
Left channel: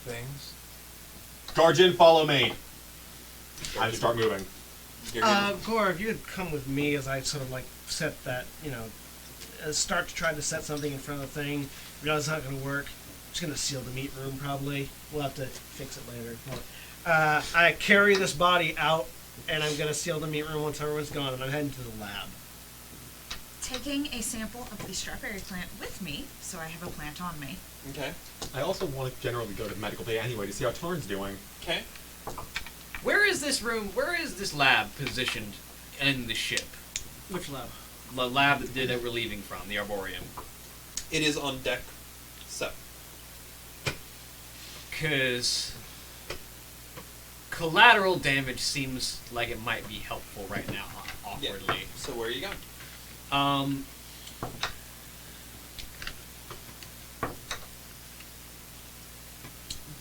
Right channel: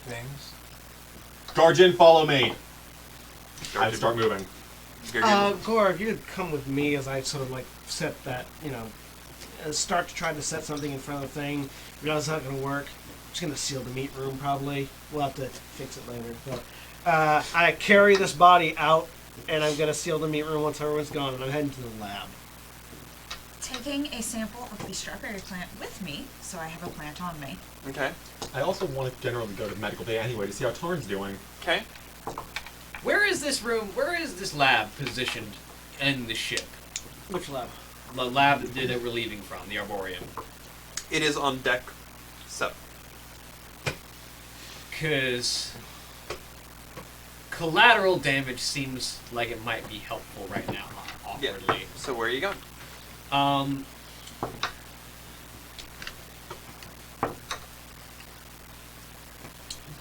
Things. Guardian, follow me. I start moving. Gore, if you could come with me as I sort of like set that, start to try to set something in front of the thing. Realize it's not going to work. I'm just going to seal the meat room probably. We'll have to fix it later. But, I carry this body out, and I'm going to seal the meat room once everyone's gone, and I'm heading to the lab. Taking a sample of the strawberry plant with me, so I have a plant on me. Okay. I also want to generally go to the medical bay anyway to see how Tarn's doing. Okay. Where is this room? Where is this lab positioned in the ship? Which lab? The lab that we're leaving from, the Arboreum. It is on deck 7. Because collateral damage seems like it might be helpful right now, awkwardly. Yeah. So where are you going?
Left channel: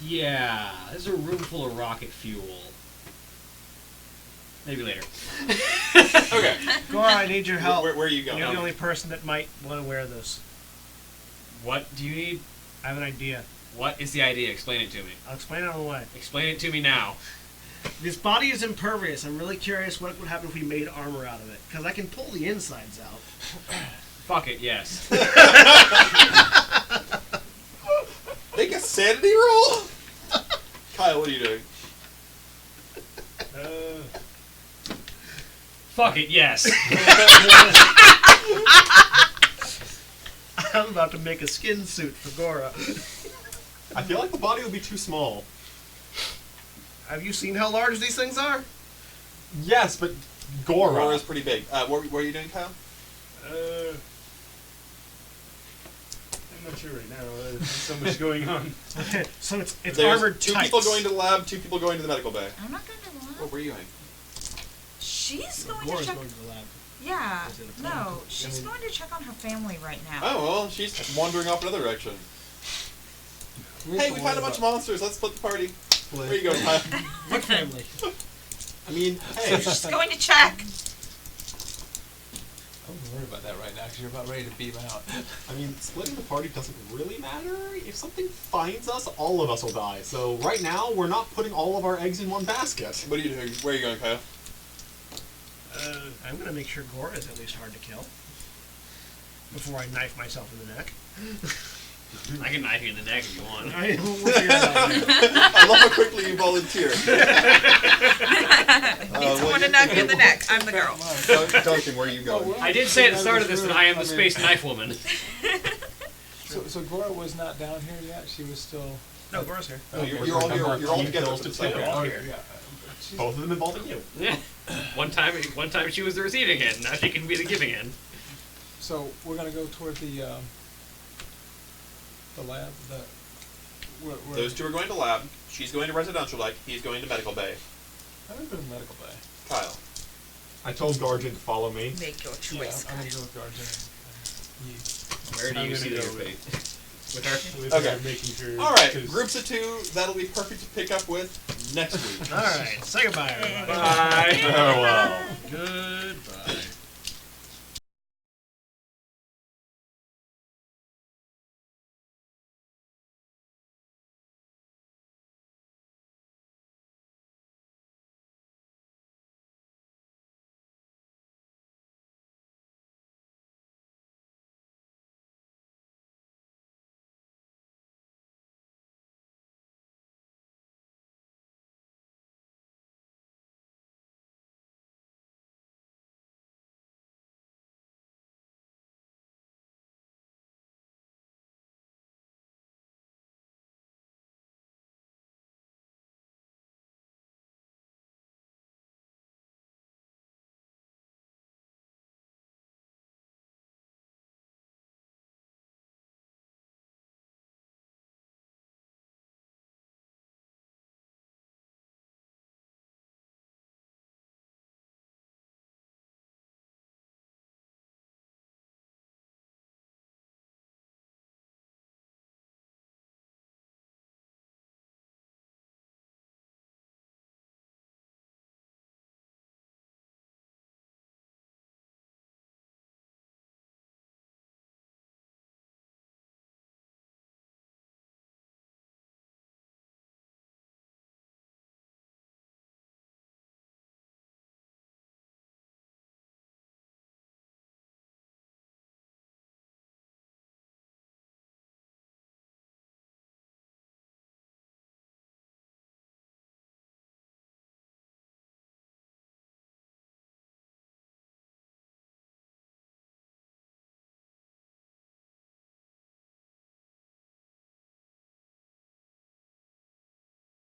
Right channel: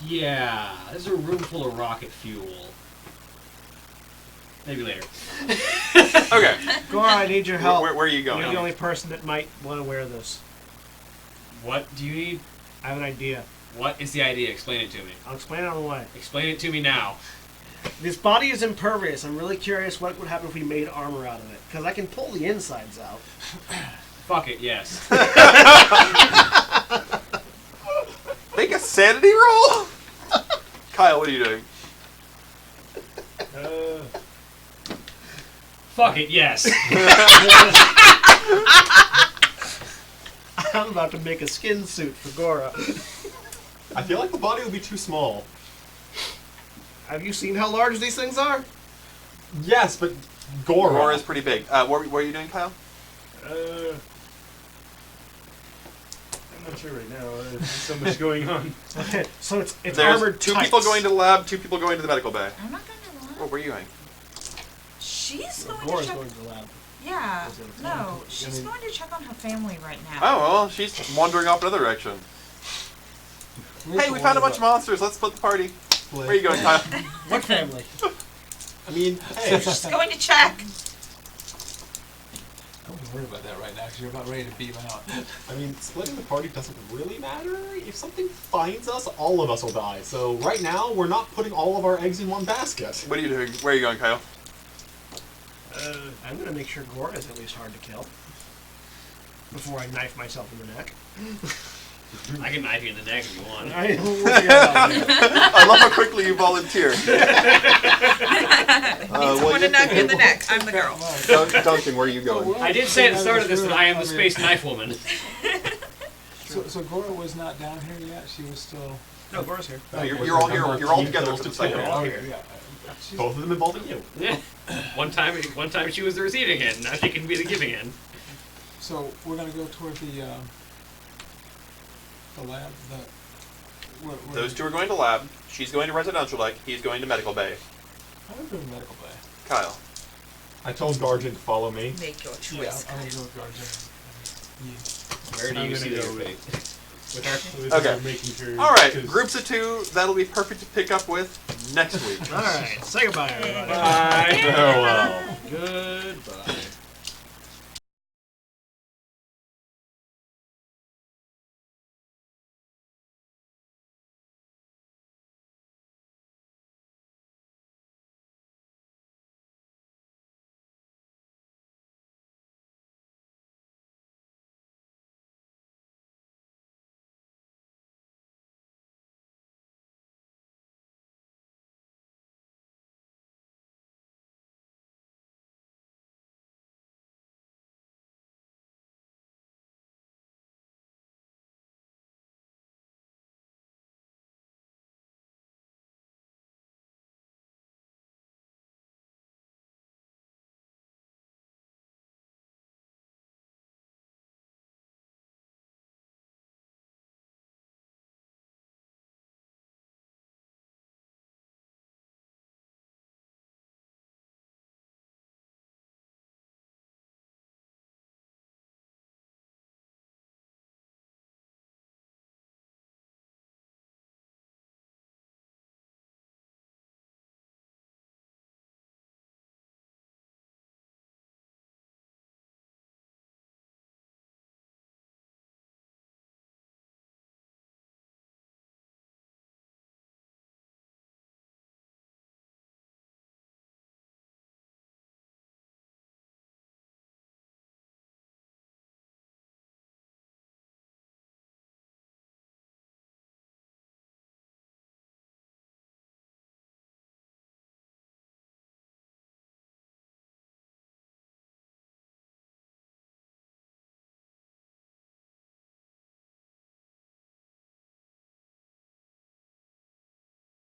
Yeah, there's a room full of rocket fuel. Maybe later. Okay. Gore, I need your help. Where are you going? You're the only person that might want to wear this. What do you need? I have an idea. What is the idea? Explain it to me. I'll explain it on the way. Explain it to me now. This body is impervious. I'm really curious what would happen if we made armor out of it. Because I can pull the insides out. Fuck it, yes. Make a sanity roll? Kyle, what are you doing? Fuck it, yes. I'm about to make a skin suit for Gora. I feel like the body will be too small. Have you seen how large these things are? Yes, but Gora. Gora is pretty big. What are you doing, Kyle? I'm not sure right now. There's so much going on. Okay, so it's There's armored two tights. people going to the lab, 2 people going to the medical bay. I'm not going to the lab. Oh, where are you going? She's going Gora's to check. going to the lab. Yeah. Is it a No, plan? she's going to check on her family right now. Oh, well, she's wandering off another direction. Hey, we found a bunch of monsters. Let's split the party. Where are you going, Kyle? What family? I mean, hey. She's going to check. Don't worry about that right now, because you're about ready to beam out. I mean, splitting the party doesn't really matter. If something finds us, all of us will die. So right now, we're not putting all of our eggs in one basket. What are you doing? Where are you going, Kyle? I'm going to make sure Gora is at least hard to kill. Before I knife myself in the neck. I can knife you in the neck if you want. Alright, we'll figure it out later. I love how quickly you volunteer. Need someone to knock you in the neck. I'm the girl. Duncan, where are you going? I did say at the start of this that I am the space knife woman. So Gora was not down here yet? She was still... No, Gora's here. No, you're all together kills for the to second two. one. here. Yeah. She's- Both of them involving you. Yeah. One time she was the receiving end. Now she can be the giving end. So we're going to go toward the lab, where Those two are going to lab. She's going to residential deck. He's going to medical bay. I'm going to go to medical bay. Kyle. I told Guardian to follow me. Make your choice. I'm going to go with Guardian. Where do I'm you gonna see go your with- fate? With her? With Okay. her making sure. All right, 'cause groups of 2. That'll be perfect to pick up with next week. Alright, say goodbye, everybody. Bye. Farewell. Goodbye.